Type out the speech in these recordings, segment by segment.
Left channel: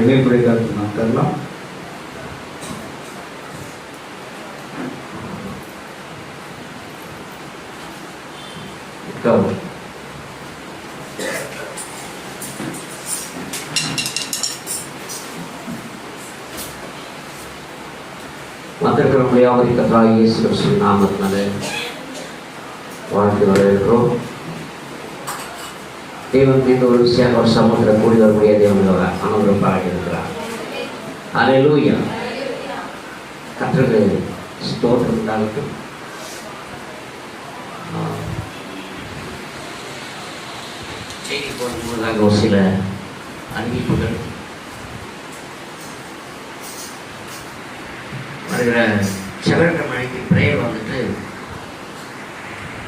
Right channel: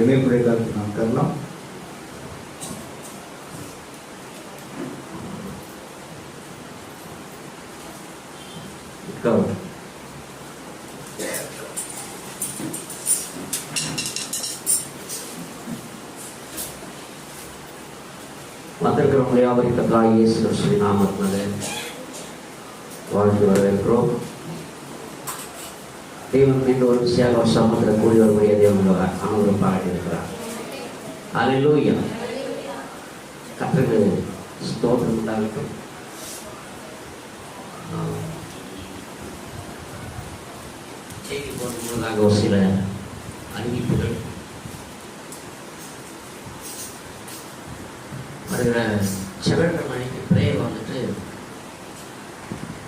இணைப்புரை கருத்து நாம் தரலாம். வந்திருக்கிற முடியாவது கர்த்தராகிய இயேசு கிறிஸ்துவின் நாமத்தினாலே வாழ்த்து வரவேற்கிறோம். தேவன் மீது ஒரு விஷயம் சமூகத்தை கூடி வரக்கூடிய தேவனோட அனுபவம் பாராட்டியிருக்கிறார். அல்லேலூயா. கர்த்தருக்கு ஸ்தோத்திரம் உண்டாகட்டும். செய்தி போடுவதாக ஒரு சில அறிவிப்புகள் வருகிற செவ்வாய்க்கிழமை மணிக்கு பிரேயர் வந்துட்டு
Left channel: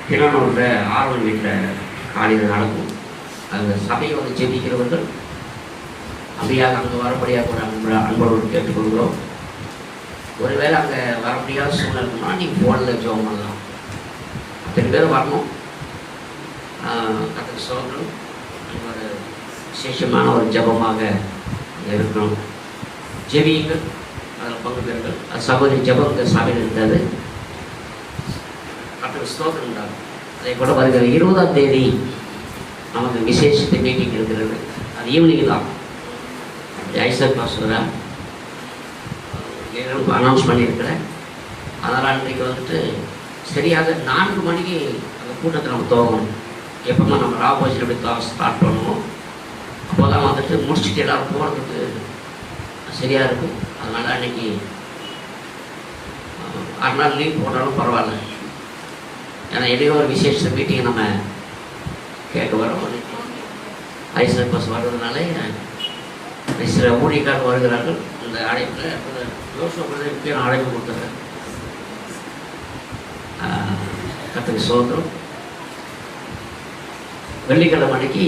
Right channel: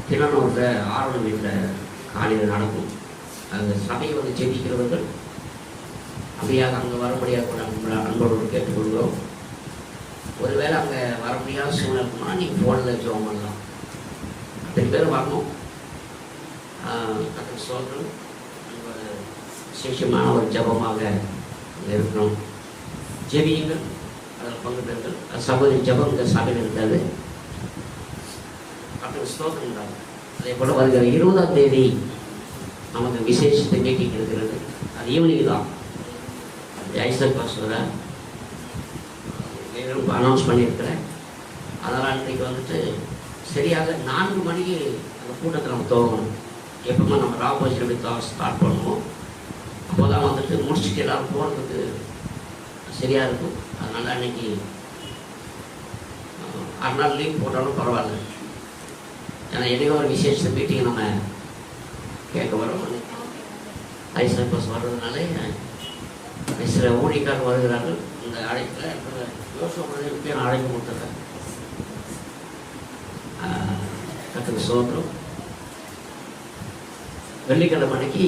திருவண்ணூரில் ஆர்வல் வீட்டில் காலையில் நடக்கும். அந்த சபையை வந்து ஜெபிக்கிறவர்கள் அப்படியாக அங்கே வர முடியாத ஒரு அன்போடு கேட்டுக்கொள்கிறோம். ஒருவேளை அங்கே வர முடியாத சூழ்நிலை இருக்குமா நீங்கள் ஃபோனில் ஜெபம் பண்ணலாம். அத்தனை பேர் வரணும். கர்த்தருக்கு ஸ்தோத்திரம். ஒரு விசேஷமான ஒரு ஜெபமாக இருக்கணும். ஜெபியுங்கள், அதில் பங்கு பெறுங்கள். சகோதரி ஜெபம் இந்த சபையில் இருந்தது. கர்த்தருக்கு ஸ்தோத்திரம் உண்டாகும். அதை கூட வருகிற 20ஆம் தேதி நமக்கு விசேஷத்தை மீட்டிங் இருக்கிறது. அது ஈவினிங் தான். ஐசர் பாஸ்வரா அனௌன்ஸ் பண்ணியிருக்கிறேன். அதனால் இன்றைக்கு வந்துட்டு சரியாக 4 மணிக்கு அந்த கூட்டத்தை நம்ம துவங்கணும். எப்போமா நம்ம ராபோஜில் எப்படி ஸ்டார்ட் பண்ணுவோம் அப்போ தான் வந்துட்டு முடிச்சுட்டு எல்லோரும் போகிறதுக்கு சரியாக இருக்கும். அதனால் அன்றைக்கி 6 நாள் லீவ் போட்டாலும் பரவாயில்ல. ஏன்னா இடையில ஒரு விசேஷ மீட்டிங் நம்ம கேட்க வரோம். ஐசர் பஸ் வர்றதுனால சில ஊழியக்காரர் வருகிறார்கள். இந்த அழைப்பில் யோசனை நான் அழைப்பு கொடுத்துருக்கேன். கர்த்தருக்கு ஸ்தோத்திரம். வெள்ளிக்கிழமை அன்னைக்கு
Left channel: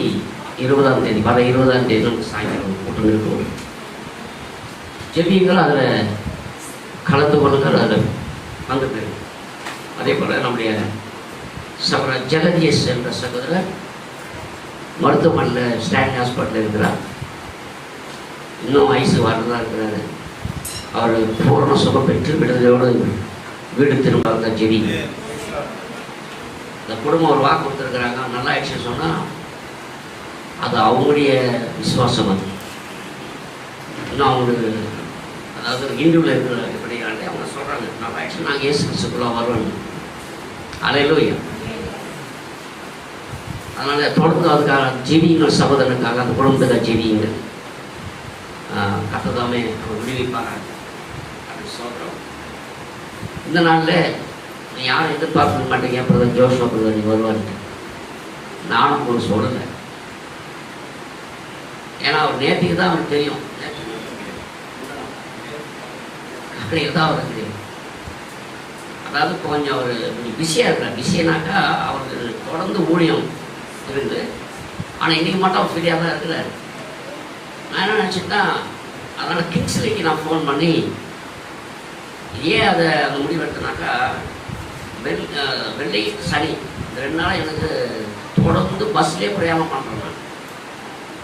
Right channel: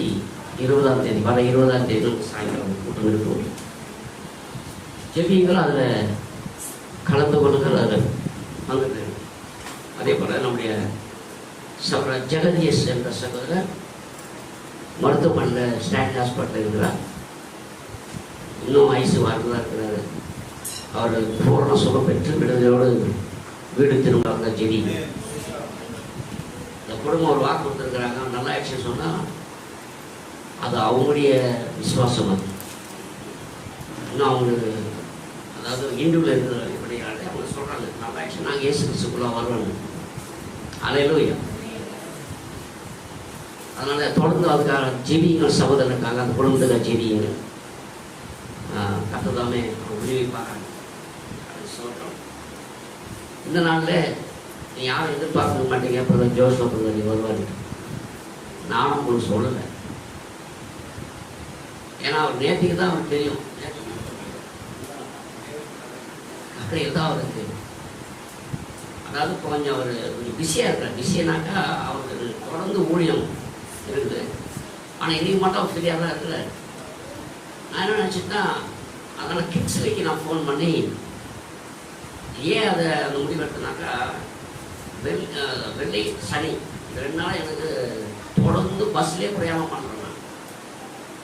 20ஆம் தேதி வர 20ஆம் தேதி சாயங்காலம் கூட்டம் இருக்கும். ஜெபியுங்கள், அதில் கலந்து கொள்ளுங்கள், அதில் வந்துட்டு. அதே போல் நம்முடைய சகோதரர் ஜெகதீஷ் என்ற சகோதரர் மருத்துவமனையில் ஸ்டான்லி ஹாஸ்பிட்டலில் இருக்கிறார். இன்னும் ஐசு வரதான் இருக்கிறாரு. அவர் பூரண சுகம் பெற்று விடுதலையோடு வீடு திரும்ப வந்த ஜெடி. இந்த குடும்பம் ஒரு வாக்கு கொடுத்துருக்குறாங்க. நல்லா ஆக்ஷன் சொன்னால் அது அவங்களுடைய விசுவாசம். அது இன்னும் அவங்களுக்கு அதாவது இந்துவில் இருக்கிற இப்படியாண்டே அவங்க சொல்கிறாங்க நல்லா ஆக்ஷன் நாங்கள் இயேசு கிறிஸ்துக்குள்ளே வருவோம். அல்லேலூயா. அதனால் தொடர்ந்து அதுக்காக ஜெபியுங்கள், சகோதரனுக்காக அந்த குடும்பத்தில் ஜெபியுங்கள். கர்த்ததாமே அவர் விடுவிப்பாராங்க. அது சொல்கிறோம். இந்த நாளில் யாரும் எதிர்பார்க்க மாட்டேங்க. பிரதர் ஜோஷா பிரதர் நீ வருவார். நானும் உங்களுக்கு சொல்லலை. ஏன்னா அவர் நேற்றுக்கு தான் அவருக்கு தெரியும். நேற்றுக்கு தான் அவருக்கு தெரியும். அதாவது கொஞ்சம் அவர் பிஸியாக இருக்கிறார். பிஸினாக்கா அவருக்கு தொடர்ந்து ஊழியம் இருக்குது. ஆனால் இன்றைக்கி மட்டும் அவர் ஃப்ரீயாக தான் இருக்கிறார். நான் என்ன நினச்சிட்டா அதனால் கிங்ஸ்லிக்கு நான் ஃபோன் பண்ணி ஏன் அதை அந்த முடிவு எடுத்தனாக்கா வெள்ளி சனி 2 நாள் எனக்கு தொடர்ந்து பஸ்லேயே பிரயாணம் பண்ணுறேன்.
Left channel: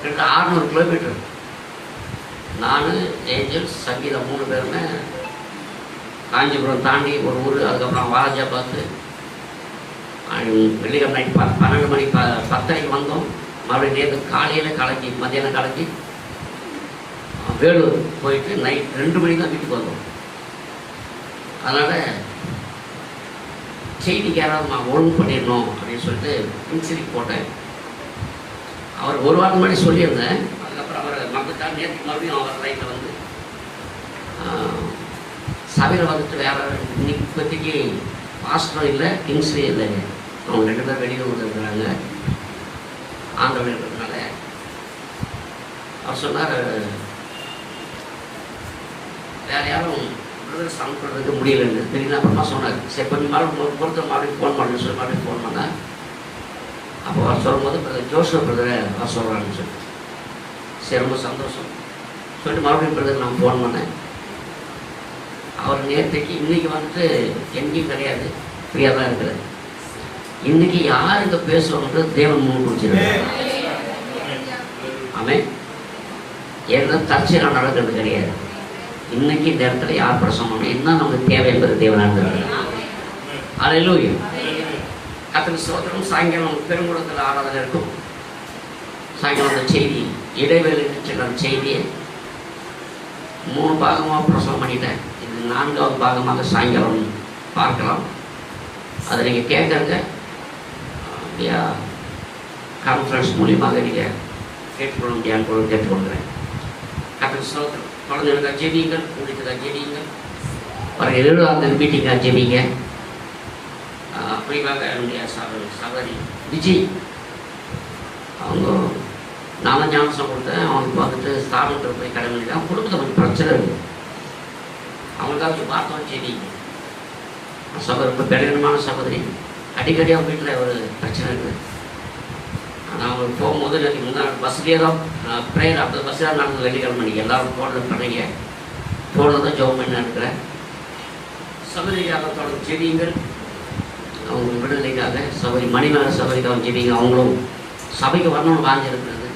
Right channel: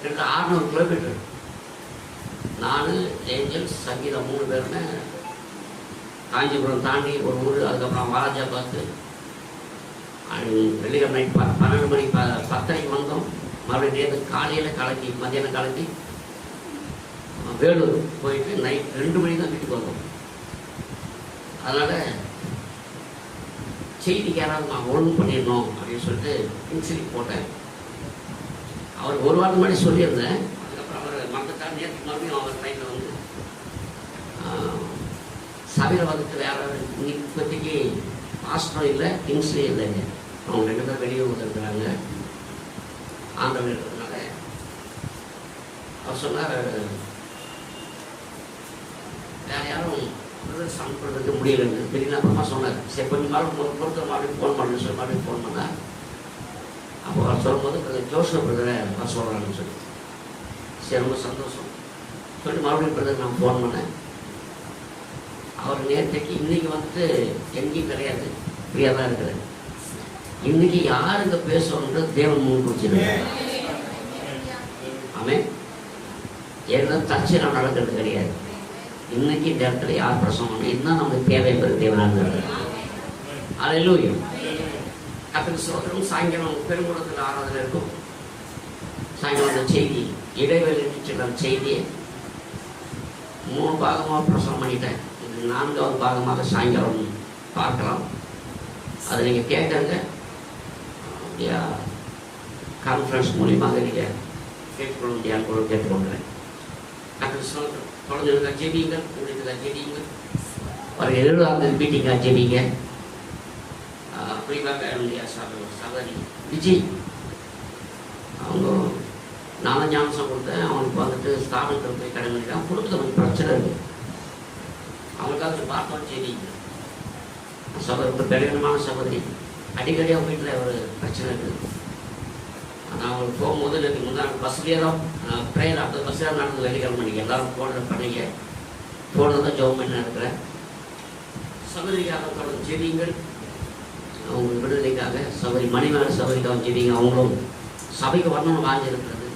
எனக்கு 600 கிலோமீட்டர். நான் ஏஞ்சல்ஸ் சங்கீதம் 3 பேருமே காஞ்சிபுரம் தாண்டி ஒரு ஊர், அதுக்கப்புறம் வாலாஜாபாத்து. வெள்ளிக்கிழமை நைட் 12 மணி 10:30 வந்தோம். மறுபடியும் நேற்று காலையில் கலக்கி மத்தியானம் கலக்கி வேலூர் போயிட்டு நைட் 2 மணிக்கு தான் வீட்டுக்கு வந்தோம். அதனால் செய்திக்கு யாராவது நான் ஒழுங்கு பண்ணிடணும் அப்படின்னு சொல்லிட்டு இன்சிரிக்கு போட்டேன். அவர் 1 வாரம் முன்னாடி சொல்லியிருந்தேன். அதுக்கப்புறம் அவர் மக்களுக்காக நேற்று மறுபடியும் அவர் லைட்டில் வந்து சபையில் வந்துட்டு வேறு இன்னைக்கு இப்போதைக்கு பாஸ்டரும் இல்லை, கிங்ஸே இல்லை. அவங்க 2 பேர் வெளியூர் இருக்கிறாங்க. ஆண்டவர் இருக்கிறதுனால அவர் சொன்னார் வேறு யாரும் சம் பண்ணுறதுக்கு முடியலைன்னு. திடீர்னு அப்புறமா சொன்னார் சரி கொஞ்சம் பொறுத்த மறுபடியும் ஃபோன் பண்ணுன்னு சொல்லி மறுபடியும் ஃபோன் பண்ணார். அப்போ அவர் சொல்லும்போது ஜோஷப் பிரதரை அவர் சொல்கிறான்னு சொல்லி சரி ரொம்ப சந்தோஷம் சொல்லிட்டு மறுபடியும் பிரதர் நான் ஃபோன் பண்ணேன். அவர் நேற்றைக்கு இன்றைக்கி வந்துட்டு எங்கேயும் கிடையாது, ஃப்ரீயாக தான் இருக்கிறார். இன்றைக்கி யாருக்கு பேசுவோம்ன்றது தேவன் முன் குறிச்சிருக்காரு. ஆமே ஏன்னா தற்செயலாக நடக்கிறது கிடையாது. இன்னைக்கு இந்த இடத்துல யார் பிரசவம் இதுதான் நமக்கு தேவை என்பது தேவனானது. அல்லேலூயா. கர்த்தருக்கு ஸ்தோத்திரம். சாயங்காலம் பெருங்குளத்தில் ஆராதனை இருக்கும். சாயங்காலம் அந்த செய்தி இடைவேளை சென்ற செய்தியை 3 பாகமாக பிரசவம் பண்ணிட்டேன். இது 4வது பாகமாக சாயங்காலம் பார்க்கலாம். அதை நீங்கள் கேட்குறங்க கான்ஃபரன்ஸ் மூலியமாக நீங்கள் கேட்டுக்கொள்ள முடியாது கேட்டுக்கொள்கிறேன். கர்த்தருக்கு ஸ்தோத்திரம். குழந்தைகளுக்காக ஜெபிங்கள், வீட்டுக்காக ஜெபிங்கள், ஒரு 7ஆவது மீட்டிங்காக ஜெபிங்க. குறிப்பாக என்னுடைய சகோதரி விஜய் அவங்க நான் ஞானசம் கொடுத்தேன். அவனுக்கு வந்துட்டு ஸ்தாபனத்தில் போய் கடமையிட்டு அவங்க குடும்பத்தில் கொஞ்சம் பிரச்சனை இருக்குது. அவங்களுக்காக பார்த்தோம் ஜெபிங்க. சகோதரி கல்யாணமான சகோதரி அடிக்கடி அவங்க வீட்டில் ஒரு பிரச்சனை இருக்குது. ஆனால் அவங்க போகும்போது முன்னாள் பஸ்லேயே தான் ப்ரேயர் அப்போ பஸ்ஸில் நடந்து வெள்ளிக்கிழமை நீங்கள் எல்லோரும் ஃபோனில் பண்ணுறீங்க. ஃபோனில் தான் ஜோம் பண்ணி இருக்கிறேன். சகோதரிக்காக தொடர்ந்து ஜெபிங்கள். அவங்க விடுதலைக்காக சபை மணிமேல சபைக்காக ஜெபிங்க. அவங்களும் சபைக்கு வரணும்னு வாங்கியிருக்கிறது.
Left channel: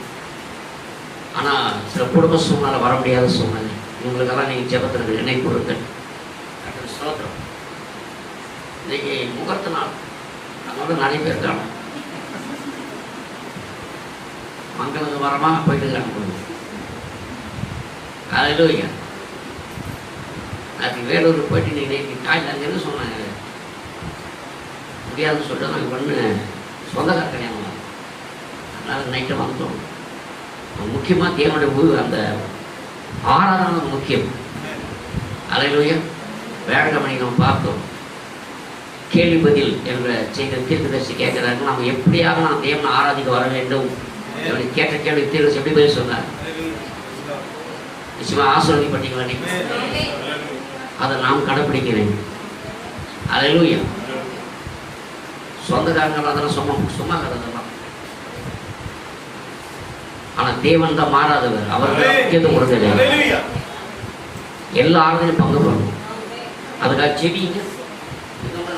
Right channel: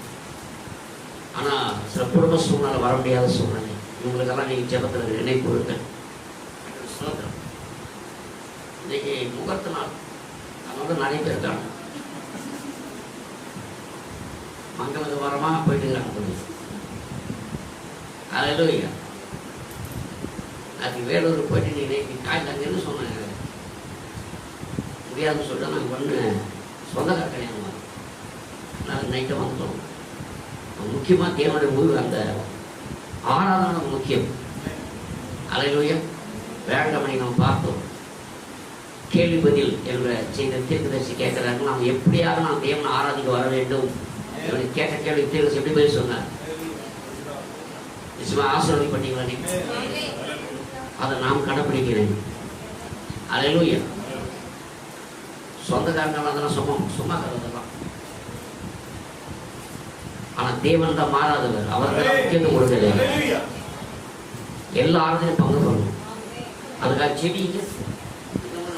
ஆனால் சில குடும்ப சூழ்நிலை வர முடியாத சூழ்நிலை. இவங்களுக்கெல்லாம் நீங்கள் ஜெபத்தில் நினைவு கொடுங்க. ஸ்தோத்திரம். இன்னைக்கு முகூர்த்த நாள், அதனால நிறைய பேர் இருக்காங்க. மங்களுக்கு வரமாக போயிட்டு அனுப்புங்க. அல்லேலூயா. அதுக்கு வேலூர் போயிட்டு நீங்கள் காயில் அங்கே என்ன சொன்னாங்க முடியாதுன்னு சொல்லிட்டு நாங்கள் பண்ண சொந்தக்கார கல்யாணம். அதனால் நைட்டை வந்துட்டோம். முக்கியமாக தேவனுடைய அந்த ஆராதனை முக்கியம். அல்லேலூயா. வேளாண்மை நம்ம பார்த்தோம். கேள்வி பதில் என்ற செய்த தீர்க்கதரிசி கேட்கிறார்கள், நாம் எப்படியாக நாம் தேவனை ஆராதிக்க வர வேண்டும் கேட்ட கேள்வி தீர்க்கதரிசி எப்படி பதில் சொன்னார்? நிச்சயமாக ஆசீர்வதிப்பட்டீங்களா? நீங்கள் அதை நாம் கடைப்பிடிக்க வேண்டும். அல்லேலூயா. சொந்தக்காரங்கள் அதெல்லாம் சும்மா கதெல்லாம். ஆனால் தேவன் தான் மாறாதவர். அவர்கள் முக்கியத்துவம் கொடுக்க எல்லா ஆளுநரையும் பங்கு போடணும். அதுக்காக செடிங்க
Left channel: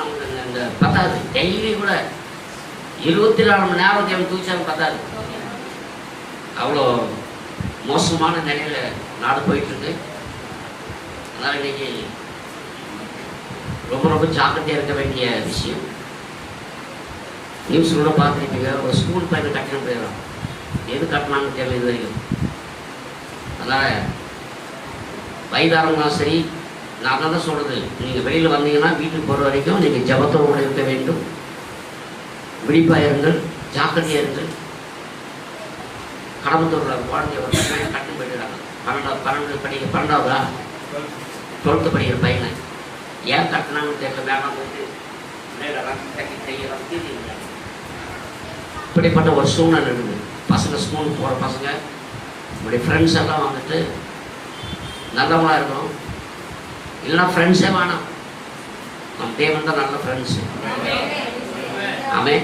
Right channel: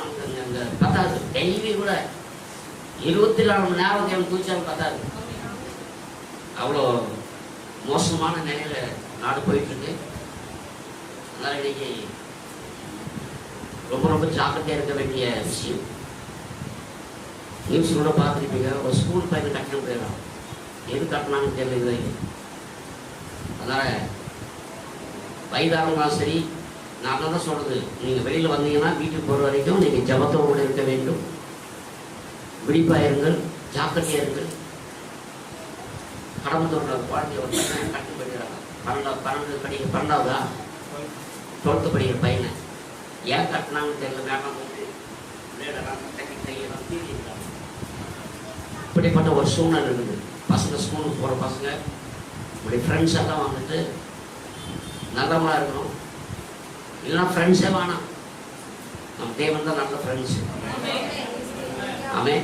நமக்கு இந்த பத்தாது. டெய்லி கூட 24 மணி நேரம் தேவன் தூச்சாலும் பத்தாது. அவ்வளோ மோசமான நிலையில நாடு போயிட்டு இருக்கு. அதனால் இன்னைக்கு ரொம்ப ரொம்ப ஜாக்கிரதையாக இருக்க வேண்டிய விஷயம். நியூஸ் கூட பார்த்துருப்பீங்க. ஒரு ஸ்கூல் பையன் கட்டணம் போயிடலாம். எது கட்டணான்னு தெரியல இது வரைக்கும். அதனால் வயதாரங்களும் சரி, நான் தான் சொல்கிறது, நீங்கள் வெளியில் வந்தீங்கன்னா வீட்டுக்கு போகிற வரைக்கும் நீங்கள் ஜபத்தோடு கூட இருக்க வேண்டும். விழிப்பாக இருங்கள், ஜாக்கிரதையாக இருங்கள். கடம்பத்தூரில் குழந்தைய ஒரு பையன் கட்டணம் போயிடுறாங்க. 12வதா 12th படிக்கிற பையனை ஏன் கட்டினாங்கன்னு தெரியல. வேண்டாம் போட்டு இப்படிப்பட்ட ஒரு சூழ்நிலை இருக்குது. பசங்க ஸ்கூலுக்கு போகிற பசங்க நம்முடைய ஃப்ரெண்ட்ஸ் எல்லாம் வந்துட்டு நல்லவங்களாக இருக்கணும். இல்லைன்னா ஃப்ரெண்ட்ஸே வேணாம். நம்ம தேவன் தான் நல்ல ஃப்ரெண்ட்ஸு. ஆமே.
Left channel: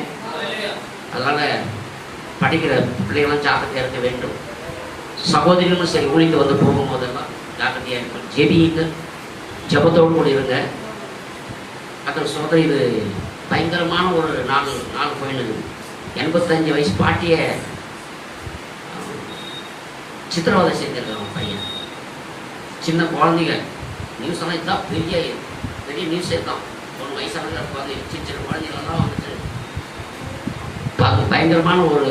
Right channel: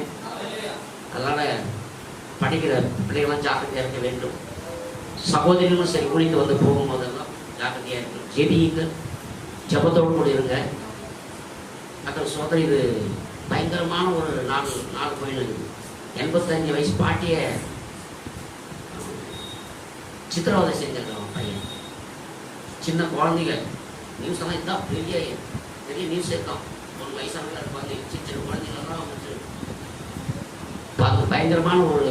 அதனால் படிக்கிற பிள்ளைகளும் ஜாக்கிரதையாக இருக்க வேண்டும். சகோதரிகளும் சரி, ஊழிக்கு வந்து போகும்போதெல்லாம் ஜாக்கிரதையாக இருக்கணும். ஜெபிங்க, ஜபத்தோடு கூட இருங்க. கர்த்தர் சொல்கிற இது பயங்கரமான ஒரு நாலு கோயில். 85 வயசு பாட்டிய சித்திரவதை செஞ்சிருக்காங்க பையன். சின்ன குழந்தைங்க நியூஸ் எல்லாம் இதுதான் பெரிய நியூஸே தான். 1 வயசான குழந்தை, சின்ன குழந்தைங்களெல்லாம் வந்துட்டு அது பயங்கரமான ஒரு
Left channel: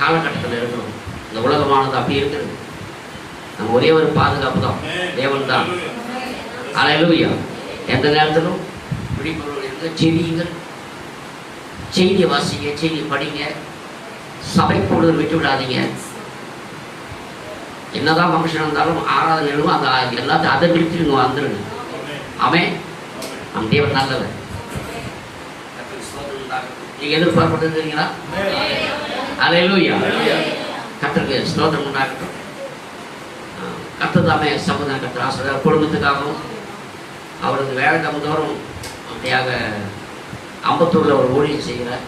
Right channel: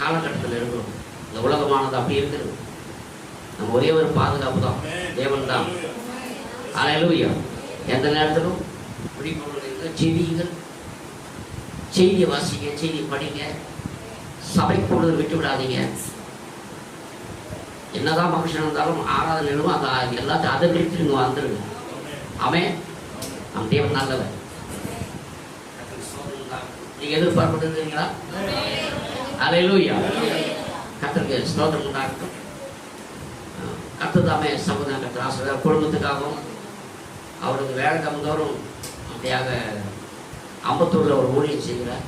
காலகட்டத்தில் இருக்கணும். இந்த உலகமானது அப்படி இருக்குது. நம்ம ஒரே ஒரு பாதுகாப்பு தான், தேவன் தான். அல்லேலூயா. எந்த நேரத்திலும் விழிப்புணர்வு இருங்க, ஜெபிங்க, செய்தி வாசிங்க, செய்தி படிங்க, சபை பொழுது விட்டு விடாதீங்க. என்னதான் ஃபங்க்ஷன் இருந்தாலும் ஆராதனையிலும் அந்த எல்லாத்தையும் அதை விட்டு நீங்கள் வந்துடுங்க. ஆமென். நம் தேவன் நல்லவர். நீங்கள் எதிர்பார்ப்பது தெரியுங்களா? அல்லேலூயா. கர்த்தருக்கு ஸ்தோத்திரம் உண்டாகட்டும். கர்த்தர் தாமே சம்பந்தம் கர்த்தர் ஆசிரியர் குடும்பத்துக்காகவும் அவருக்கு வேலை தோறும் அப்படியாக அம்பத்தூரில் ஒரு ஊழியம் செய்கிறார்.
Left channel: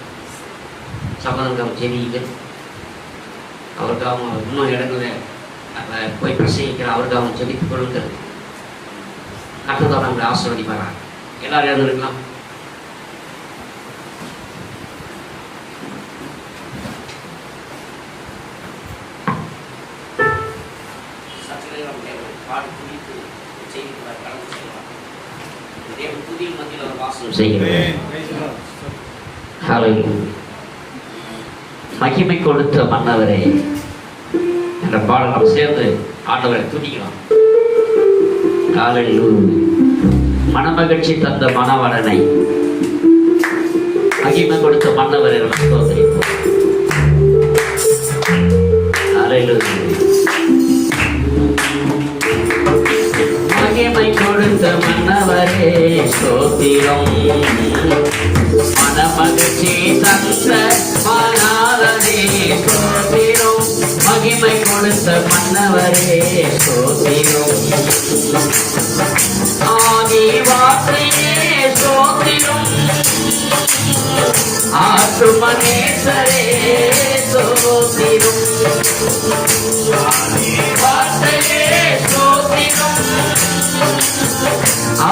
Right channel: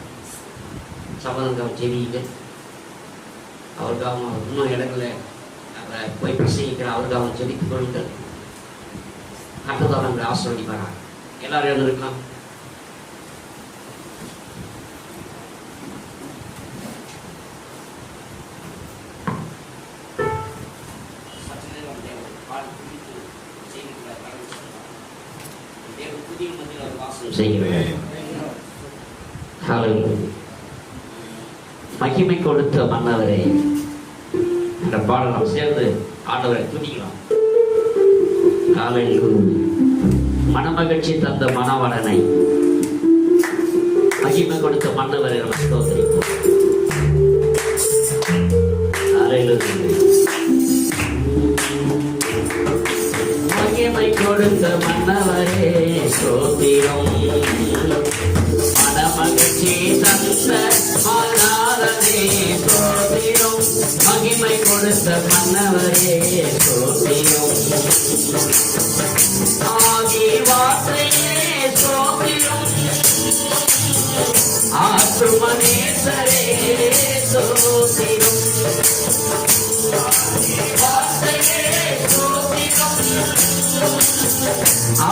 சம்பந்தம் செய்திங்க. அவருக்காகவும் அவர் இன்னும் இடங்களில் போய் பிரசங்கிக்கிற அவருக்காகவும் ஜெபித்துக் கொள்ளுங்கள். கர்த்தர் நம்மளை ஆசீர்வதிப்பாரார். எல்லாரும் இருக்கலாம். பாடி குறித்து செய்திகளை கடந்து செல்லலாம். தேவன் புதிய மத்தியில் ஒரு வாசம் செய்கிறேன். மகிமை கொடுத்த மன்னவரே என்ற பாடல் நாம் சேர்ந்து ஆண்டவரை துதிக்கலாம். மனமகிழ்ச்சி தந்த மணவரனை மகிமை கொடுத்த மன்னவரை ஸ்தோத்திரிப்போம். மகிமை கொடுத்த மன்னவரே ஸ்தோத்திரம். மனமகிழ்ச்சி தந்த மணவரே ஸ்தோத்திரம். மகிமை கொடுத்த மன்னவரே ஸ்தோத்திரம். ஆதி வார்த்தையே ஸ்தோத்திரம். ஆற்றுமனேசரே ஸ்தோத்திரம். ஆதி வார்த்தையே ஸ்தோத்திரம்.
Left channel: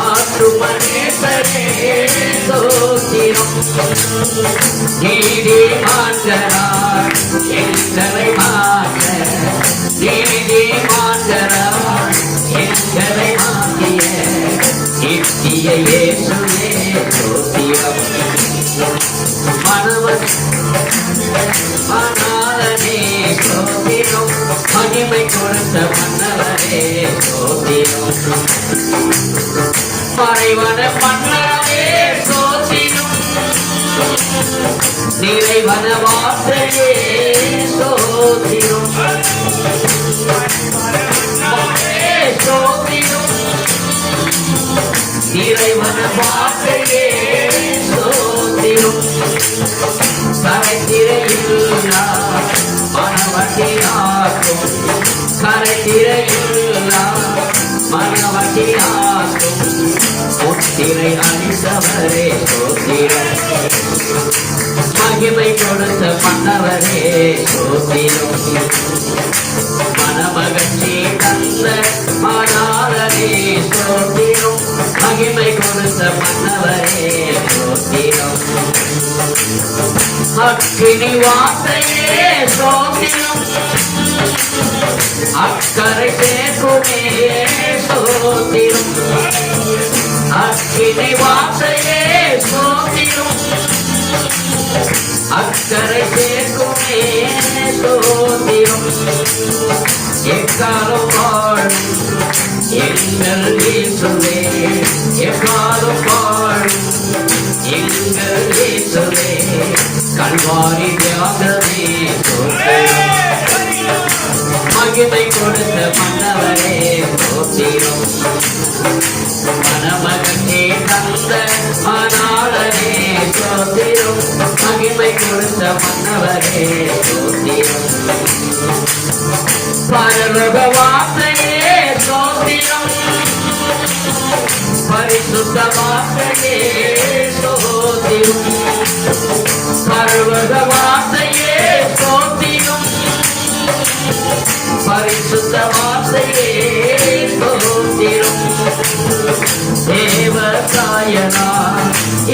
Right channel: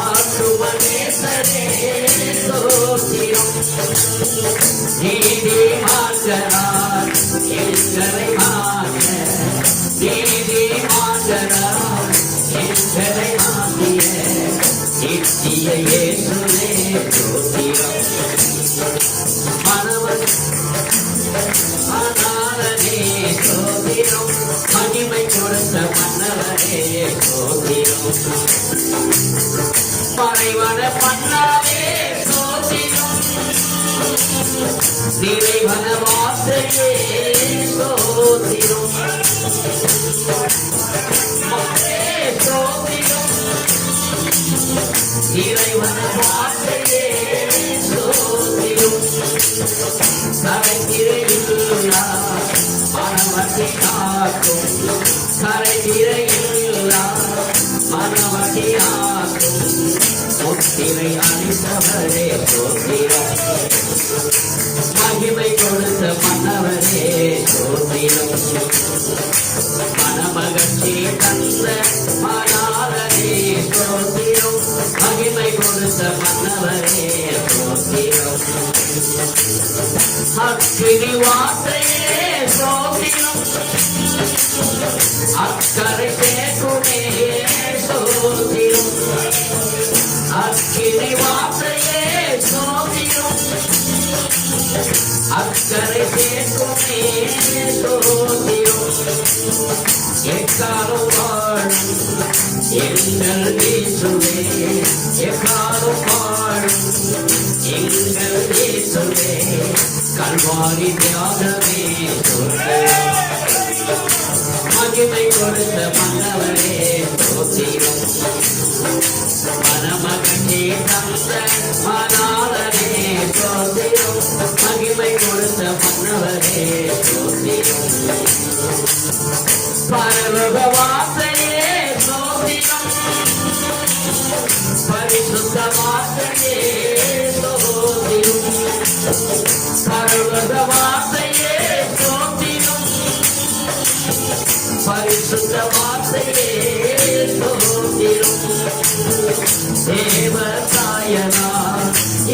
ஆற்றுமனேசரே ஸ்தோத்திரம். நீதி மாற்றரார் எங்களை மாற்ற. நீதி மாற்றரார் எங்களை மாற்றிய நித்திய இயேசுவே ஸ்தோத்திரம். மணவரனே ஸ்தோத்திரம். மகிமை கொடுத்த மன்னவரே ஸ்தோத்திரம். மறைவன மன்னரே ஸ்தோத்திரம். நிறைவன வார்த்தையே ஸ்தோத்திரம். ஸ்தோத்திரம். நிறைவன வார்த்தையே ஸ்தோத்திரம். கரைத்திரையில்லா மனவட்டியாக்கும். கரைத்திரையில்லா மனவட்டியாக்கும். முத்திரை அணிந்தவரே ஸ்தோத்திரம். மகிமை கொடுத்த மன்னவரே ஸ்தோத்திரம். மனமகிழ்ச்சி தந்த மணாளரே ஸ்தோத்திரம். மகிமை கொடுத்த மன்னவரே ஸ்தோத்திரம். அக்கினி வார்த்தையே ஸ்தோத்திரம். அக்கரை சேர்க்குமே ஸ்தோத்திரம். அக்கினி வார்த்தையே ஸ்தோத்திரம். அக்கரை சேர்க்குமே ஸ்தோத்திரம். எக்காலம் பாடும் எங்கள் இயேசுவே. எக்காலம் பாடும் எங்கள் இயேசுவே. கல்வாரி தியாகமே மகிமை கொடுத்த மன்னவரே ஸ்தோத்திரம். மனமகிழ்ச்சி தந்த மணாளரே ஸ்தோத்திரம். மகிமை கொடுத்த மன்னவரே ஸ்தோத்திரம். பரலோக வார்த்தையே ஸ்தோத்திரம். பரிசுத்த வார்த்தையே ஸ்தோத்திரம். பரலோக வார்த்தையே ஸ்தோத்திரம். பரிசுத்த வார்த்தையே ஸ்தோத்திரம். தேவதாயனா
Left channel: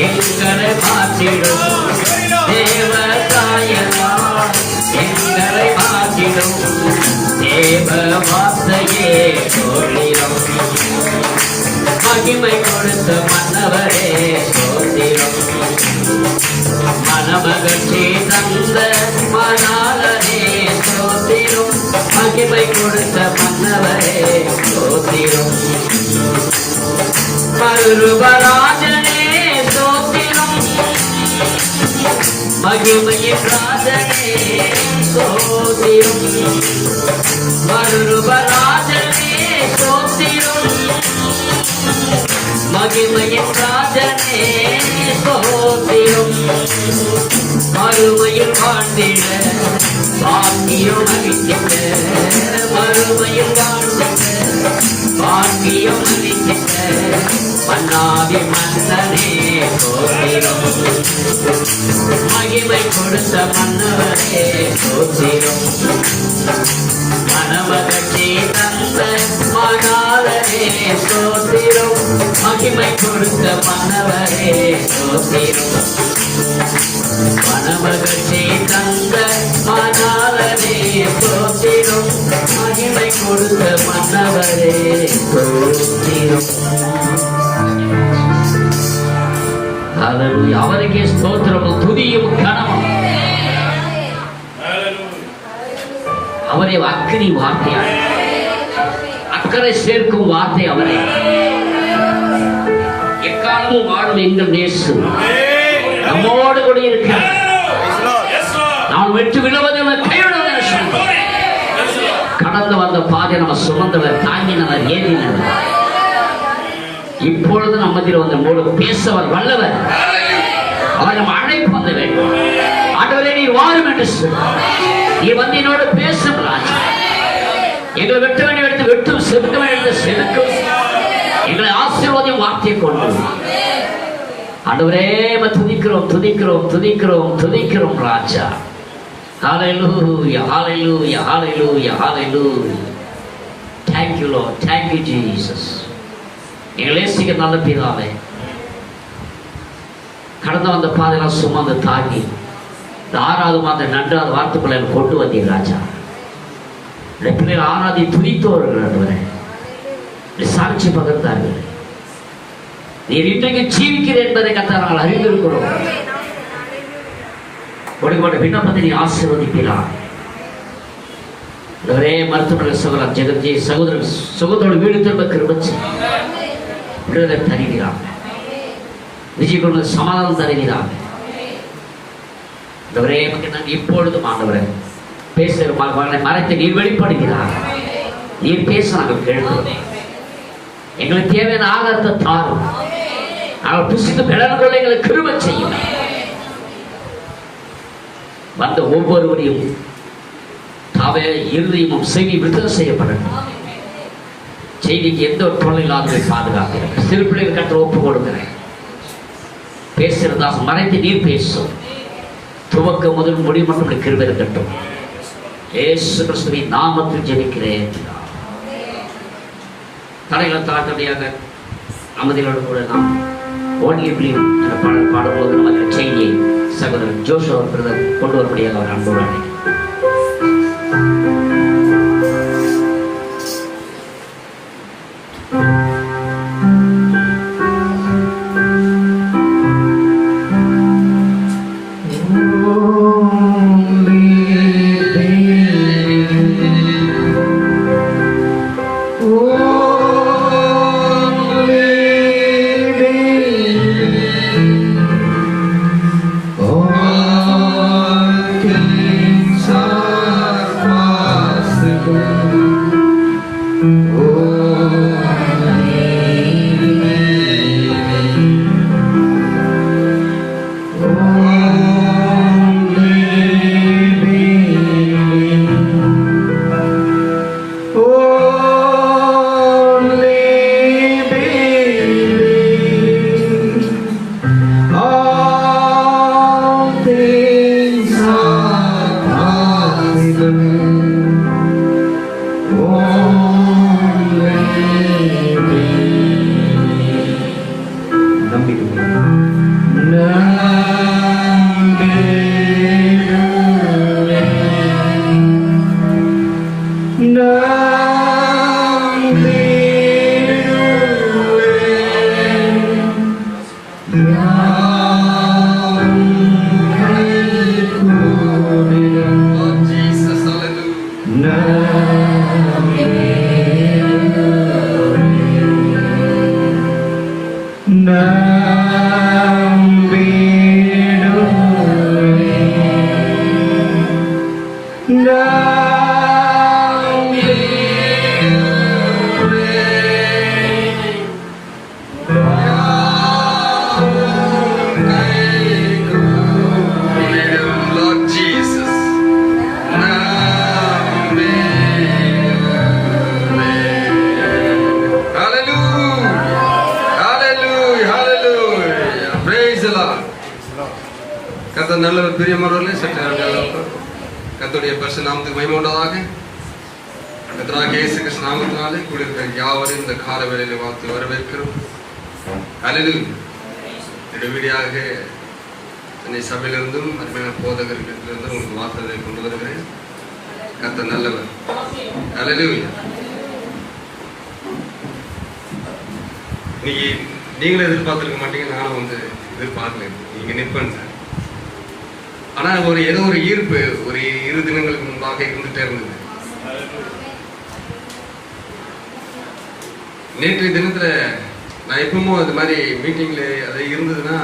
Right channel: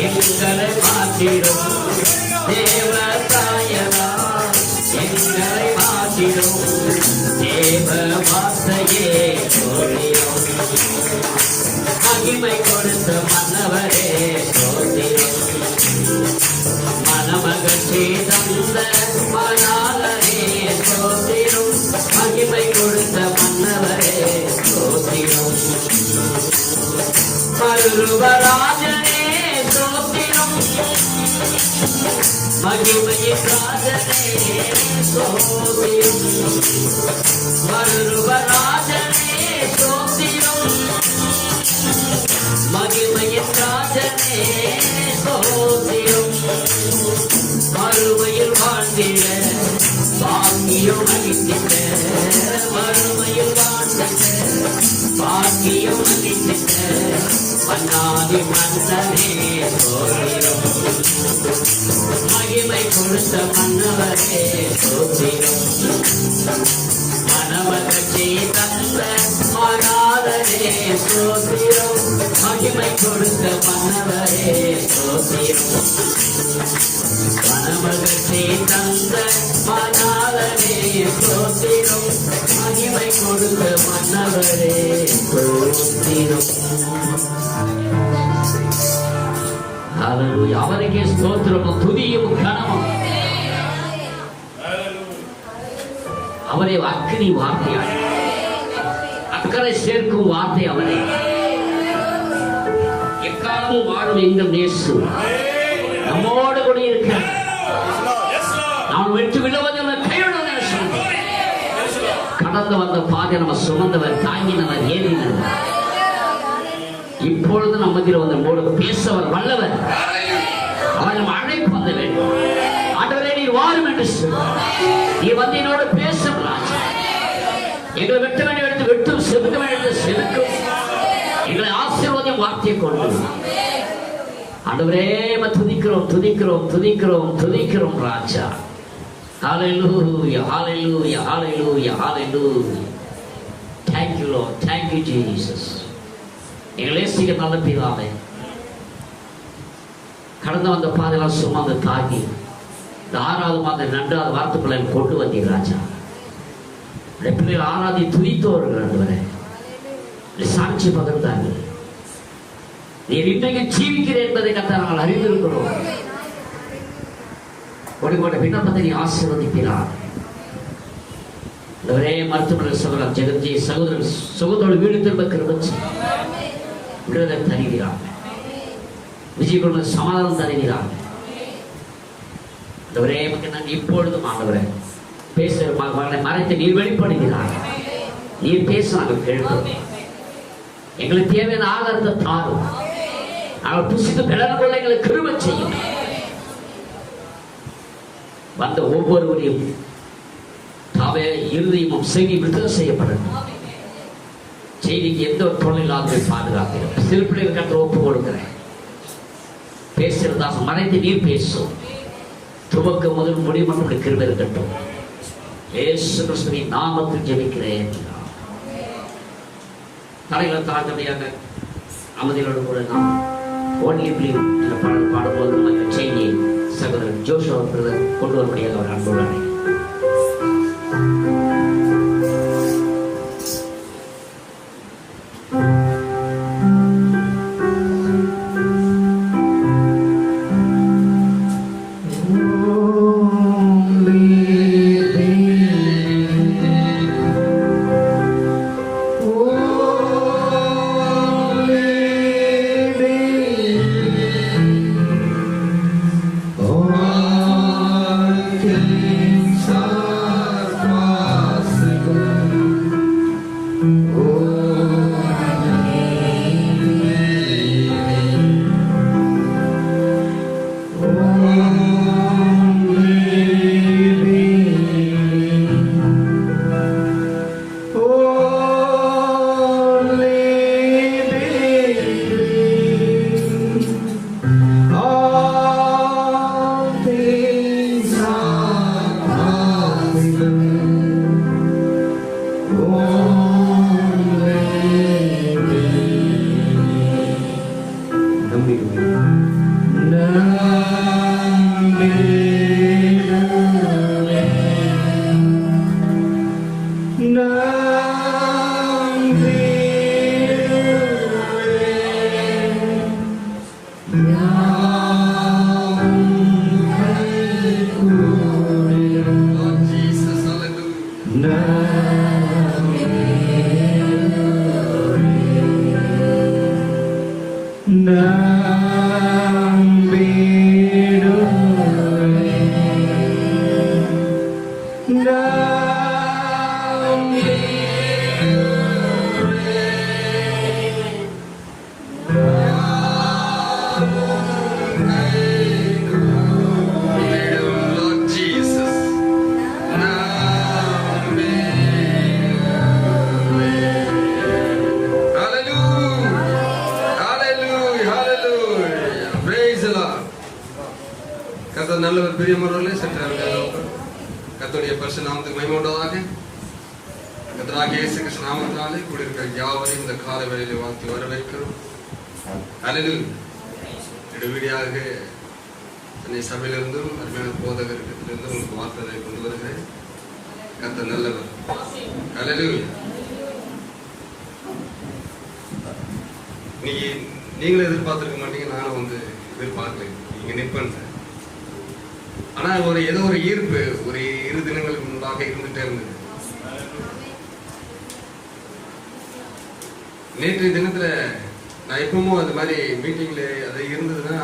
எங்களை மாற்றிடும். தேவதாயனா எங்களை மாற்றிடும். தேவ வார்த்தையே ஸ்தோத்திரம். மகிமை கொடுத்த மன்னவரே ஸ்தோத்திரம். மனமகிழ்ச்சி தந்த மணாளரே ஸ்தோத்திரம். மகிமை கொடுத்த மன்னவரே ஸ்தோத்திரம். மருபராஜனே ஸ்தோத்திரம். மகிமையின் ராஜனே ஸ்தோத்திரம். மருபராஜனே ஸ்தோத்திரம். மகிமையின் ராஜனே ஸ்தோத்திரம். மறுமையில் வாழ்ந்திட பாக்கியம் அளித்திட. மறுமையில் வாழ்ந்திட பாக்கியம் அளித்திட. மன்னாதி மன்னனே ஸ்தோத்திரம். மகிமை கொடுத்த மன்னவரே ஸ்தோத்திரம். மனமகிழ்ச்சி தந்த மணாளரே ஸ்தோத்திரம். மகிமை கொடுத்த மன்னவரே ஸ்தோத்திரம். மனமகிழ்ச்சி தந்த மணாளரே ஸ்தோத்திரம். மகிமை கொடுத்த மன்னவரே அவருக்கே ஸ்தோத்திரமும் துதியும் கனமும். அவரே அக்கினி வார்த்தையார், அக்கறை சேர்க்கும் வார்த்தை அவரை. எக்காலமும் வாழும் எங்கள் நேசு நம்மோடு கூட இருக்கிறார். நான் வெற்றி விடுவதில்லை, கைவிடுவதில்லை. கடந்து வந்த பாதை நம்ம சுமந்தவர், தாங்கினவர், ஏறினவர். இப்பொழுது நம்மதில் வந்து மூடு பேசவர் வல்லவர். அவர் நம்ம அழைப்பு வந்த வேண்டும். ஆண்டவரே நீ வாரும் என்று நீ வந்து என்னோடு பேசும் ராஜா. எங்களை வெட்ட வேண்டிய இடத்தில் வெட்டும், செதுக்க வேண்டிய செதுக்கும். எங்களை ஆசீர்வாதம் வார்த்தையை கொண்டு ஆண்டவரே துதிக்கிறோம் துதிக்கிறோம் துதிக்கிறோம் துதிக்கிறோம் ராஜா. Hallelujah, hallelujah, hallelujah, hallelujah. Thank you Lord, thank you Jesus. எங்களை நேசிக்கிற நல்ல பிதாவே, கடந்து வந்த பாதையெல்லாம் சுமந்து தாங்கி இந்த 6வது மாதம் நன்றாவது வார்த்தைக்குள்ள கொண்டு வந்தீர் ராஜா. இந்த பிள்ளைகள் ஆராதி துதித்தோர்கள் சாட்சி பகிர்ந்தார்கள். நீர் இன்றைக்கு ஜீவிக்கிறேன் என்பதை கர்த்தர் நாங்கள் அறிந்திருக்கிறோம். ஒளிபோட விண்ணப்பத்தை நீ ஆசீர்வதிக்கிறார். ஒரே மருத்துவர்கள் சகோதரர் ஜெகஜி சகோதரர் சகோதரோடு வீடு திரும்ப கிருபை விடுதலை தருகிறாங்க. விஜய் கொண்டு சமாதானம் தருகிறாங்க. ஒரே இப்பொழுதும் ஆண்டவரை பேசுகிற மகனை மறைத்து நீர் வெளிப்படுகிறார். நீர் பேச நாங்கள் கேட்கிறோம். எங்களுக்கு தேவையான ஆகாரத்தை தாரும். நாங்கள் புசித்து பிளர்களை எங்களை கிருபை செய்யும். வந்த ஒவ்வொருவரையும் தாவே இருதயமும் செய்தி விடுதலை செய்யப்படணும். செய்திக்கு எந்த ஒரு தொல்லை இல்லாத பாதுகாக்கிறேன். சிறு பிள்ளைகள் கற்ற ஒப்பு கொடுக்கிறேன். பேசுறதா மறைத்து நீர் பேசும். துவக்க முதல் முடிவு மட்டும் கிருபை இருக்கட்டும். இயேசு கிறிஸ்துவின் நாமத்தில் ஜெபிக்கிறேன். தடைகளை தாக்கடியாக அமைதியோடு கூட நாம் ஓன்லி பிலீவ் என்ற பாடல் பாடும்போது நமக்கு செய்தியை சகோதரர் ஜோஷ் அவர்கள் கொண்டு வரும்படியாக அவர் அன்போடு அழைக்கிறேன். கர்த்தருடைய பரிசுத்த நாமத்துக்கு மகிமை உண்டாதாக. கர்த்தராகிய இயேசு கிறிஸ்து நாமத்தினாலே கூடியிருக்கிற யாவரையும் இந்த கால வேளையில வாழ்த்து வரவேற்கிறோம். அல்லேலூயா. இடைவெளியாக சென்னை சபையிலிருந்தும் அருமையான போதகர்களிடத்திலிருந்தும் உங்களுக்கு வார்த்தைகளை கொண்டு வருகிறேன். கர்த்தர் நல்லவர். அல்லேலூயா. நீங்களும் எதிர்பார்த்துருக்க மாட்டீங்க, நானும் வந்து எதிர்பார்க்கல நீங்க நிற்பேன். ஆனா ஏதோ ஒரு ஈர்ப்பு ஒரு 2 தினங்களுக்கு முன்பாக இருந்துட்டே இருந்தது. நேற்றைய தினத்துல நான் எப்பவும் அது மாதிரி மீட்டிங்ல அது இருந்ததுன்னா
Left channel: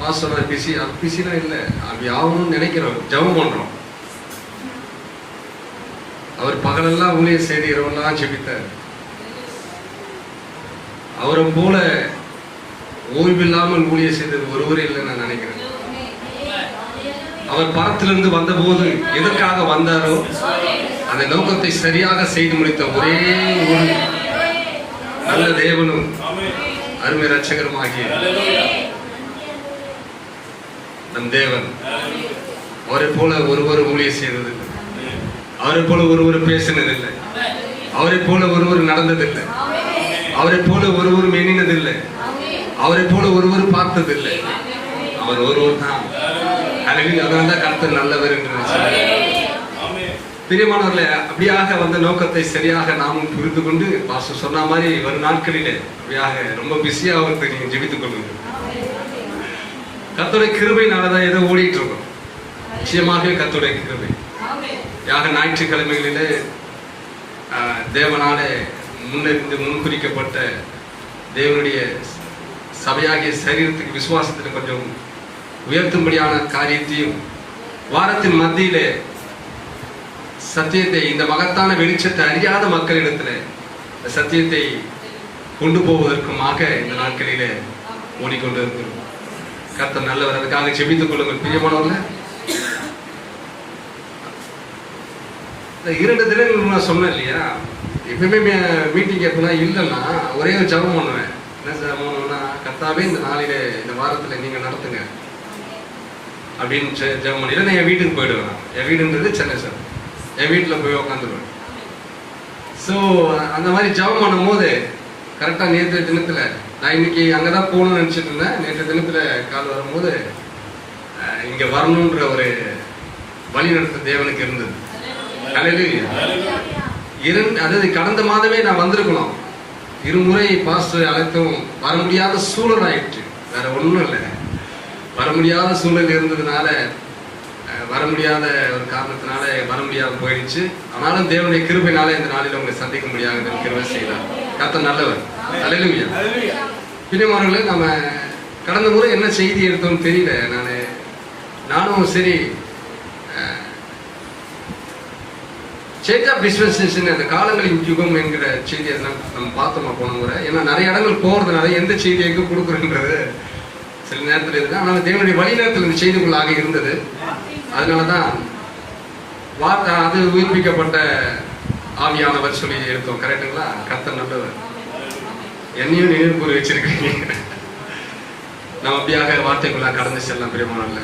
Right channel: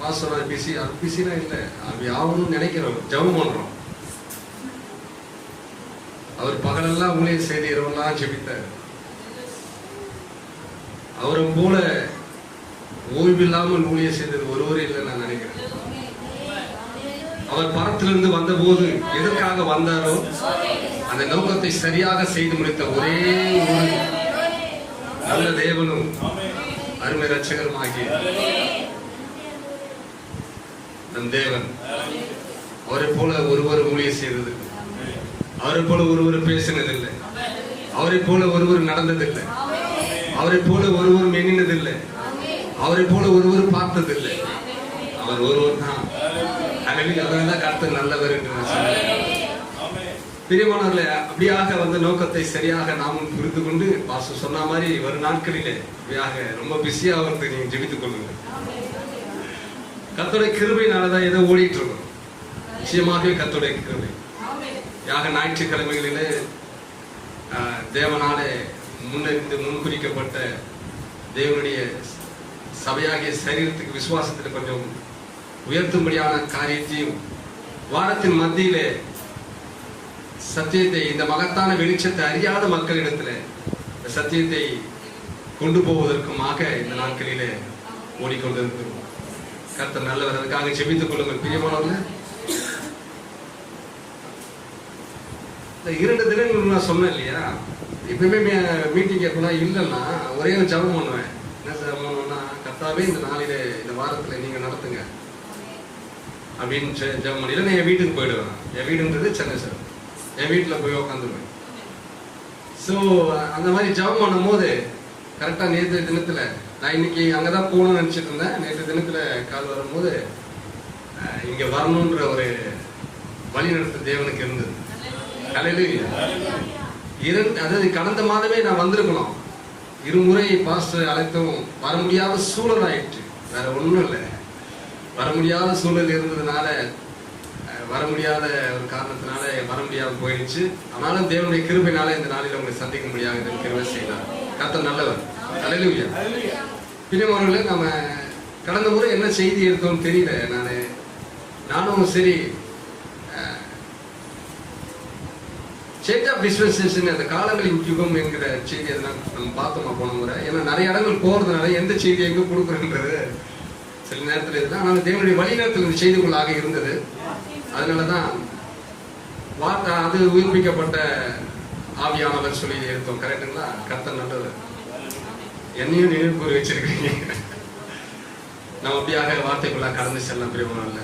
பாஸ்டர் பிஸிலாம் இல்லை, அப்படி ஆகணும்னு நினைக்கிறோம், ஜெபம் பண்றோம். அவர் பகலெல்லாம் ஊழியர் செய்து இரவெல்லாம் ஜெபித்தார். அவரை போல ஓய்வில்லாமல் ஊழியர் செய்தது ஒருவரே இல்லைன்னு நான் நினைக்கிறேன். அவர் பரத்திலிருந்து வந்த போது எதற்காக வந்தாரோ அந்த நோக்கத்தை சரியாக செய்து முடித்த ஒரே ஒரு நல்ல தேவனும் அருமை ரட்சகரும் ஆகிய நம் தேவன். அவரை போல ஒருவர் ஊழியர் செய்ததில்லை, அவரை போல ஒருவர் பேசினதில்லை, அவரை போல ஒருவர் நடந்ததில்லை, அவரை போல ஒருவரும் எண்ணினதில்லை, அவரை போல ஒருவர் பார்த்ததில்லை. அவர் ஒருவர் தான். அதனால்தான் கர்த்தர் நல்லவர் என்று பிரியமானவர்களே, அப்படியாக வந்த நோக்கத்தை சரியாக நாமும் புரிந்து கொண்டு பாஸ்டர் சொன்ன மாதிரி வரும் நாட்களிலே அப்படியாக ரொம்ப பிஸியா அவருக்கு நீங்க ஜெபித்துக் கொள்ளுங்க. கர்த்தருடைய கிருபையினாலதான் ஏதோ ஓடிட்டு இருக்கோம். நிச்சயமாக கர்த்தருடைய கிருபை. யாக ஞாயிற்றுக்கிழமைகளிலே தேவனாலே முன்னிருந்து முன்குறிக்கப்பட்ட தேவனுடைய சபையாகிய சரீரத்துக்கு விசுவாசத்துக்கு கொஞ்சம் உயர்த்தும்படியான காரியத்தையும் வாரத்தின் மத்தியிலே சத்தியத்தை, இந்த மகத்தான வெளிச்சத்தை அறியாத மக்களிடத்தில் சத்தியத்தை கொண்டு போவதற்குமாக இந்த நாட்களிலே ஓடிக்கொண்டு இருக்கிறோம். கர்த்தர் நல்லவர். அதுக்காக ஜெபித்துக் கொள்ளுங்கள் பிரியமானவர்களே. 2 தினங்கள் நான் சொன்னேன் இல்லையா, எப்பயுமே மீட்டிங் எப்படின்னா இல்லைன்னா ஒரே ஒரு ஜெபம் பண்ணுவேன். என்ன ஜெபம் பண்ணுவேன்னா, கர்த்தாவே இந்த நாளிலே இந்த வாரத்தில் நீங்க நடத்துங்க அப்படின்னு ஜெபம் பண்ணி நான் என் வீட்டுக்கு போயிடுவேன். என் வீடுன்றது சென்னை சார், என் வீட்டில் போய் உட்காந்துருவேன். ஸோ அந்த மாதிரி ஜெபம் பண்ணும் போது கரெக்டாக நேற்று தினத்தில் நான் இன்னைக்கு அங்கே தான் போகணும்னு நினச்சிட்டு இருந்தேன். நேற்று தினத்தில் கால் வரும்போது இங்கே வரணுன்ற ஒரு வழிநடத்த தேவனுக்கு இருந்தது. அதாவது கடந்த மாதமே நான் வந்திருக்கணும். 2 முறை பாஸ்டர் அழைத்தும் வர முடியாத சூழல் ஆயிடுச்சு. வேற ஒன்றும் இல்லை, வர முடியாத சூழல் இருந்ததுனால, வர முடியாத ஒரு காரணத்தினால வர முடியாத போயிடுச்சு. ஆனாலும் தேவனுடைய கிருபையினால இந்த நாளில் உங்களை சந்திக்க முடியாத கிருபை செய்தார். கர்த்தர் நல்லவர். அல்லேலூயா. பிரியமானவர்களே, நம்ம கடந்த முறை என்ன செய்தி எடுத்தோம்னு தெரியல. நானும் சரி சேஞ்ச் ஆஃப் டிஸ்பென்சேஷன், அந்த காலங்களின் யுகம் என்கிற செய்தியை நம்ம பார்த்தோமா போன முறை. ஏன்னா நிறைய இடங்கள் போறதுனால எந்த செய்தி எங்க கொடுக்குறன்றது சில நேரத்தில் இருக்கு. ஆனால் தேவனுடைய வழிநடத்தல் இந்த செய்திக்குள்ளாக இருந்தது. அதனாலதான் வார்த்தை அது உயிர்ப்பிக்கப்பட்ட ஆவியானவர் சொல்லி எடுத்தோம். கரெக்டுங்களா? கர்த்தர் நல்லவர். என்னையும் நினைவு கூறி வச்சிருக்கீங்க. நம்ம அப்படியாக வார்த்தைக்குள்ள கடந்து செல்லலாம். பிரியமானல்ல,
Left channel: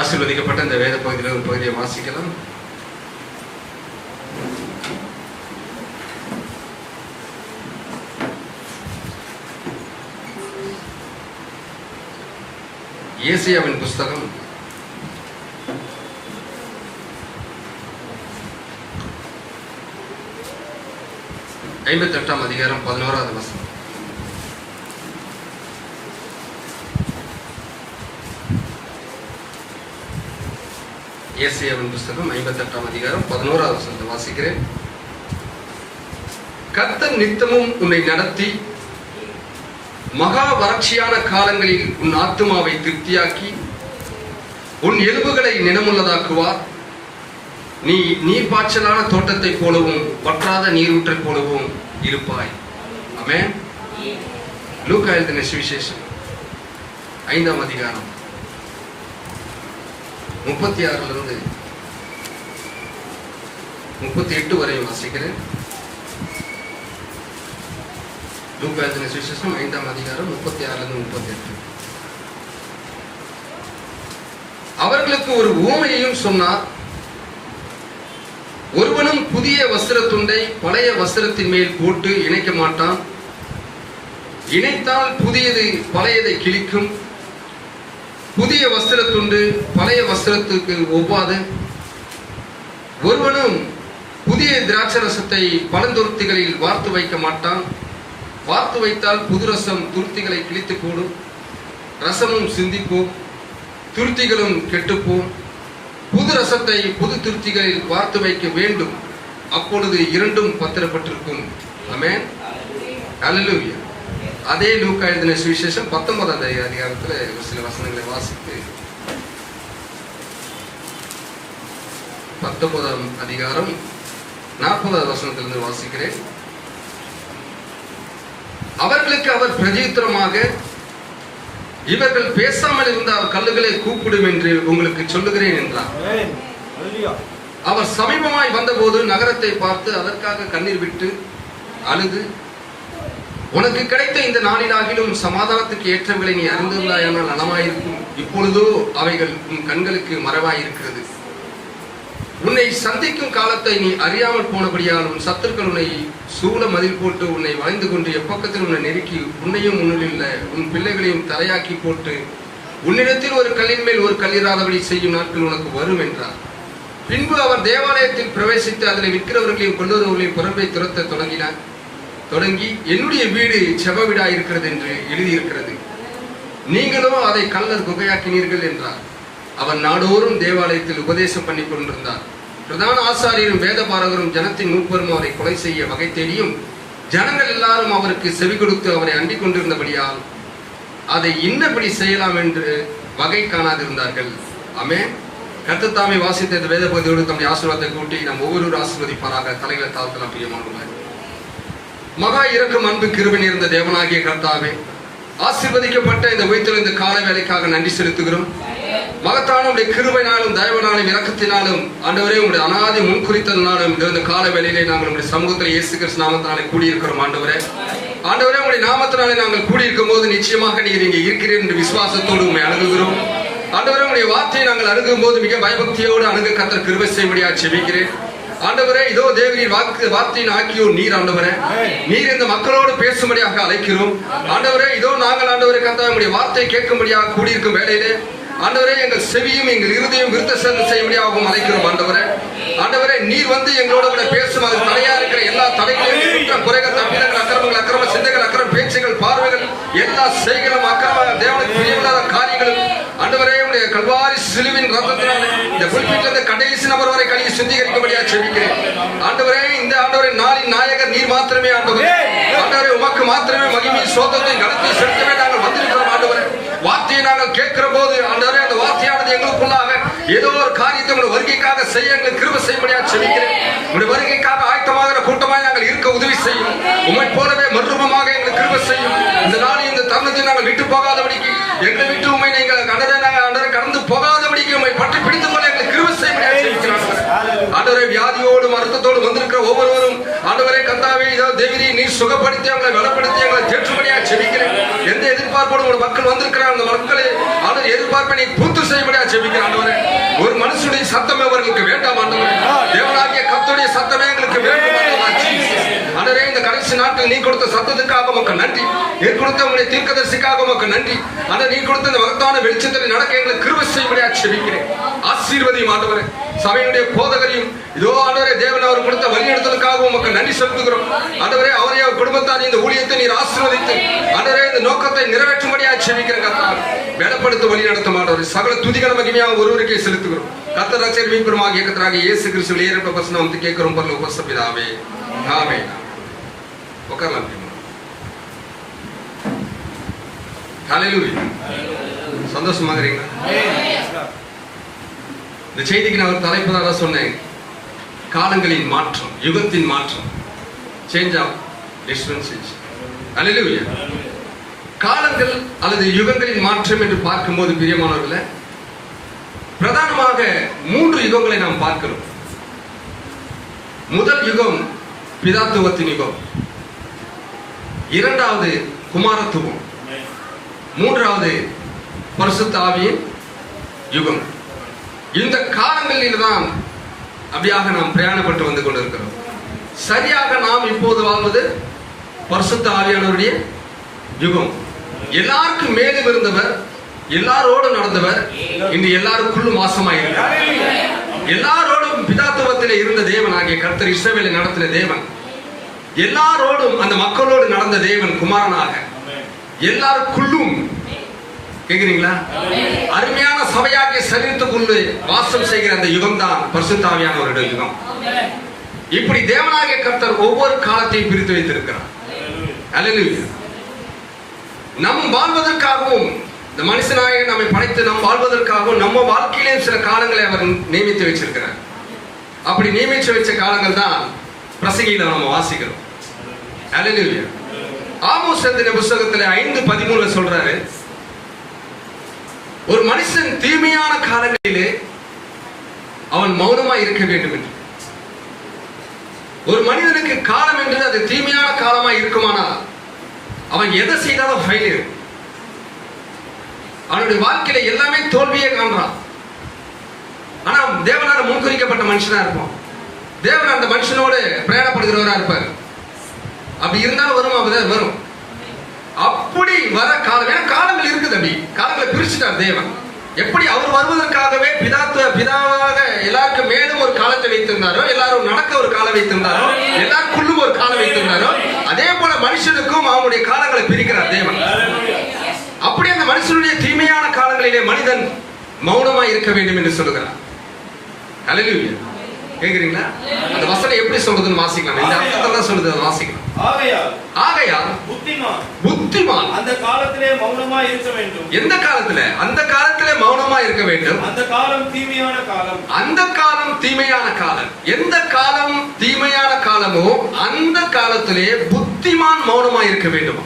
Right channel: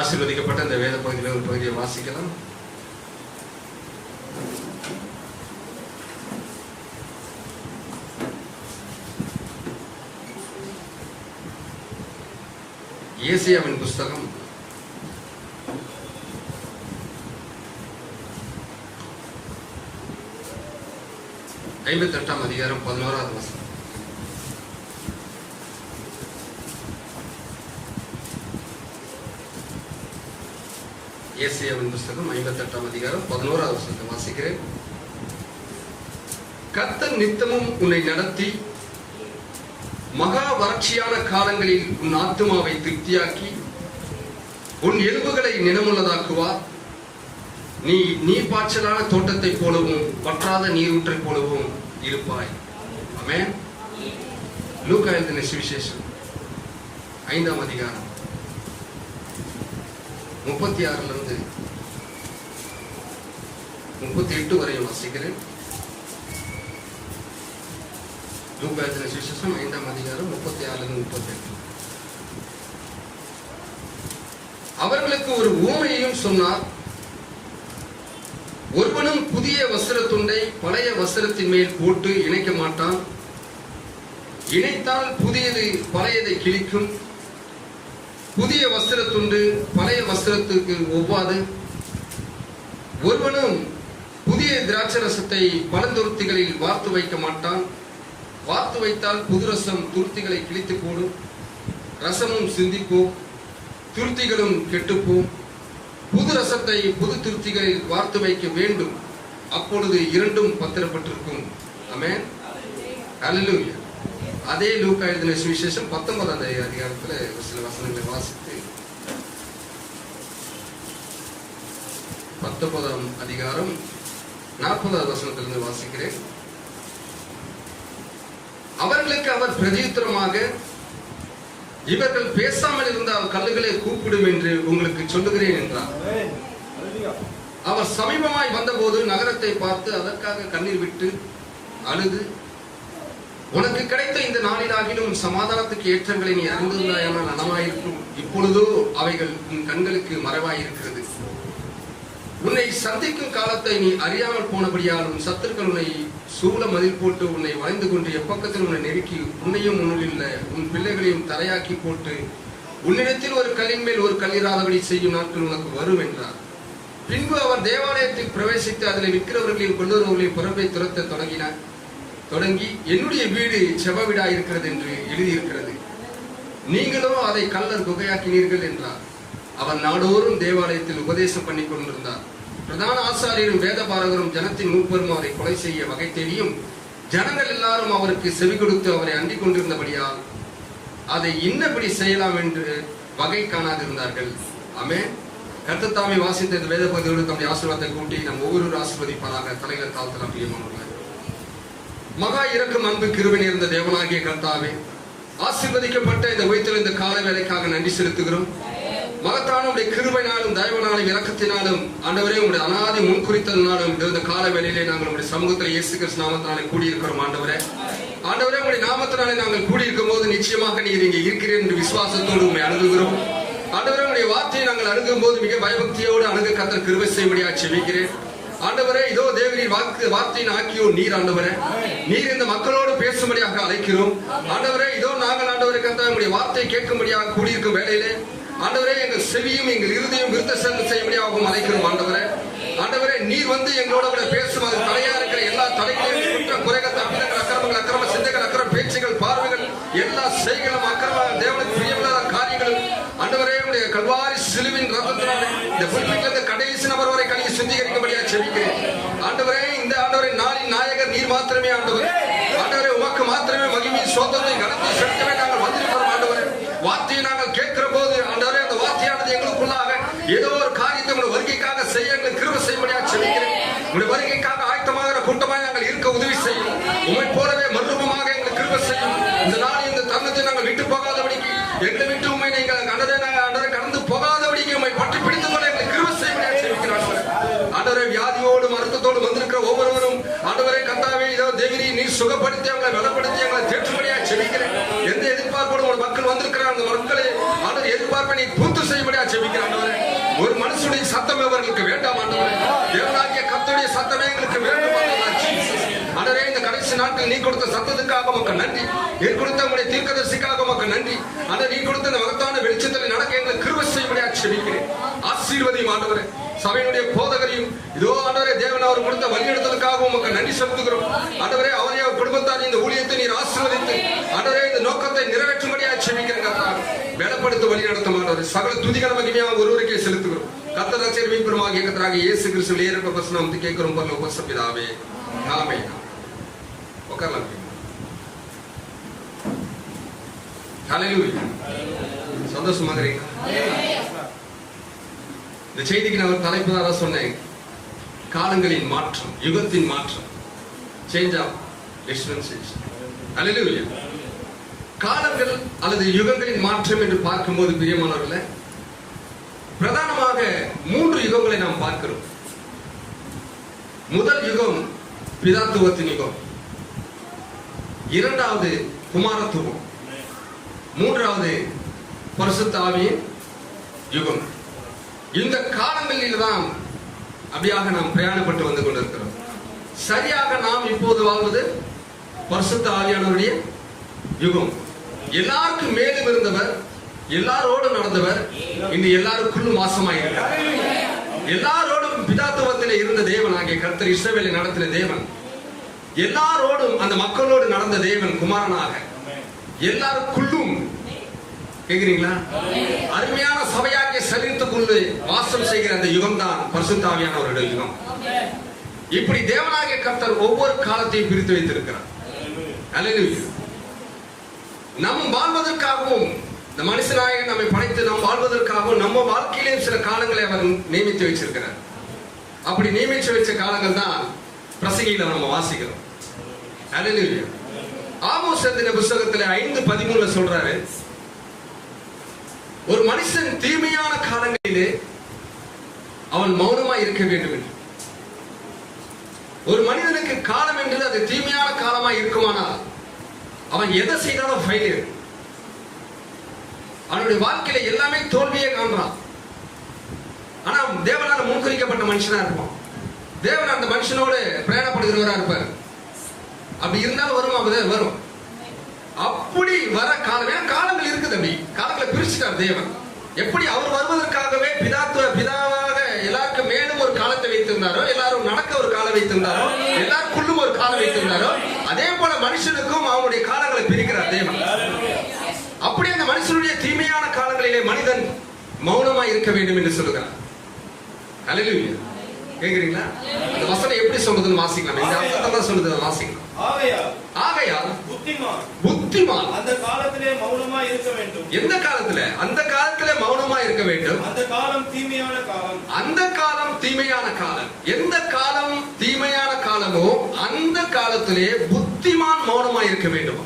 ஆசீர்வதிக்கப்பட்ட இந்த வேத பகுதியில் ஒரு பகுதியை வாசிக்கலாம். ஏசாயாவின் புஸ்தகம் 58ஆம் அதிகாரம் 11வது வசனம். ஏசாயாவின் புஸ்தகம் 58ஆம் அதிகாரம் 11வது வசனத்தை வாசிக்கிறேன். கர்த்தர் நித்தமும் உன்னை நடத்தி மகா வறட்சியான காலங்களில் உன் ஆத்துமாவை திருப்தியாக்கி உன் எலும்புகளை நினமுள்ளதாக்குவார். நீ நீர்ப்பாய்ச்சலான தோட்டத்தை போலவும் வற்றாத நீரூற்றை போலவும் இருப்பாய். ஆமென். லூக்கா எழுதின சுவிசேஷம் 5ஆம் அதிகாரம் 36 38 வரை வாசிக்கிறேன். லூக்கா எழுதின சுவிசேஷம் 5ஆம் அதிகாரம் 36 38. அவர்களுக்கு ஒரு உவமையையும் சொன்னார். ஒருவனும் புதிய வஸ்திர துண்டை பழைய வஸ்திரத்தின் மேல் போட்டு இணைக்க மாட்டான். இணைத்தால் புதியது பழையதை கிழிக்கும். புதிய வஸ்திர துண்டு பழைய வஸ்திரத்துக்கு ஒவ்வாது. ஒருவனும் புதிய திராட்சரசத்தை பழந்துருத்திகளில் வார்த்து வைக்க மாட்டான். வார்த்து வைத்தால் புது ரசம் துருத்திகளை கிழித்து போடும், ரசமும் சிந்திப்போம், துருத்திகளும் கெட்டுப்போம். புது ரசத்தை புது துருத்திகளில் வார்த்து வைக்க வேண்டும், அப்பொழுது இரண்டும் பத்திரப்பட்டிருக்கும். ஆமென், அல்லேலூயா. அதே லூக்கா எழுதின சுவிசேஷம் 19ஆம் அதிகாரத்தில் சில வசனங்களை வாசித்து 19ஆம் அதிகாரம் 40வது வசனத்திலிருந்து வாசிக்கிறேன். அவர்களுக்கு அவர் பிரதியுத்தரமாக, இவர்கள் பேசாமல் இருந்தால் கல்லுகளை கூப்பிடும் என்று உங்களுக்கு சொல்லுகிறேன் என்றார். அவர் சமீபமாய் வந்தபோது நகரத்தை பார்த்து அதற்காக கண்ணீர் விட்டு அழுது, உனக்கு கிடைத்த இந்த நாளிலாகிலும் சமாதானத்துக்கு ஏற்றவர்களை நீ அறிந்திருந்தாயானால் நலமாயிருக்கும். இப்பொழுதோ அவைகள் உன் கண்களுக்கு மறைவாயிருக்கிறது. உன்னை சந்திக்கும் காலத்தை நீ அறியாமல் போனபடியால் உன் சத்துருக்கள் உன்னை சூழ மதில் போட்டு உன்னை வளைந்து கொண்டு எப்பக்கத்தில் உன்னை நெருக்கி உன்னையும் உன்னில் உன் பிள்ளைகளையும் தரையாக்கி போட்டு உன்னிடத்தில் ஒரு கல்லின் மேல் ஒரு கல்லிராதபடி செய்யும் நாட்கள் உனக்கு வரும் என்றார். பின்பு அவர் தேவாலயத்தில் பிரவேசித்து அதில் விற்கிறவர்களையும் கொள்ளுறவர்களையும் புறம்பை துரத்த தொடங்கி என்னுடைய வீடு செப வீடா இருக்கிறது என்று எழுதியிருக்கிறது, நீங்களோ அதை கல்லர் குகையாக்கினீர்கள் என்றார். அவன் நாடோறும் தேவாலயத்தில் உபதேசம் பண்ணி கொண்டிருந்தார். பிரதான ஆசாரியரும் வேத பாரகரும் ஜனத்தின் மூப்பரும் அவரை கொலை செய்ய வகை தேடியும் ஜனங்கள் எல்லாரும் அவருக்கு செவி கொடுத்து அவரை அண்டிக் கொண்டிருந்தபடியால் அதை இன்னபடி செய்யலாம் என்று வகை காணாதிருந்தார்கள். ஆமென். கர்த்தர் தாமே வாசித்த இந்த வேத பகுதியோடு தம்முடைய ஆசீர்வாதத்தை கூட்டி நம் ஒவ்வொரு ஆசீர்வதிப்பாராக. தலைகளை தாழ்த்தலாம். பிரியமானவர்களே, மகா இரக்கம் அன்பு கிருபை நிறைந்த தேவனாகிய கர்த்தாவே, ஆசீர்வதிக்கப்பட்ட இந்த உயிர்த்தெழுந்த கால வேலைக்காக நன்றி செலுத்துகிறோம். மகத்தான உடைய கிருபையினாலும் தயவனாலும் இரக்கத்தினாலும் ஆண்டவரே உங்களுடைய அனாதி முன்குறித்தனாலும் இந்த கால வேலையிலே நாங்கள் நம்முடைய சமூகத்தில் இயேசு கிறிஸ்து நாமத்தினாலே கூடியிருக்கிறோம். ஆண்டவரே உங்களுடைய நாமத்தினாலே நாங்கள் கூடியிருக்கும் போது நிச்சயமாக நீர் இங்கே இருக்கிறீர் என்று விசுவாசத்தோடு உண்மை அணுகுகிறோம். ஆண்டவரே உங்களுடைய வார்த்தையை நாங்கள் அணுகும் போது மிக பயபக்தியோடு அணுக கர்த்தர் கிருபை செய்யும்படியாக செபிக்கிறேன். ஆண்டவரே, இதோ தேவரீர் வார்த்தையின் ஆக்கியோர் நீர். ஆண்டவரே, நீர் இந்த மக்களோடு பேசும்படியாக அழைக்கிறோம். ஆண்டவரே, இதோ நாங்கள் ஆண்டவரே கர்த்தா உங்களுடைய வார்த்தையை கேட்கும்படியாக கூடியிருக்கும் வேளையிலே ஆண்டவரே எங்கள் செவியும் எங்கள் இருதயம் விருத்த சேதனை செய்யும்படியாகவும் அழைக்கிறோம். ஆண்டவரே நீர் வந்து எங்களோட கூட பேசும். அது தடையா இருக்கிற எல்லா தடைகளையும் குறைகள், தப்பிதங்கள், அக்கிரமங்கள், அக்கிரம சிந்தைகள், அக்கிரம பேச்சுகள், பார்வைகள், எல்லா செய்களும் அக்கிரம தேவனுக்கு பிரியமில்லாத காரியங்களும் ஆண்டவரே உடைய கல்வாரி சிலுவின் ரத்தத்தினாலே இந்த குறிப்பிட்ட கடைசி நபர் வரை கழுவி சுத்திகரிக்கும்படியாக செபிக்கிறேன். ஆண்டவரே, இந்த ஆண்டவரே நாளின் நாயகர் நீர் மாத்திரமே. ஆண்டவரே உமக்கு மாத்திரமே மகிமை சோதத்தை கருத்தை செலுத்தவே நாங்கள் வந்திருக்கிறோம். ஆண்டவரே, வார்த்தையை நாங்கள் கேட்கிற போது ஆண்டவரே அந்த வார்த்தையானது எங்களுக்குள்ளாக ஏதோ ஒரு காரியத்தை உங்களுடைய வருகைக்காக செய்ய எங்களுக்கு கிருபை செய்யும்படியாக செபிக்கிறேன். உங்களுடைய வருகைக்காக ஆயத்தமாகிற கூட்டமாய் நாங்கள் இருக்க உதவி செய்யும். உம்மை போலவே மறுரூபமாக எங்களுக்கு கிருபை செய்யும். இந்த நாளில் இந்த தருணத்தை நாங்கள் விட்டு போகாதபடிக்கு, எங்களை விட்டு உண்மை நீங்கள் நாங்கள் கடந்து போகாதபடிக்கு உண்மை பற்றி பிடித்துக் கொள்ள எங்களுக்கு கிருபை செய்யும்படியாக செபிக்கிறோம். ஆண்டவரே, வியாதியோடு வருத்தத்தோடு வந்திருக்கிற ஒவ்வொருவரும் ஆண்டவரே கர்த்தாவே தேவரீ நீர் சுகப்படுத்தி அவங்களை பலப்படுத்தி எங்களை தேற்றும்படியாக செபிக்கிறேன். எந்த எதிர்பார்ப்போடு ஒரு மக்கள் வந்திருக்கிறார், அந்த மக்களை ஆண்டவர் எதிர்பார்ப்பை நீ பூர்த்தி செய்யும்படியாக செபிக்கிறேன். ஆண்டவரே, ஒரு மனுஷனுடைய சத்தம் அவர்களுக்கு வேண்டாம். ஆண்டவரே, தேவனாகிய கர்த்தருடைய சத்தமே எங்களுக்கு வேண்டும். ஆண்டவரே, இந்த கடைசி நாட்கள் நீ கொடுத்த சத்தத்துக்காக உமக்கு நன்றி. நீர் கொடுத்த உங்களுடைய தீர்க்கதரிசிக்காக உமக்கு நன்றி. ஆண்டவர், நீ கொடுத்த இந்த மகத்தான வெளிச்சத்தில் நடக்க எங்களுக்கு கிருபை செய்யும்படியாக செபிக்கிறேன். ஆசீர்வதியும் ஆண்டவரே சபையினுடைய போதகரையும். இதோ ஆண்டவரே தேவன் அவர் கொடுத்த வழிநடத்தலுக்காக உமக்கு நன்றி செலுத்துகிறோம். ஆண்டவரே, அவரை அவர் குடும்பத்தார் இந்த ஊழியத்தை நீர் ஆசீர்வதித்து ஆண்டவரே இந்த நோக்கத்தை நிறைவேற்றும்படியாக செபிக்கிறேன். கர்த்தர் மேலப்படுத்த வழி நடத்தும் ஆண்டவரே சகல துதிகள மகிமையாக ஒருவருக்கே செலுத்துகிறோம். கர்த்தர் ரட்சகர் மீட்பருமாகிய கர்த்தராகிய இயேசு கிறிஸ்துவின் ஏறப்பட்ட வசனம் வந்து கேட்கிறோம். பரலோக உபசபிதாவே, ஆமென். உட்காரலாம். ஹல்லேலூயா. சந்தோஷமாக இருக்கீங்களா? இந்த செய்திக்கு நான் ஒரு தலைப்பதாக சொன்னேன், காலங்களின் மாற்றம், யுகத்தின் மாற்றம், சேஞ்ச் ஆஃப் டிஸ்பென்சேஷன். ஹல்லேலூயா. காலங்கள் அல்லது யுகங்களின் மாற்றம் என்று பார்க்கும்போது பிரியமானவர்களே, பிரதானமாக 3 யுகங்களை நாம் பார்க்கிறோம். முதல் யுகம் பிதாத்துவத்தின் யுகம், இரண்டாவது குமாரத்துவம், மூன்றாவது பரிசுத்த ஆவியின் யுகம். இந்த காலங்களில் தான் அப்படியாக நாம் பிரயாணப்பட்டு வந்து கொண்டிருக்கிறோம். சரியாக நாம் இப்போது வாழ்வது பரிசுத்த ஆவியானவருடைய யுகம். எல்லாருக்கும் மேலும் இருந்தவர், எல்லாரோடு நடந்தவர், இன்று எல்லாருக்குள்ளும் வாசமாக இருக்கிறார். எல்லாரோடும் எல்லாரோடும் பிதாத்துவத்திலே இருந்த தேவன் ஆகிய கர்த்தர் இஸ்ரவேலை நடத்தின தேவன், எல்லாரோடும் அந்த மக்களோடு நடந்த தேவன் குமாரனாக எல்லாருக்குள்ளும், கேக்குறீங்களா, அருமையான சபையாகிய சரீரத்துக்குள்ளே வாசம் செய்கிற அந்த யுகம் தான் பரிசுத்த ஆவியானவருடைய யுகம். இப்படி தேவனாகிய கர்த்தர் ஒவ்வொரு காலத்தையும் பிரித்து வைத்திருக்கிறார். அல்லேலூயா. நம் வாழ்வதற்காகவும், இந்த மனுஷனாக நம்மை படைத்து நம் வாழ்வதற்காகவும் நம்ம வாழ்க்கையிலே சில காலங்களை அவர் நியமித்து வச்சிருக்கிறார். அப்படி நியமித்து வச்ச காலங்கள் தான் பிரசங்கியில நம்ம வாசிக்கிறோம். அல்லேலூயா. ஆமோஸ் எழுதின புத்தகத்தில் 5:13 சொல்றாரு, ஒரு மனுஷன் தீமையான காலங்களிலே அவன் மௌனமா இருக்க வேண்டும் என்று. ஒரு மனிதனுக்கு காலம் என்று அது தீமையான காலமா இருக்குமானால் அவன் எதை செய்தாலும் ஃபெயிலியர். அவனுடைய வாழ்க்கையில எல்லாமே தோல்வியே காண்றான். ஆனா தேவனால முன்குறிக்கப்பட்ட மனுஷனா இருப்பான். தேவன் அந்த மனுஷனோடு பிரயாணப்படுகிறவரா இருப்பார். அப்படி இருந்தா வரும், அப்படிதான் வரும். அப்படி வர காலம், ஏன்னா காலங்கள் இருக்குது, அப்படி காலங்களை பிரிச்சுட்டார் தேவன். எப்படி அவர் வருவதற்காகவே பிதாவாக எல்லாருக்கும் மேலும் ஒரு காலத்தை வைத்திருந்தாரோ, எல்லாரும் நடக்க ஒரு காலம் வைத்திருந்தாரோ, எல்லாருக்குள்ளும் ஒரு காலம் வைத்திருந்தாரோ, அதே போல மனுஷனுக்கும் அவனுடைய காலங்களை பிரிக்கிறார் தேவன். அப்படி அந்த மனுஷனுடைய தீமையான காலங்களிலே மனிதன் மௌனமாய் இருக்க வேண்டும் என்று சொல்லுகிறார். அல்லேலூயா. கேக்குறீங்களா? அந்த வசனம் எப்படி சொல்றதுன்னு வாசிக்கலாம். இந்த அர்த்தத்தை சொல்றது வாசிக்கலாம். ஆகையால் புத்திமான் அந்த காலத்திலே மௌனமா இருக்க வேண்டும். எந்த காலத்துல? அந்த காலத்திலே மௌனமா இருக்க வேண்டும். அந்த காலம் தீமையான காலம். அந்த காலம் தீமையான காலம். எந்த காலம் தீமையான காலமோ அந்த காலத்திலே புத்திமான் மௌனமா இருக்க வேண்டும்.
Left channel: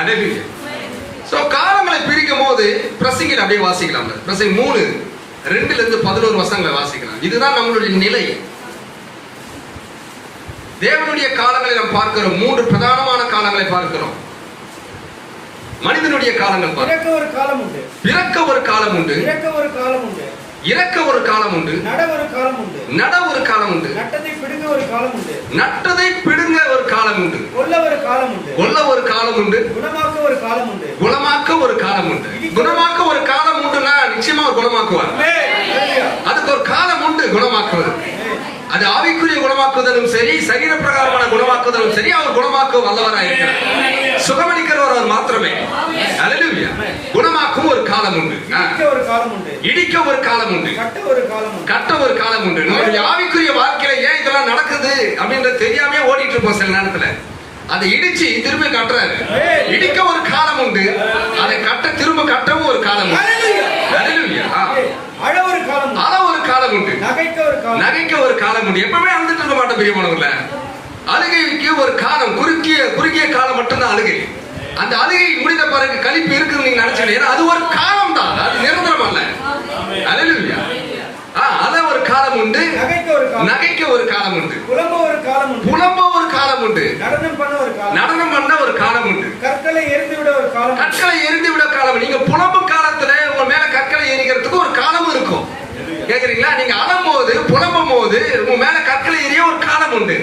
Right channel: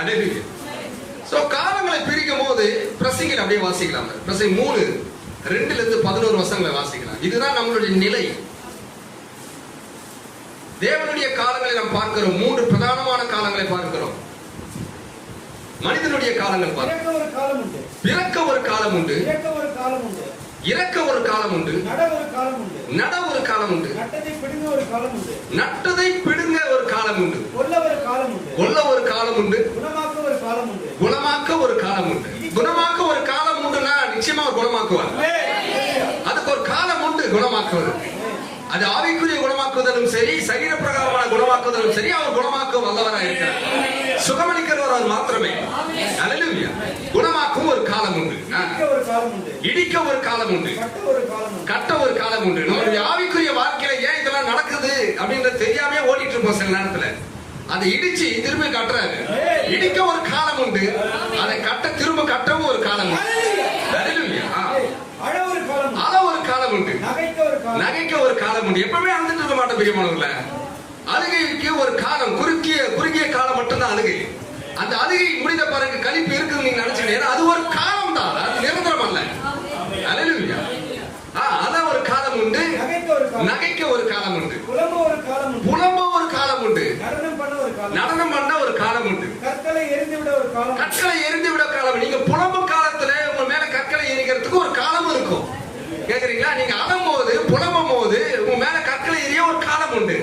அல்லேலூயா. சோ காலங்களை பிரிக்கும் போது பிரசங்கில அப்படியே வாசிக்கலாம். பிரசங்கி 3:2-11 வசனங்களை வாசிக்கலாம். இதுதான் நம்மளுடைய நிலை. தேவனுடைய காலங்களை நாம் பார்க்கிறோம். 3 பிரதானமான காலங்களை பார்க்கிறோம். மனிதனுடைய காலங்கள் பிறக்க ஒரு காலம் உண்டு, பிறக்க ஒரு காலம் உண்டு, இறக்க ஒரு காலம் உண்டு, இறக்க ஒரு காலம் உண்டு, நட ஒரு காலம் உண்டு, நட ஒரு காலம் உண்டு, நட்டதை பிடுங்க ஒரு காலம் உண்டு, நட்டதை பிடுங்க ஒரு காலம் உண்டு, கொல்ல ஒரு காலம் உண்டு, கொல்ல ஒரு காலம் உண்டு, குணமாக்க ஒரு காலம் உண்டு, குணமாக்க ஒரு காலம் உண்டு. குணமாக்க ஒரு காலம் உண்டுனா நிச்சயமா அவர் குணமாக்குவார். அதுக்கு ஒரு காலம் உண்டு குணமாக்குவது. அது ஆவிக்குரிய குணமாக்குவதும் சரி, சரீர பிரகாரமான குணமாக்குவதும் சரி, அவர் குணமாக்க வல்லவராக இருக்கிறார். சுகமளிக்கிறவர் அவர் மாத்திரமே. அல்லேலூயா. குணமாக்கும் ஒரு காலம் உண்டு, இடிக்க ஒரு காலம் உண்டு, கட்ட ஒரு காலம் உண்டு. நம்முடைய ஆவிக்குரிய வாழ்க்கையில ஏன் இதெல்லாம் நடக்குது அப்படின்றது தெரியாம ஓடிட்டு இருப்போம். சில நேரத்துல அதை இடிச்சு திரும்ப கட்டுறாரு. இடிக்க ஒரு காலம் உண்டு, அதை கட்ட திரும்ப கட்டவும் ஒரு காலம் உண்டு. அல்லேலூயா. அழ ஒரு காலம், அழ ஒரு காலம் உண்டு, நகைக்க ஒரு காலம் உண்டு. எப்பவுமே அழுதுட்டு இருக்க மாட்டோம் பிரியமானவர்கள. அழுகைக்கு ஒரு காலம், குறுகிய காலம் மட்டும்தான் அழுகை. அந்த அழுகை முடிந்த பிறகு கழிப்பு இருக்குன்னு நீங்க நினைச்சீங்க. அது ஒரு காலம் தான், அது நிரந்தரம் அல்ல. அல்லேலூயா. அத ஒரு காலம் உண்டு, நகைக்க ஒரு காலம் உண்டு, புலம்ப ஒரு காலம் உண்டு, நடனம் பண்ண ஒரு காலம் உண்டு, கற்களை எரிந்து விட காலம். நீங்க புலம்பும் காலத்துல உங்க மேல கற்களை எரிக்கிறதுக்கு ஒரு காலமும் இருக்கும். கேக்குறீங்களா? நீங்க அழும் போது, புலம்பும் போது உங்க மேல கற்களை எரிய ஒரு காலம் உண்டு,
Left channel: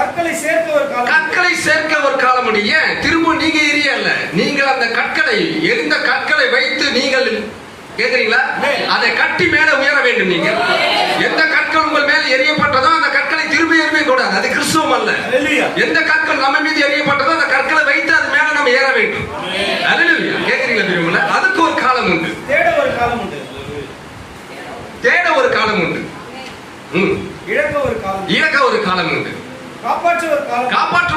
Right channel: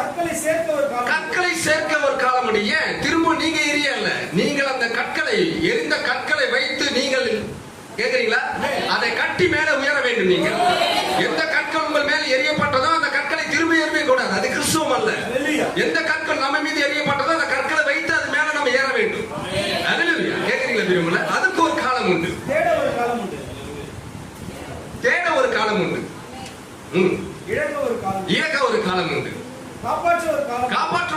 கற்களை சேர்க்க ஒரு காலம் உண்டு. ஏன் திரும்ப நீங்க எரிய அல்ல, நீங்கள் அந்த கற்களை, எரிந்த கற்களை வைத்து நீங்கள், கேக்குறீங்களா, அதை கட்டி மேல உயர வேண்டும். நீங்க எந்த கற்கள் உங்கள் மேல எரியப்பட்டதோ அந்த கற்களை திரும்ப எறிய கூடாது. அது கிறிஸ்துவம் அல்ல. எந்த கற்கள் நம்ம மீது எரியப்பட்டதோ அந்த கற்களை வைத்து அது மேல நம்ம ஏற வேண்டும். அல்லேலூயா. கேக்குறீங்களா? அதுக்கு ஒரு காலம் உண்டு, தேட ஒரு காலம் உண்டு, இழக்க ஒரு காலம் உண்டு, காப்பாற்ற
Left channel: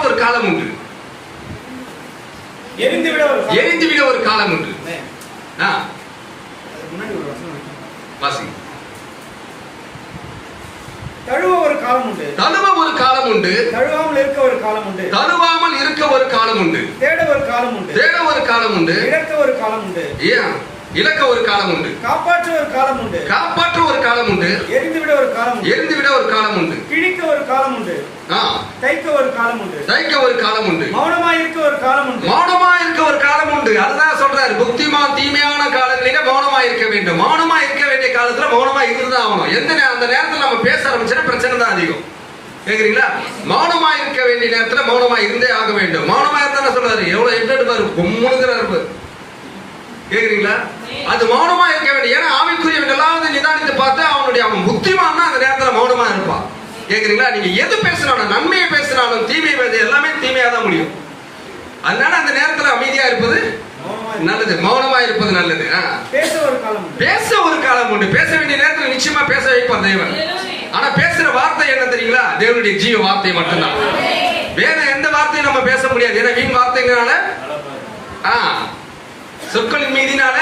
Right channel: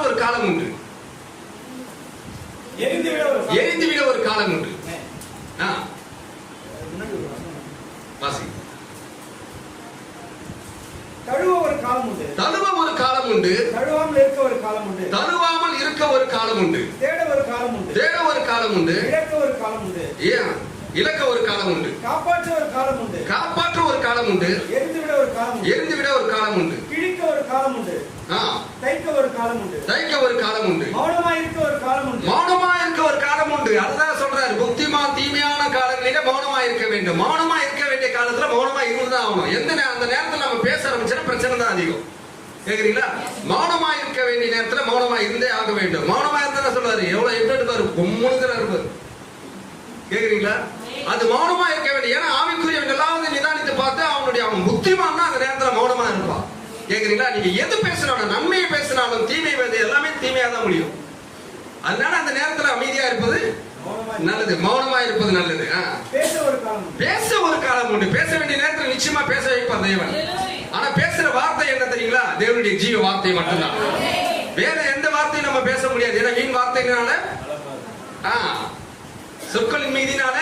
ஒரு காலம் உண்டு, எரிந்து விட ஒரு காலம் உண்டு. தழுவ ஒரு காலம் உண்டு, தழுவாமல் இருக்க ஒரு காலம் உண்டு, தேட ஒரு காலம் உண்டு, இழக்க ஒரு காலம் உண்டு, காப்பாற்ற ஒரு காலம் உண்டு, எரிந்து விட ஒரு காலம் உண்டு, கிழிக்க ஒரு காலம் உண்டு, தைக்க ஒரு காலம் உண்டு, மௌனமா இருக்க ஒரு காலம் உண்டு. அதுதான் சொல்றாரு, புத்திமான் தீமையான காலங்களிலே மௌனமா இருக்க வேண்டும். மௌனமா இருக்க வேண்டிய காலத்துல மௌனமா இருந்துதான் ஆகணும். அந்த நேரத்துல நம்ம பேச ஆரம்பிச்சா பிரச்சனை தான் அதிகம். கேக்குறீங்களா? மௌனமா இருக்க வேண்டிய நேரத்துல மௌனமா இருந்தே ஆக வேண்டும். மௌனமா இருந்தா சொல்றாரு, எவ்வளவு எட்டு கும்முனுங்கிறாரு. கேக்குறீங்களா? அது மௌனமா இருக்க வேண்டிய, ஏன்னா ஆவிக்குரியவன் எல்லாவது நிதானித்து பார்த்து அவன் புத்தி பேசணும்னா அந்த நேரத்துல மௌனமா இருப்பான். கேக்குறீங்களா? நீங்க எது பேசினாலும், நன்மையை பேசினாலும் தீமை எல்லாமே தீமையா தான் முடியும். அதனால அந்த நேரத்துல அமைதியா இருப்பது நல்லது, மௌனமா இருப்பது நல்லது. பேச ஒரு காலம் உண்டு. பேச ஒரு காலம் உண்டு. பேச வேண்டிய நேரத்தில் நிச்சயமா பேச வைப்பார் தேவன். ஆனா பேசுற வார்த்தை என்ன தெரியுங்களா? தேவனுடைய ஜீவ வார்த்தை மட்டும்தான். வேற எந்த வார்த்தையும் நம்ம பேச முடியாது. ஏன்னா வீண் வார்த்தைங்கனால சொற்களின் மீதினால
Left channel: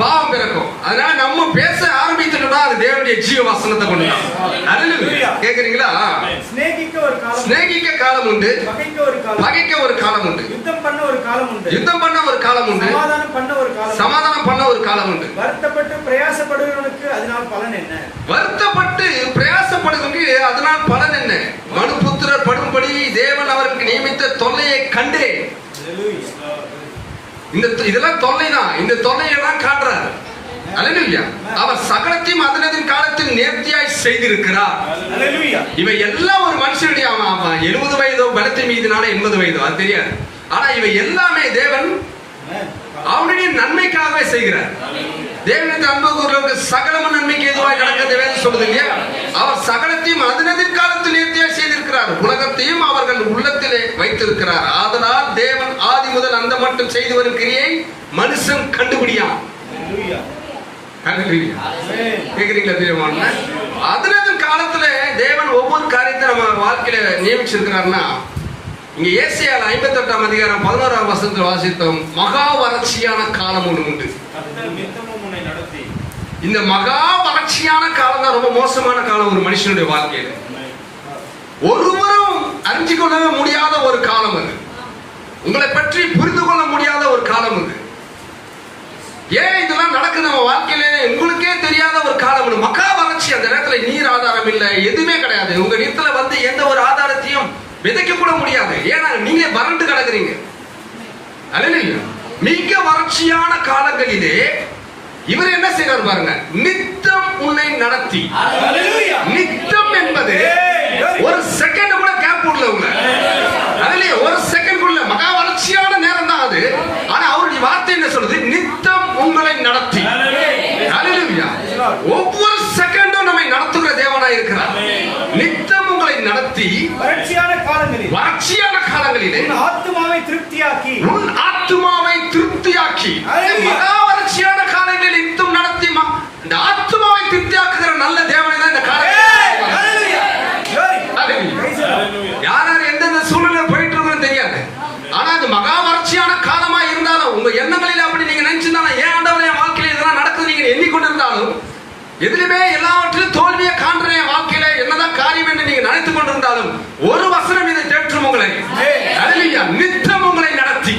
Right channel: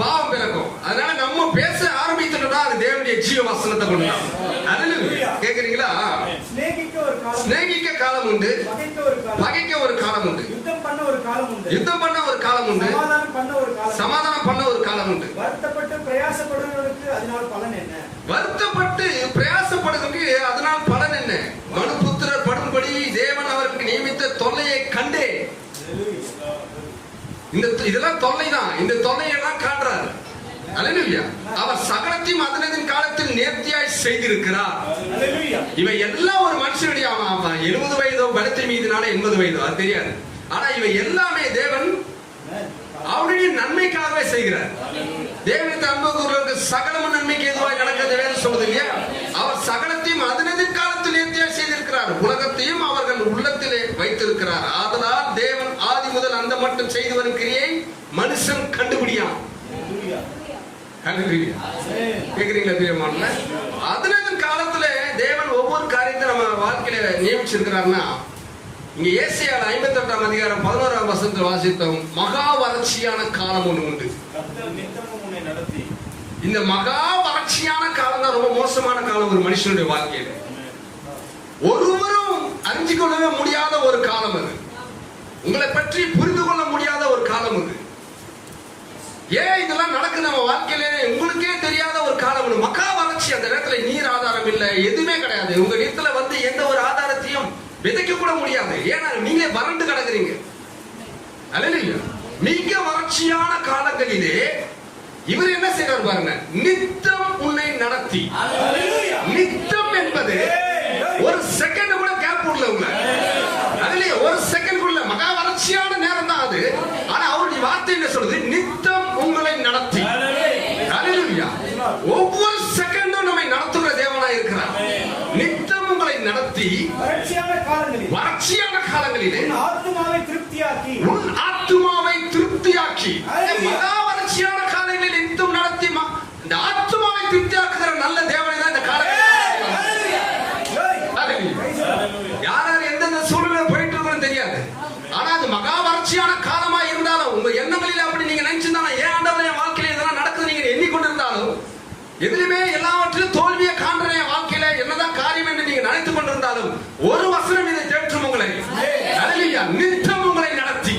பாவம் பிறக்கும். அதனால நம்ம பேச ஆரம்பித்துட்டோம்னா அது தேவனுடைய ஜீவ வசனத்தை கொண்டுதான். கேக்குறீங்களா? சிநேகிக்க காலம் உண்டு, பகைக்க ஒரு காலம் உண்டு, யுத்தம் பண்ண ஒரு காலம் உண்டு, யுத்தம் பண்ண ஒரு காலம் உண்டு, சமாதானம் பண்ண ஒரு காலம், சமாதானம் பண்ண ஒரு காலம் உண்டு. வருத்தப்பட்டு பிரயாசப்படுகிறவனுக்கு அதனால் பலன் என்ன? வருத்தப்பட்டு பிரயாசப்படுகிறவனுக்கு அதனால் பலன் என்ன? மனுபுத்திரர் படும்படி தேவன் அவருக்கு நியமித்த தொல்லையை கண்டே. இதெல்லாம் தொல்லைதான். இந்த தொல்லையெல்லாம் காட்டுறாரு. அல்லேலூயா. அவர் சகலத்தையும் அதனதின் காலத்தில் நேர்த்தியாய் செய்திருக்கிறார். அல்லேலூயா. இவை எல்லாம் ஒரு மனுஷனுடைய 70 வயதோ பலத்தின் மீதினால 80 வயதோ அது தெரியாது. ஆனா இவை எல்லாமே தேவன் அவருடைய நன்மைக்காகவே செய்கிறார். தேவனுக்கு அன்பு கூறுவதற்கு சகலமும் நன்மைக்கு எதுவாய் நடக்கிறது வேதம் சொல்லுது இல்லையா? அவர் சகலத்தையும் அதனதின் காலத்தில் நேர்த்தியாய் செய்திருக்கிறார். உலகத்தையும் அவர்கள் உள்ளத்திலே வைத்திருக்கிறார். ஆதலால் தேவன் ஆதி முதல் அந்த மட்டும் செய்து வரும் கிரியை மனுஷன் கண்டுபிடியான். அதனதின் காலத்துல தேவன் ஒவ்வொரு காரியத்தை நம்ம வாழ்க்கையில நியமிச்சிருக்கிறார்னா, இங்க ஏசாயா 58ஆம் அதிகாரம் 11ஆம் வசனத்தில் வாசித்தோம். மகா வறட்சியான காலம் ஒன்று உண்டு. இந்த மகா வறட்சியான காலம் தான் ரொம்ப மோசமான காலம் ஒரு மனுஷனுடைய வாழ்க்கையில். ஒருவரும் அறிஞ்சு கொள்ளவே முடியாத ஒரு காலம் அது. உங்களை பற்றி புரிந்து கொள்ள முடியாத ஒரு காலம் அது. ஏன் இதெல்லாம் நடக்குது நம்ம வாழ்க்கையில உங்களுக்கே தெரியாத ஒரு காலம். மகா வறட்சி. அந்த நேரத்துல நீர் ஆதாரம் இல்லை, எதுவுமே கிடையாது. உங்க வீட்டுல வந்து எந்த ஒரு ஆதாரத்தையும் விதைக்க கூட முடியாது. ஏன்னா நீங்க வறண்டு கிடக்குறீங்க. மிக வறட்சியான காலங்களிலே இவர் என்ன செய்யறார் பாருங்க. நித்தம் உன்னை நடத்தி. நித்தம் என்பது ஒரு செகண்ட் கூட கேப் விடல. அதுலயே ஒரு செகண்ட் கூட மகா வறட்சியான நேரம் தான் அது. ஆனா அவருடைய வார்த்தை என்ன சொல்லுது? நித்தம் உங்களை நடத்தி. ஒவ்வொரு செகண்டும் நம்மை நடத்துகிற தேவனாய் இருக்கிறார். நித்தம் உங்களை நடத்தி வறட்சியான காலங்களிலே உன் ஆத்துமாவை திருப்தியாக்கி மகா வறட்சியான காலங்களில் நித்தம் நடத்தி இந்த ஆத்துமாவை திருப்தியாக்குகிற நல்ல தேவனை தான் இந்த காலம். யார் எந்தெந்த சூழ்நிலை போயிட்டு இருக்கோம் தெரியாது. ஆனா அது மகா வறட்சியான காலமா இருந்தாலும் உங்க எண்ணங்களில் அப்படி நீங்க நினைச்சிருந்தாலும் ஏன் ஆண்டவரே என் வாழ்க்கையில இதெல்லாம் நடக்குது நீங்க எண்ணிக்கொண்டிருந்தாலும், எதிலுமே எல்லாவற்றிலும் தோல்வியை காண்ற என் வாழ்க்கையில என்னதான் காரியம் என்று நீங்க நினைத்துக் கொண்டிருந்தாலும் ஒரு வசனம் இதை தேற்றும் உங்களை. நித்தம் உங்களை நடத்தி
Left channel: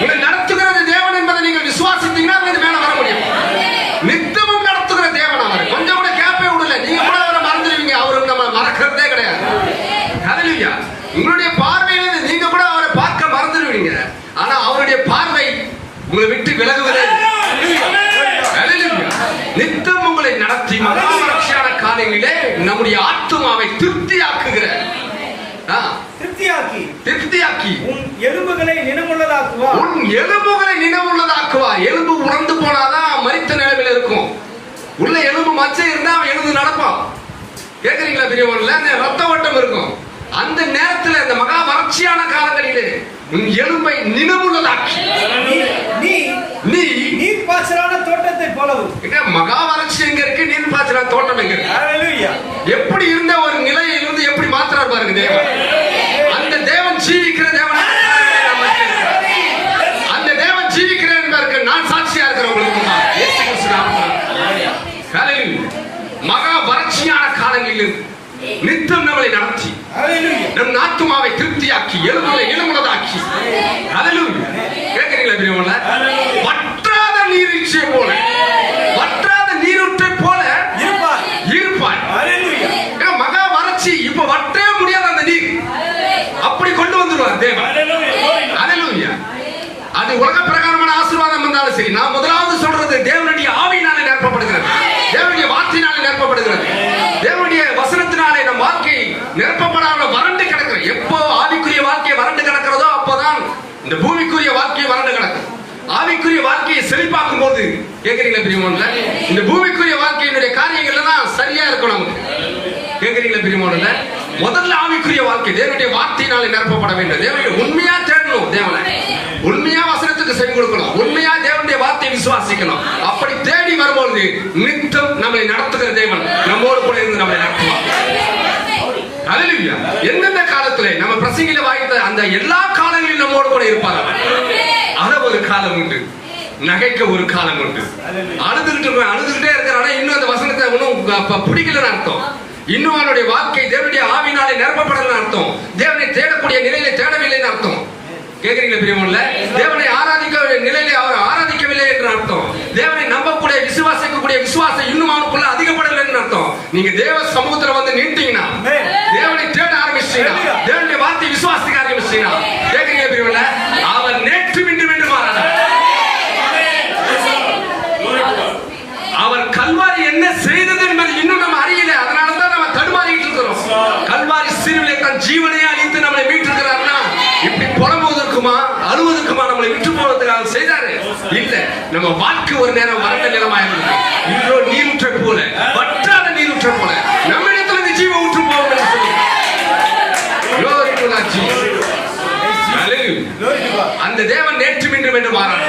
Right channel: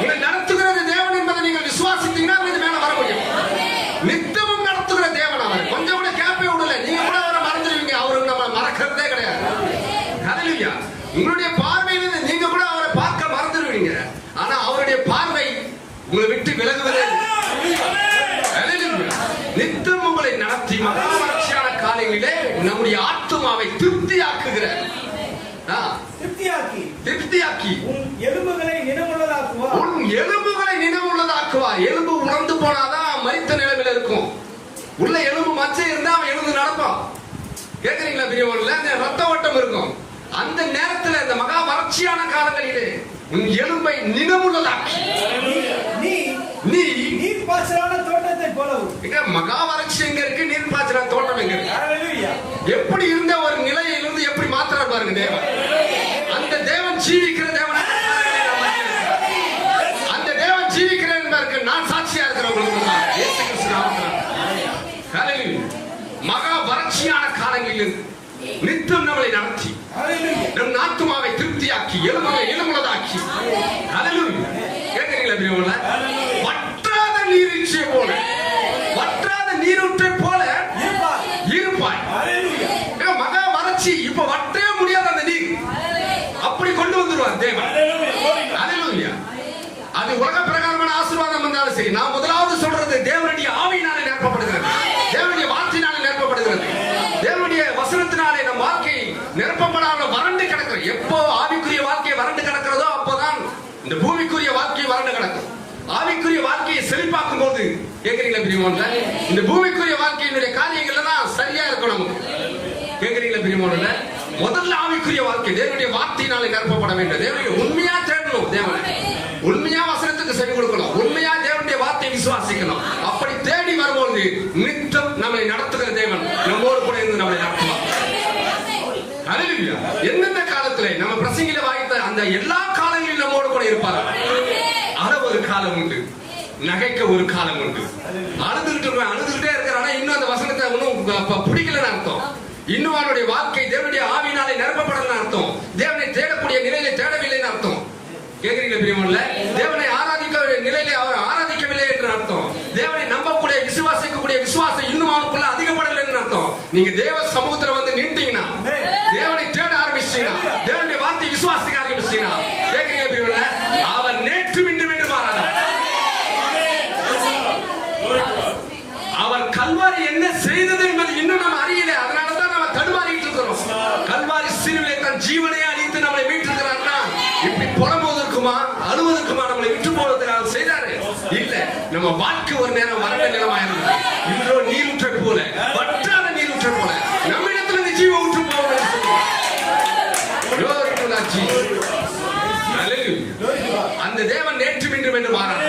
உங்களை நடத்துகிறது தேவன் என்பதை நீங்கள் விசுவாசித்தீங்கன்னா அது மேல வர முடியும். நித்தமும் நடத்துகிற தேவன். அவர் கொஞ்சம் கூட கேப்பே விடல. நீங்க கூட அவரை மறந்துடுவீங்க. அவருக்கு நம்ம மறக்கிறதே கிடையாது. ஹல்லேலூயா. உங்களுடைய பார்வையில நீங்க கூட அவரை பார்க்க மறந்துடுவீங்க. ஆனா அவருடைய பார்வை உங்களை விட்டு விலகுவதே. நித்தம் உங்களை நடத்தி மகா வறட்சியான காலங்களிலே நம்முடைய ஆத்துமாவை திருப்தியாக்குகிற திருப்தியாக்கி உன் எலும்புகளை நினைவுள்ளதாக்குவா. எலும்பு உறந்து போனாதான் மரித்த நிலைமையில இருக்கும். உள்ள எலும்பு மச்சை இருந்தா அவன் எழுந்து நடப்பான். கேக்குறீங்களா பெரியவன்ல? ரத்த ஓட்டம் இருக்கும். அந்த நேரத்தில் அந்த மகா வறட்சியான காலங்களிலே உன் எலும்பை நினைவுள்ளதாக்கி நீ நீர் பாய்ச்சலான தோட்டத்தை போலவும். மகா வறட்சி எங்க இருக்கு? நீர் பாய்ச்சலான தோட்டம் எங்க இருக்கு? எப்படி இருந்த ஒரு நிலையிலிருந்து எப்படி மாத்திரார் பாருங்க தேவன். அந்த தேவன் ஜீவிக்கிற தேவன். அந்த தேவன் ஜீவிக்கிற என்பதற்கு நான் சாட்சியா இருக்கிறேன் உங்களுக்கு. மகா வறட்சியான காலங்களில் நித்தம் நம்மளை நடத்தி நம் ஆத்துமாவை திருப்தியாக்கி எலும்புகளை இளமுள்ளதாக்கி. கேட்கிறீங்களா பெரியவங்கள? வற்றாத நீரூற்றை போல, வற்றாத நீரூற்றை போல இருப்பாய். மகா வறட்சி இப்ப வற்றவே முடியாத அந்த நீர் அப்படி கொண்டு வந்துருவார் தேவன். அல்லேலூயா. அது உலக பிரகாரமான ஆசீர்வாதம் இருந்தாலும் சரி, நான் முதலாவது சொல்றது தேவனுடைய ஆவியினாலே நிரப்பப்படுகிறது, தேவனுடைய வார்த்தையினாலே நிரப்பப்படுகிறது, தேவனுடைய வசனத்தினாலே நம் வாழ்க்கை நிரப்பப்படாத வறண்டு கிடக்கிறது. எப்போ ஆவிக்குரிய வாழ்க்கை வறண்டு கிடக்கிறதோ அப்போதான் இந்த பூமிக்குரிய வாழ்க்கை வறண்டு கிடக்கும். ஆவிக்குரிய வாழ்க்கையை செழிப்பாக்கும் போது கேட்கிறீங்களா பிரியமானவர்களே, இந்த பூமிக்குரிய வாழ்க்கையினுடைய காரியங்கள் எல்லாம் சரியா இருக்கணும். பிரியமானவர்களே, முதல்ல ஆவிக்குரிய வாழ்க்கை தேவனுடைய வார்த்தையினாலே நிரப்பப்பட வேண்டும். தேவனை உண்மையா தேடணும். தேவனை உண்மையா வசனத்துக்கு செவி கொடுக்கணும். உண்மையா தேவனுடைய வார்த்தையை விசுவாசிக்கணும். அப்படி தேடி வரும்பொழுது நித்தம் நம்மை நடத்துகிற தேவன் நம்மோடு கூட இருந்து நம்மை நடத்துவார். ஹல்லேலூயா. எந்தெந்த காலத்திலே நம்ம பிரசங்கில வாய்த்த அந்த எல்லா காலங்களிலும் நம்மோடு கூட இருப்பார். அத ஒரு காலம் உண்டு, நகைக்க ஒரு காலம் உண்டு. அழுதுகிட்டே இருக்கிறானே இன்னும் அந்த வசனத்தை ஒன்னும் பிடிக்கலன்னு அர்த்தம். இன்னும் அவனுடைய வாழ்க்கை தேவனுடைய ஆவியினாலே நிரப்பப்படலன்னு அர்த்தம். தேவனை தேடக்கூடிய நிலையிலே தேடவில்லைன்னு அர்த்தம். கேட்கிறீங்களா பிரியமுள்ள? தேவனை ஆராதிக்க நிலையிலே அவர் ஆராதிக்கவில்லை என்று அர்த்தம். தேவனை நம்பக்கூடிய விசுவாசிக்கக்கூடிய விசுவாசம் இன்னும் அவனுக்குள்ள அதிகப்படவில்லைன்னு அர்த்தம். நீங்க தேவ சமூகத்துல வந்து நின்றீங்கன்னா, தேவனை தேட ஆரம்பிச்சீங்கன்னா, தேவனுடைய வார்த்தை விசுவாசிக்க ஆரம்பிச்சீங்கன்னா, கேட்கிறீங்களா பிரியமுள்ள? அவர் நேற்று இன்று மாறாதவர். அவர் கல்வாரி என்ன செய்தது என்பது இன்னும் நம்ம அறியல. அதனாலதான் நம்ம தடுமாறிட்டு இருக்கிறோம். கல்வாரி சிலுவையிலே தன் ஜீவனையே அழித்து நம்மளை மீட்டிருக்கிறார்னா இப்படி புலம்புவதற்குமா அழுவதற்குமா நம்மளை விட்டு போவதற்காக செய்தாரு? இல்ல, நம்ம வாழ்க்கை ஒரு நேரம் வறண்ட நிலமாயிருந்தது. இன்றோ நீரூற்றை போல, வற்றாத நீரூற்றை போல நம்மிடத்துல ஜீவ ஊற்று போவோம். அந்த தேவன் நேற்று இன்று என்று மாறாது.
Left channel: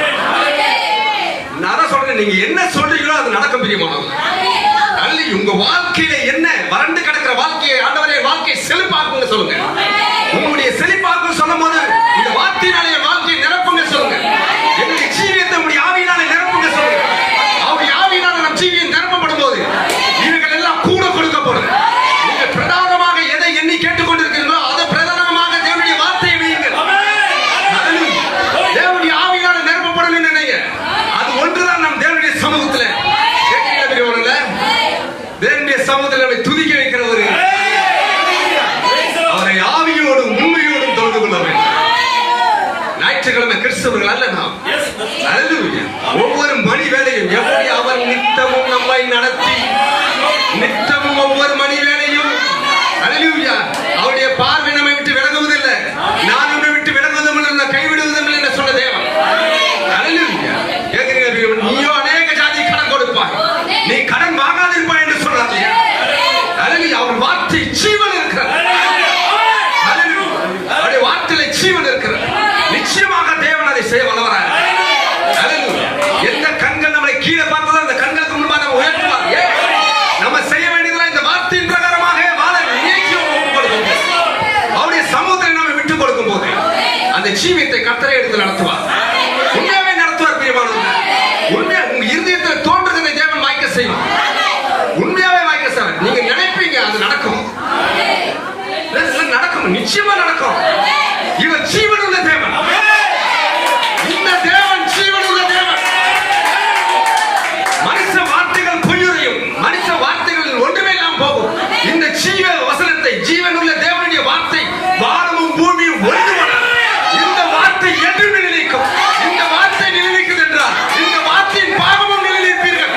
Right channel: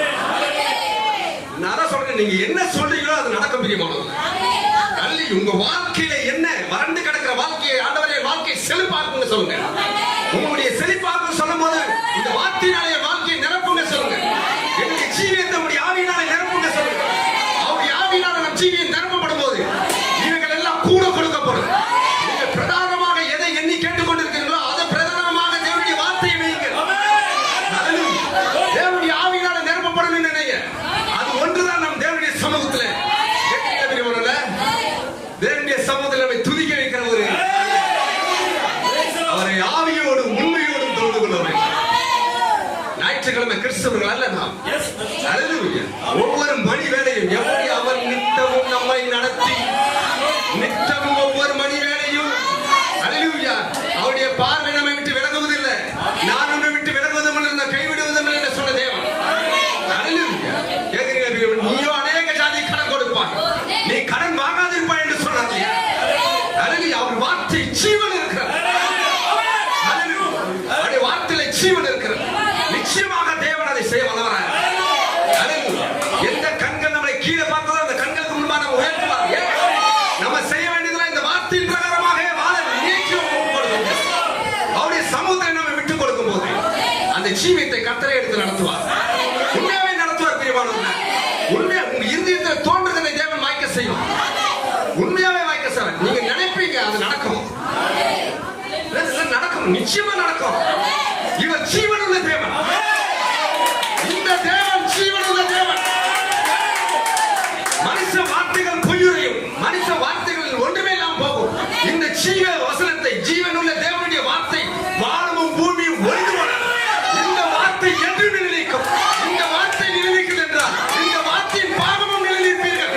நான் சொல்றேன், நீங்க என்ன சொல்றீங்களோ அது நடக்கும் பிரியமானவர்களே. அல்ல, உங்க வாழ்க்கையில என்ன வறண்டு கிடக்கிற வாழ்க்கையை ஆண்டவரே வாழ்க்கை செழிப்பாக்குங்க சொல்லுங்க. உங்களுடைய செழிப்பாக்கு சொல்லும் போது இந்த வார்த்தையினாலே வாழ்க்கையை நிரப்புங்க சொல்லுங்க. என்னுடைய ஜீவியத்தை உங்களுடைய ஆவியினாலே நிரப்புங்க சொல்லுங்க. அவருடைய ஆவியினால நம் ஜீவியம் நிரப்பப்படும் போது இவர்கள் எல்லாம் கூட கொடுக்கப்படும். நீங்கள் பிரதானமாக எதை எண்ணி கேட்டுக்கொண்டிருக்கிறீர்களோ அது பிரதானமாக தேவனுடைய வார்த்தையை வையுங்கள். தேவனுடைய ஆவியினால நிரப்பப்படும் நினைங்க. அது ஒன்றுதான் நம் தேவனுடைய சமூகத்தில் தேவனுடைய சமூகத்தில் நம்மை துதிக்க வைக்கிற ஒரு அவரை ஆவியோடு உண்மையோடு தொடர்பு கொள்ள வேண்டும். ஞாயிற்றுக்கிழமை கிறிஸ்தவர்கள் அல்ல நாம். ஒவ்வொரு மணி வேலையும் எப்படி அவர் நித்தமும் நம்மை நடத்தி நித்தமும் ஒவ்வொரு மணி வேலையும் அவருடைய பார்வை நம்மை விட்டு விலகுவதில்லை. நான் உன்னை விட்டு விலகுவதும் இல்லை, கைவிடுவதும் இல்லை என்று சொன்ன தேவன். நீயோ அநேக ஜாதி கடன் கொடுப்பாய், நீ கடன் வாங்காதிருப்பாய் என்று சொன்னார். அவர் வார்த்தை ஜீவன் இருக்கிறது. அவருடைய வார்த்தையில ஜீவன் இருக்கிறது. நிச்சயமாக தேவன் அதை செய்ய வல்லவராக. எந்த கண்கள் நம்மளை கீழே பார்த்ததோ அந்த கண்களுக்கு முன்பாக நம்ம உயர்த்துவார். நம்ம செய்ய வேண்டியதெல்லாம் இந்த வார்த்தையின் பிரகாரமாக வாழ நினைக்க கொடுக்கும். அவருடைய சமூகத்தை நம்ம விட்டுக் கொடுக்கும் போது அந்த ஜீவியத்தை கர்த்தரை எடுத்து நடத்துவார். உண்மையாவே நடத்துவார் பிரியமானவர்களே. உண்மையா உங்க இருதயத்தில் தோன்றுகிற தேவன் வாய்க்க செய்வார். உண்மையாவே வாய்க்க செய்வார். நீங்க நினைப்பீங்க அது நடக்கும். நடக்கும், நிச்சயமா நடக்கும். இவர் ஜீவனுள்ள தேவன். இந்த தேவன் ஜீவனுள்ள தேவன். மனுஷ வார்த்தைகள் பொய்யுரையும், மனுஷ வார்த்தைகள் ஒன்றுமே இல்லாமல் போகும். இந்த ஜீவ வசனத்தை ஜீவனுள்ள தேவனுடைய வார்த்தை வானமும் பூமியும் ஒன்றுபடும். இந்த வார்த்தை என்றுமே நிலைக்கும். இந்த வார்த்தை நிலைக்கிறது என்றால் இந்த வார்த்தையின் பாகமும் நிலைப்பீர்கள்.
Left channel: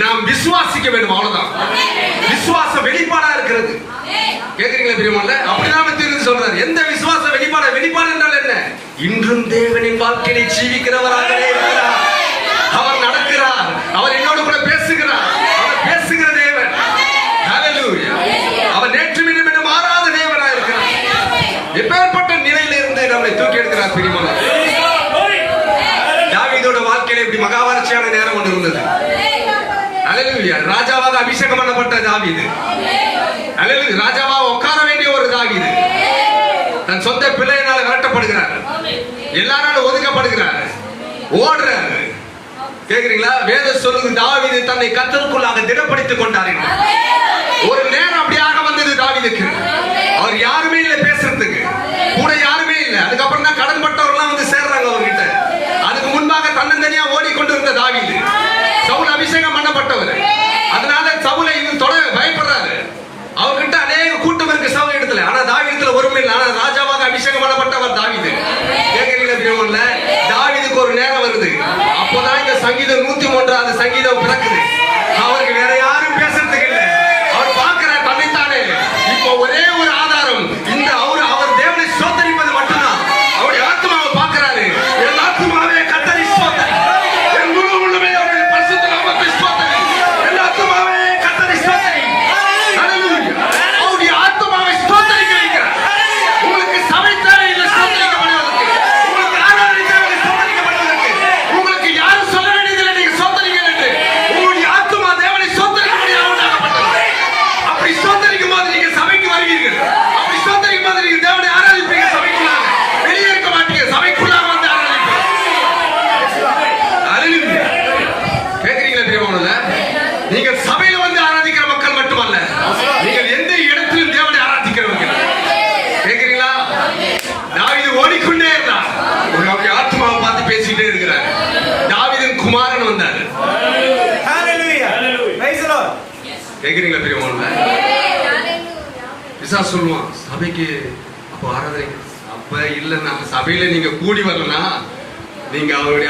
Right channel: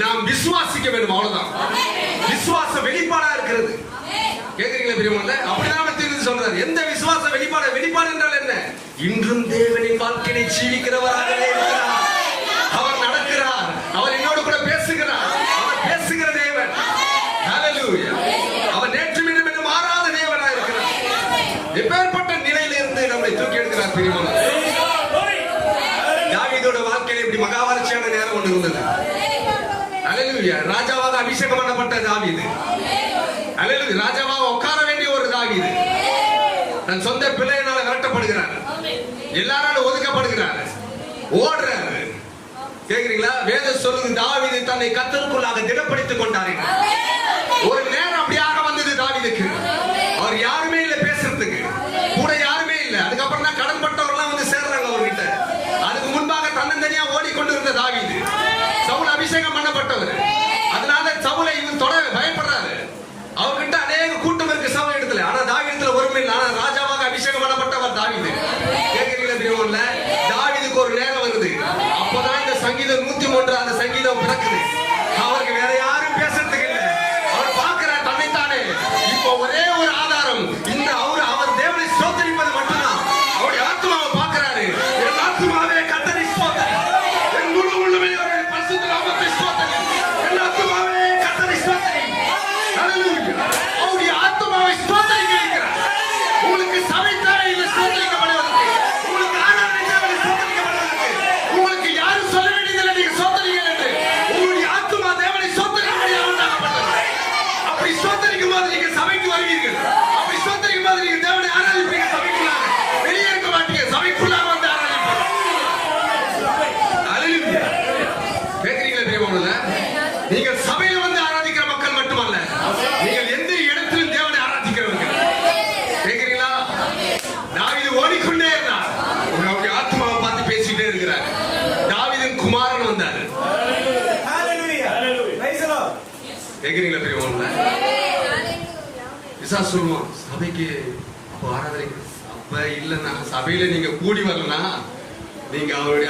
நாம் விசுவாசிக்க வேண்டும், அவ்வளவுதான். விசுவாச வெளிப்பாடா இருக்கிறது. கேக்குறீங்களா பிரியமானவர்களே? அப்படிதான் தீர்ந்து சொல்றாரு. எந்த விசுவாச வெளிப்பாடு? வெளிப்பாடு என்றால் என்ன? இன்றும் தேவனின் வாழ்க்கையை ஜீவிக்கிறவராகவே இருக்கிறார். அவர் நடக்கிறார். அவர் என்னோடு கூட பேசுகிறார். அவர் பேசுகிற தேவன். ஹல்லேலூயா. அவர் நேற்று மீண்டும் மாறாத தேவனா இருக்கிறார். எப்பேற்பட்ட நிலையிலிருந்து நம்மை தூக்கி எடுக்கிறார் பிரியமானவர்களே. தாவீதோட வாழ்க்கையில இப்படி மகாவரட்சியான நேரம் ஒன்று இருந்தது. ஹல்லேலூயா. ராஜாவாக அபிஷேகம் பண்ணப்பட்ட தாவீது. ஹல்லேலூயா. ராஜாவாக உட்கார வேண்டிய ஒரு தாவீது தன் சொந்த பிள்ளையினால் விரட்டப்படுகிறார். எல்லாராலும் ஒதுக்கப்படுகிறார். ஓடுறாரு. கேக்குறீங்களா? வேதம் சொல்லுது தாவீது தன்னை கர்த்தருக்குள்ளாக திடப்படுத்திக் கொண்டார். ஒரு நேரம் அப்படியாக வந்தது தாவீதுக்கு. அவர் யாருமே இல்லை பேசுறதுக்கு, கூட யாருமே இல்லை. அதுக்கப்புறம் தான் கடன் பட்டவர்கள்லாம் வந்து சேர்றாங்க அவர்கிட்ட. அதுக்கு முன்பாக தன்னந்தனியா ஓடிக்கொண்டிருந்த தாவீது சவுல் அபிஷேகம் பண்ணப்பட்டவர். அதனால சவுலை தொட பயப்படுறாரு. அவர்கிட்ட அநேக கூட்டம் இருக்கு சவுல் இடத்துல. ஆனா தாவீதுல ஒருமை இல்லை. ஆனா ராஜாவாக அபிஷேகம் பண்ணப்பட்டவர் தாவீது. கேக்குறீங்களா பிரியமானவர்களே? தாவீதுக்கு ஒரு நேரம் வருது. அப்பதான் இந்த சங்கீதம் 103 சங்கீதம் பிறக்குது. அவருக்கு வேற யாரும் பேசுறதுக்கு இல்லை. பிசாசு சொல்லுவான், சபைக்கு அப்ப ஆராதனை அப்ப இல்ல, நம்ம சபையில நீங்க கூடி வரலன்னா நீங்க அவரை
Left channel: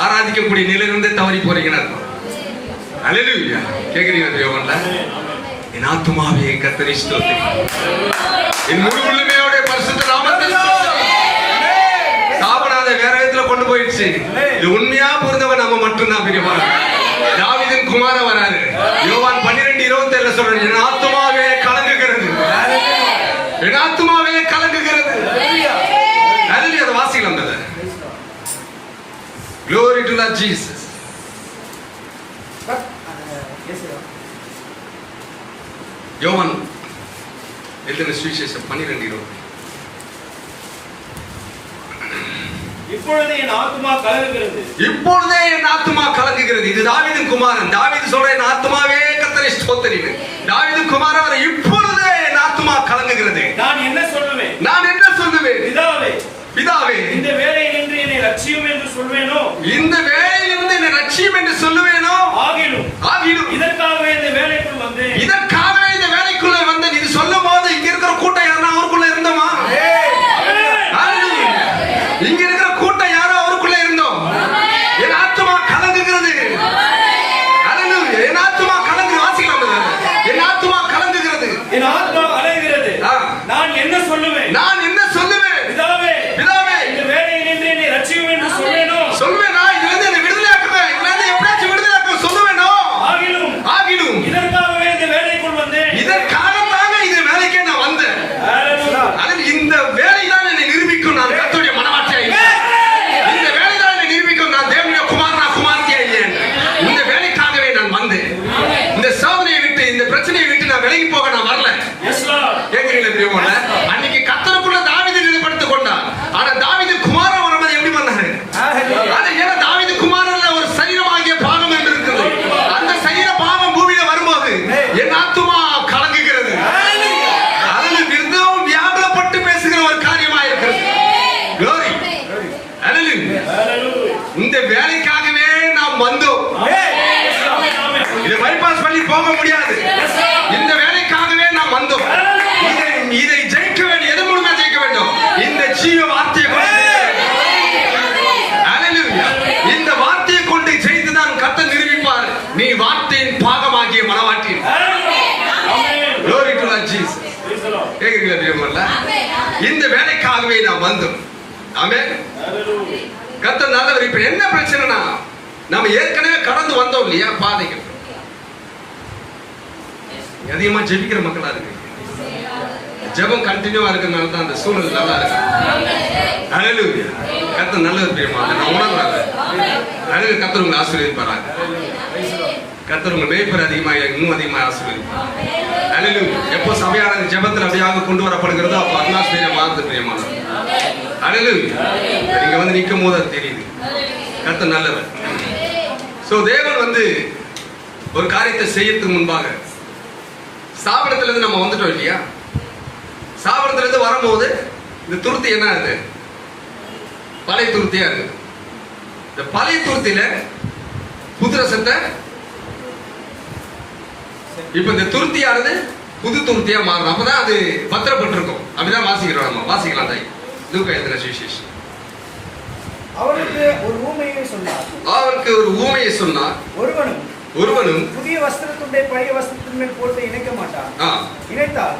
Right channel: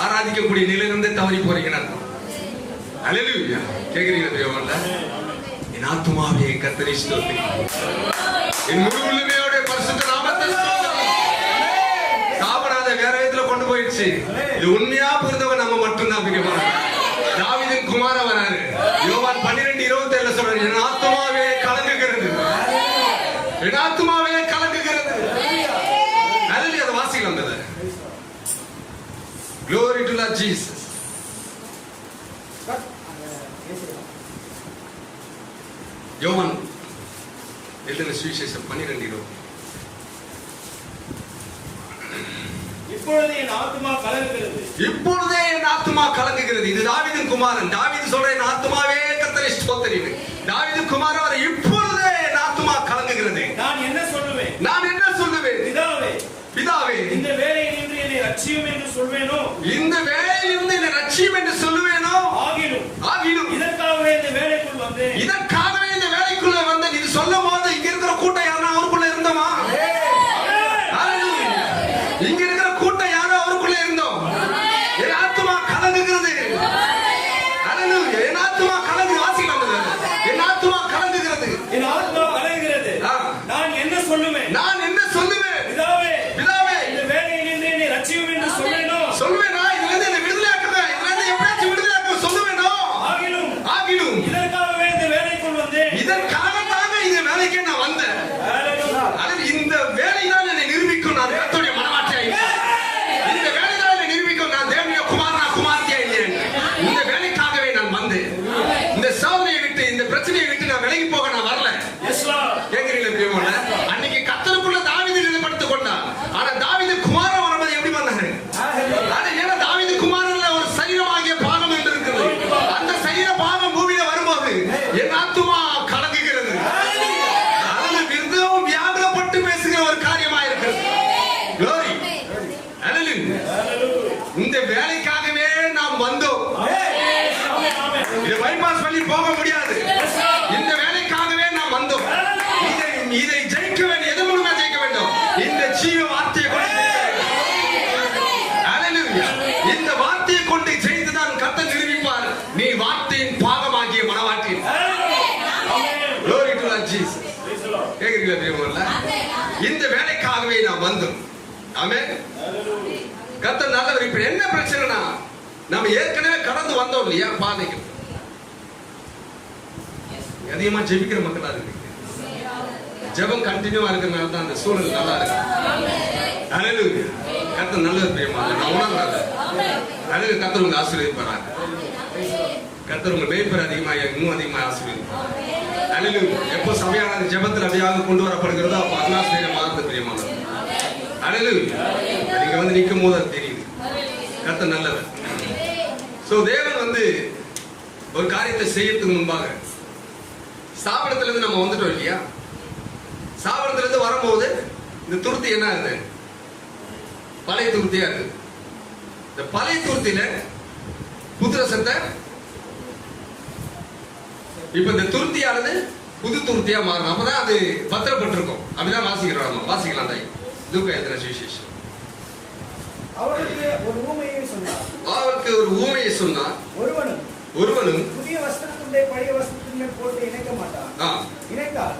ஆராதிக்கக்கூடிய நிலையிலிருந்து தவறி போறீங்கன்னு அர்த்தம். அல்லேலூயா. கேக்குறீங்க தேவன்ல? என் ஆத்துமாவே கர்த்தரை ஸ்தோத்திரி, என் முழு உள்ளமையோட பரிசுத்த நாமத்தை ஸ்தோத்திரி. சாப்பிடாத வேற விதத்துல கொண்டு போயிடுச்சு. இது உண்மையா புரிந்தவன் நம்ம மட்டும்தான் பிரியமான. தாவீதின் குமாரன் வராரு. யோவான் 12:27 சொல்றாரு, என் ஆத்துமாவே கலங்குகிறது, என் ஆத்துமாவே கலங்குகிறது. அல்லேலூயா. வாசிக்கலாம் brother. Glory to the Jesus. யோவான் எழுதின சுவிசேஷம் 12:20. இப்பொழுதே என் ஆத்துமா கலங்குகிறது, இப்பொழுதே என் ஆத்துமா கலங்குகிறது. இது தாவீதின் குமாரன். தாவீது சொல்ற, என் ஆத்துமாவே கர்த்தரை ஸ்தோத்திரின்னு. தாவீதின் குமாரன், இப்பொழுதே என் ஆத்துமா கலங்குகிறது. நான் என்ன சொல்லுவேன்? நான் என்ன சொல்லுவேன்? பிதாவே, பிதாவே, இந்த வேளையிலிருந்து என்னை ரட்சியும் என்று சொல்வேனோ, இந்த வேளையிலிருந்து என்னை ரட்சியும் என்று சொல்லுவேனோ, ஆகிலும் இதற்காகவே இந்த வேலைக்குள் வந்து, இதற்காகவே இந்த வேலைக்குள்ள வந்து நீ சொல்லும் போது இங்க இருக்கிற கூட்டம் யாரா அவருக்குள்ள இருந்தோமா? இங்க இருக்கிற கூட்டம் யாரோ அவருக்குள்ள இருந்தோம். என் ஆத்துமா கலங்குகிறது. என் ஆத்துமா கலங்கு. வாசிக்கலாம். என் ஆத்துமா கலங்குகிறது, என் ஆத்மா அலைகிறது. நான் என்ன சொல்லுவேன்? நான் என்ன சொல்லுவேன்? பிதாவே, பிதாவே, இந்த வேளையிலிருந்து என்னை ரட்சியும் என்று சொல்வேனோ, சொல்வேனா? இதுல இருந்து என்னை விடுதலையாக்குவேன், இதுல இருந்து எப்படியாச்சும் விடுதலையாக்க சொல்லுவேனோ, ஆகிலும் இதற்காகவே இந்த வேலைக்குள் வந்து, இதற்காகத்தாங்க இந்த வேலைக்கே நான் வந்தேன். இந்த வேலைதான் என்னை நிரூபிக்கும் நான் கர்த்தருடைய மனவாட்டியா இல்லை. இந்த வேலைதான் என்னை நிரூபிக்கும் நான் தேவனுடைய குமாரனா குமாரத்தியா இல்லை. இந்த வேலைக்காகவே நான் வந்தேன். இந்த சோதனையை விட்டு, இந்த பிரச்சனையை விட்டு நான் விலகி போக நான் வரல. கேட்கிறீங்களா பிரியமான? அன்னைக்கு கர்த்தருக்குள்ள தாவீது ஈடுபடுத்திக் கொண்டான். ஆனா தாவீது குமாரன் வரும்போது எப்படி பண்ணாரு? அது ஏன்னா தாவீது குமாரன்ல ஒரு சரீரமாகிய பாகம் என்று இருக்கிறது. அந்த சரீர பாகம் பூமியில வரும்போது என் ஆத்துமா கலங்குகிறது. அதில் மிகவும் வியாகுலப்பட்டு பேசுகிற ஒரு காரியமா இருக்கிறது. Glory. Hallelujah. இந்த வேலைக்காகவே நாம் வந்தோம். இதை பைபாஸ் பண்ணி போக முடியாது. இந்த வேலைக்காகவே நாம் வந்தோம். இதை ஜெயிக்க வேண்டும். எது மூலமா ஜெயிக்க வேண்டும்? இந்த ஜீவ வார்த்தையை கொண்டு. Hallelujah. இந்த வார்த்தையை கொண்டு ஜெயித்துதான் கர்த்தர் நிரூபிப்பார், நீ வார்த்தையின் பாகமாகிய மனவாட்டி. Glory to the Jesus. கேக்குறீங்களா தேவன்ல? இந்த வேலைக்காகவே நாம் வந்தோம். ஆமென். கர்த்தர் நல்லவர். இப்ப என்ன பிரச்சனைனா, நாம ஏற்கனவே கடந்து வந்தோம் இல்லையா பாதைகள். அதிகமா ஜெபிக்கிற மக்களா இருக்கு. ஜெபம் கண்டினியூவா இருக்கிறனால தான் அந்த சூழ்நிலை நல்லா இருக்கு. ஹல்லேலூயா. கர்த்தர் நல்லவர் பிரியமான. நான் உணர்றேன். ஹல்லேலூயா. கர்த்தர் உங்களை ஆசீர்வதிப்பாராங்க. கர்த்தர் உங்கள் மேய்ப்பர் அதிகமாக இன்னும் அதிகமாக ஆசீர்வதிப்பார். ஹல்லேலூயா. எப்போ சபையாளர் ஜெபத்தில் அப்படியாக கொண்டு வரப்படுகிறதோ அப்போ அட்மாஸ்பியர் மாறுது பிரியமான. ஹல்லேலூயா. நீங்க வந்து நிற்கும் போது அது தெரியுது. கர்த்தர் நல்லவர். சோ தேவன் வந்து ஒரு காரியத்தை செய்யறதுக்கு முன்பாக சாபனத்துல இருந்து நம்ம வந்துட்டோம் இல்லையா? சாபனத்துல இருந்து வரும்போது இந்த துருத்தி என்ன இருக்கு? பழைய துருத்தியா இருக்கு. இந்த பழைய துருத்தியில புது ரசத்தை, இப்ப இந்த துருத்தியானது புது துருத்தியா மாறும். அப்பதான் அது பத்திரப்பட்டிருக்கும். அப்படிதான் வாசிக்கிறோம். நம்ம வாசிக்கலாம். தாய் லூக்கா எழுதின சுவிசேஷம். அவருக்கு ஒரு ஊமையை சொன்னார். அவருக்கு ஒரு ஊமையை சொன்னார். ஒருவனும் புதிய வஸ்திரத்துண்டை பழைய வஸ்திரத்தின் மேல் போட்டு இணைக்க மாட்டான். இணைத்தால்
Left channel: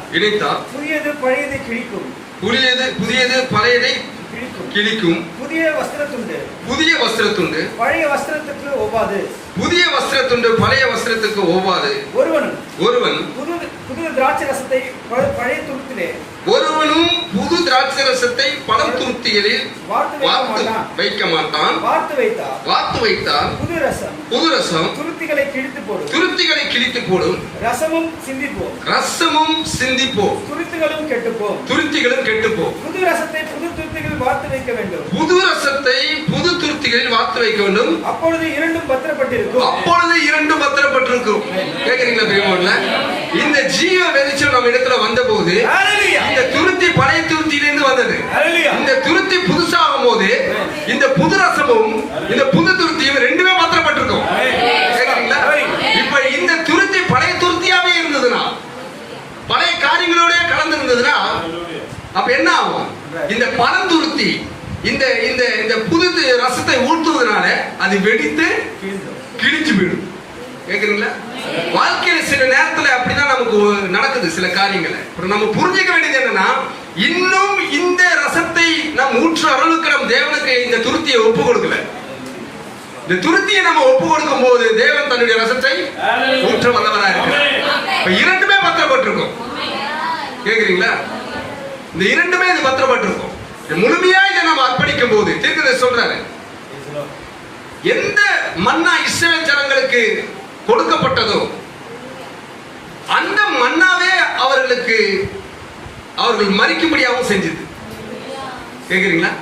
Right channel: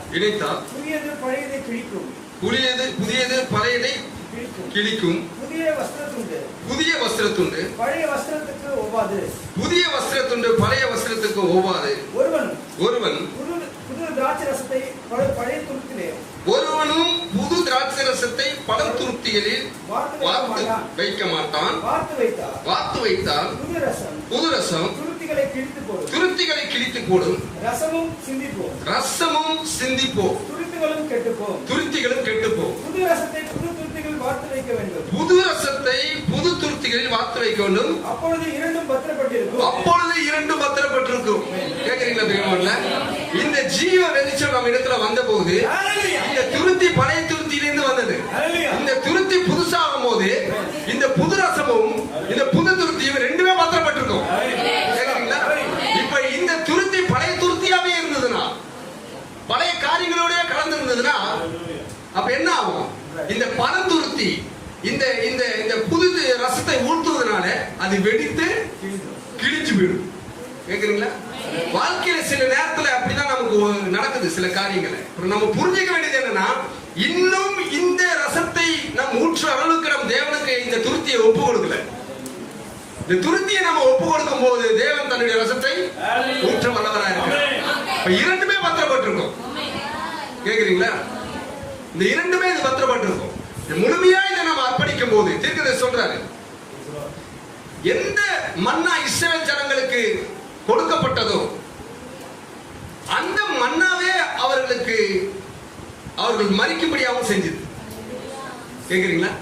புதியது பழையதை கிழிக்கும், புதியது பழையதை கிழிக்கும். புதிய வஸ்திரத்துண்டு பழைய வஸ்திரத்துக்கு ஒவ்வாது. பழைய வஸ்திரத்துக்கு ஒவ்வாது. ஒருவன் புது திராட்சை ரசத்தை பழைய துருத்திலே, ஒருவனும் புது திராட்சை ரசத்தை பழம் துருத்திகளில் வைக்க மாட்டான். வார்த்து வைத்தால் புது ரசம் துருத்திகளை கிழித்து போடும். ரசமும் சிந்திப்போம். துருத்திகளும் கெட்டுப்போம். புது ரசத்தை புது துருத்திகளில் வார்த்து வைக்க வேண்டும். அப்பொழுது இரண்டும் பத்திரப்பட்டிருக்கும். கேக்குறீங்களா பிரியமானவர்களே? இந்த ஜீவ வெளிச்சம் நம்ம இடத்துல வந்த போது இந்த துருத்தி பழைய துருத்தியிலிருந்து வந்தது. இந்த துருத்தி புதுசாகும் போது இந்த புது ரசமும் இந்த புது துருத்தியும் ரெண்டுமே பத்திரப்பட்டிருக்கும். கேக்குறீங்களா? இப்ப இந்த துருத்தி பழைய துருத்தியாவே இருந்ததுன்னா, பழைய காரியங்களோட கலந்து ஆகும்? இந்த பழந்துருத்தி இந்த இந்த இந்த புது ரசத்தை ஊற்றுவதனால அது வெடித்து கிழிஞ்சு போயிடும். கேக்குறீங்களா? வாழ்க்கையில சில நேரத்துல அப்படிதான் நமக்கு நடக்குது சில காரியங்களை. நம்ம புரிஞ்சுக்க வேண்டியது என்னன்னா, இன்னும் இந்த ரசத்தை நாம் ஊற்ற அளவுக்கு நம்ம தேவனுக்கு இந்த துருத்தியை ஒப்பு கொடுக்கல. இந்த துருத்தியை நம்ம ஒப்பு கொடுக்கும் போது தேவன் தன்னுடைய ரசத்தை ஊற்ற வல்லவராக இருக்கிறார். இப்ப இரண்டுமே பத்திரப்பட்டிருக்கும். கேக்குறீங்களா? இந்த இரண்டுமே இது பத்திரப்பட்டிருக்கும். முழுமையா இதை நம்ம அர்ப்பணிக்கும் போது தீர்க்கதரிசி சொல்றாரு, எந்த மன்னா இஸ்ரவேல் ஜனங்களுக்கு கொடுக்கப்பட்டதோ அந்த மன்னாவே அவர்கள் மரிக்கும்படியாகவும் செஞ்சது. கேக்குறீங்களா?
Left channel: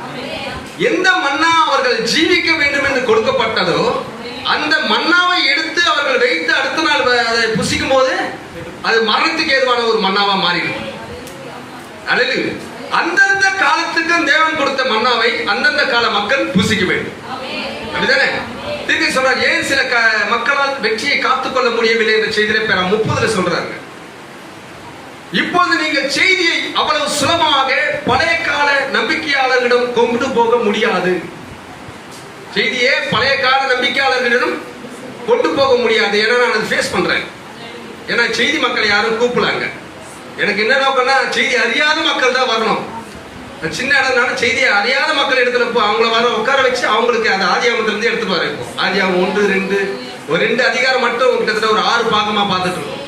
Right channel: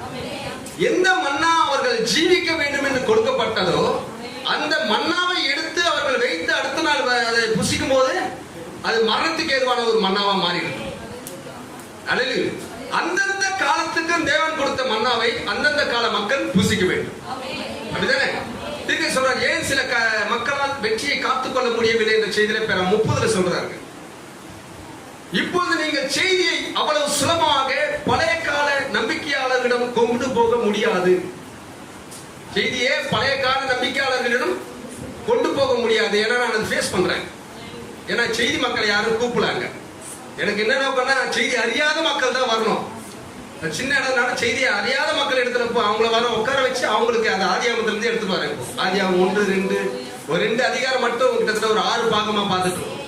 எந்த மன்னா அவர்கள் ஜீவிக்க வேண்டும் என்று கொடுக்கப்பட்டதோ அந்த மன்னாவை எடுத்து அவர்கள் வைத்து அடுத்த நாள் அதை புசிக்கும் போது அது மரணத்துக்கு ஏதுவான ஒரு மன்னாவா மாறிடும். அல்லேலூயா. அந்தந்த காலத்துக்கு தேவன் கொடுத்த மன்னாவை அந்தந்த கால மக்கள் புசிக்க வேண்டும். அப்படிதானே? தீர்க்கதரிசி சொல்றார், ஏன் சில மக்களால் வெற்றியை காத்துக்கொள்ள முடியவில்லை என்ற செய்தியை 30 சொல்றாங்க. இப்போது நீங்கள் செய்தியை அவ்வளவு சுலபமாக பழைய கால நம்பிக்கையாளர்களிடம் கொண்டு போக முடியாது. செய்தியை பழைய கால நம்பிக்கையாளர்களிடம் கொண்டு போக முடியாது. ஏன்னா நான் அதை ஃபேஸ் பண்றேன். ஏன்னா செய்தி மக்கள் யாரும் கூப்பிடலாங்க. எனக்கு என்ன நோக்கம்னா, செய்தி அறியாத மக்கள் தான் வரணும். சின்ன இடம்னால செய்தியை அறியாத மக்கள் இடத்துல அவங்கள வர உட்கார வச்சு அவங்களுக்கு அந்த ஆதியாகமத்துல இருந்து எடுத்து பாரு. ஆதியாகம் 1, 2 ஒரு 2 அதிகாரம் மட்டும் கிட்டத்தட்ட ஒரு 6 பாகமா பார்த்துட்டு இருக்கோம்.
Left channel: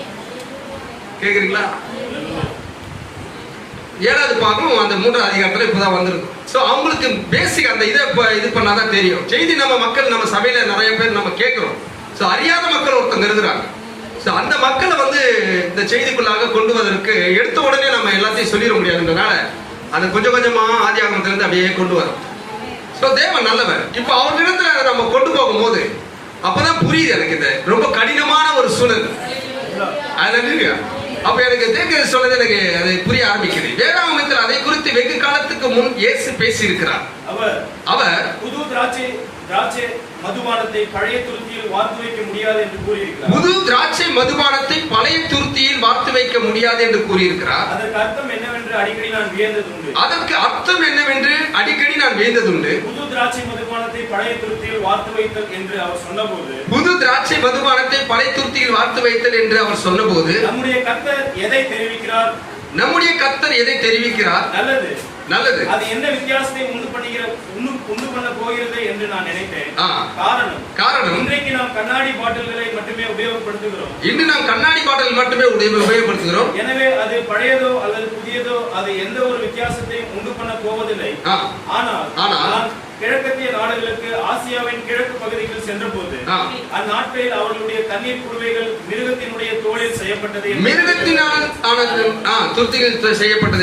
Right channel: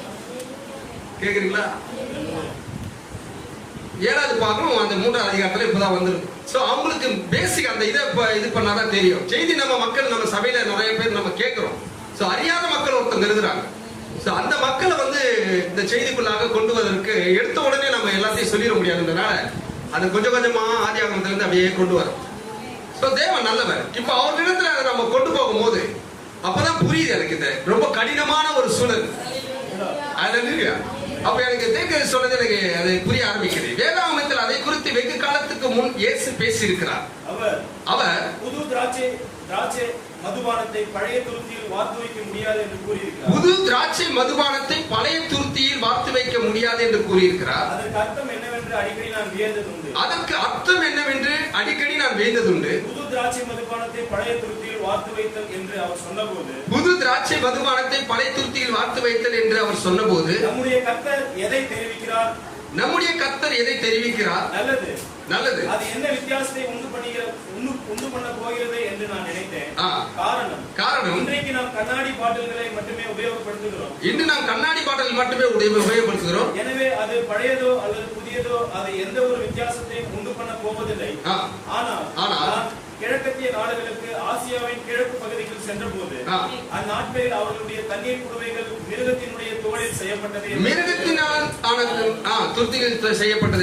கேக்குறீங்களா? 7வது பாகம் அந்த 3வது அதிகாரத்துல இப்பதான் வந்திருக்கும். சோ அவங்களுக்கு பேசிக் அந்த இதை இது பண்ணாதான் தெரியும். செய்தி நம்ம மக்கள் நம்ம சபையில நிறைய பேர் நம்ம கேட்கிறோம். சோ அறியாத மக்கள் ஒருத்தங்க இருக்கிறாங்க. அந்த மக்களை இந்த செய்திக்குள்ளாக கொண்டு வருவதற்கு எடுத்த உடனே நம்ம எல்லாத்தையும் சொல்லிட முடியாதுன்றதுனால அது கொஞ்சம் கொஞ்சமா ஆதியாகமத்திலிருந்து அப்படியே கொண்டு வரும். தேவன் நல்லவர். இப்ப அவர்களிடத்துல நம்ம கொண்டு போகும்போது அப்பதான் புரியுது எனக்கு இந்த ரொம்ப கடினமான ஒரு சூழல். அப்ப எனக்கு தீர்க்கதரிசி சொல்றது எனக்கு அதை புரிய ஆரம்பிக்குது. வேதாகமத்தில் அதை குறித்து வெகு காலத்துக்கு முன் இயேசு பேசி இருக்கிறார். அவர் புது திராட்சை மதுபானத்தை பழைய துருத்தியில் வார்த்து வைக்க முடியாது என்று கூறியிருக்கிறார். புது திராட்சை மதுபானத்தை பழைய துருத்தியில் வார்த்து வைக்க முடியாது என்று கூறியிருக்கிறார். அதற்கு அர்த்தம் என்னவென்று அடிக்கடி நான் வியந்ததுண்டு. புது திராட்சை மதுபானத்தை பழைய துருத்தியில் வார்த்து வைத்தல் என்று அவர் சொன்னபோது நம்முடைய கர்த்தர் எதை தெரிவிக்கிறார்? நல்லது. அது என்ன வித்தியாசத்தை உண்டு பண்ண போகிறது என்று நான் நினைத்தேன். காரணம் இன்றைக்கு நாம் கண்ணாடி பாட்டில்களை மட்டுமே உபயோகப்படுத்துகிறோம். எனவே அது பழையதோ அல்லது புதியதோ அது எந்த ஒரு வித்தியாசத்தையும் உண்டு பண்ண போவதில்லை. ஆனால் கிழக்கத்திய நாடுகளுக்கு ஆசியாவின் கிழக்கு பகுதிகள் சென்ற போது அந்நாட்களில் அவர்களுடைய தண்ணீர் குடுவைகள் மிருகத்தினுடைய தோலில் செய்யப்பட்டது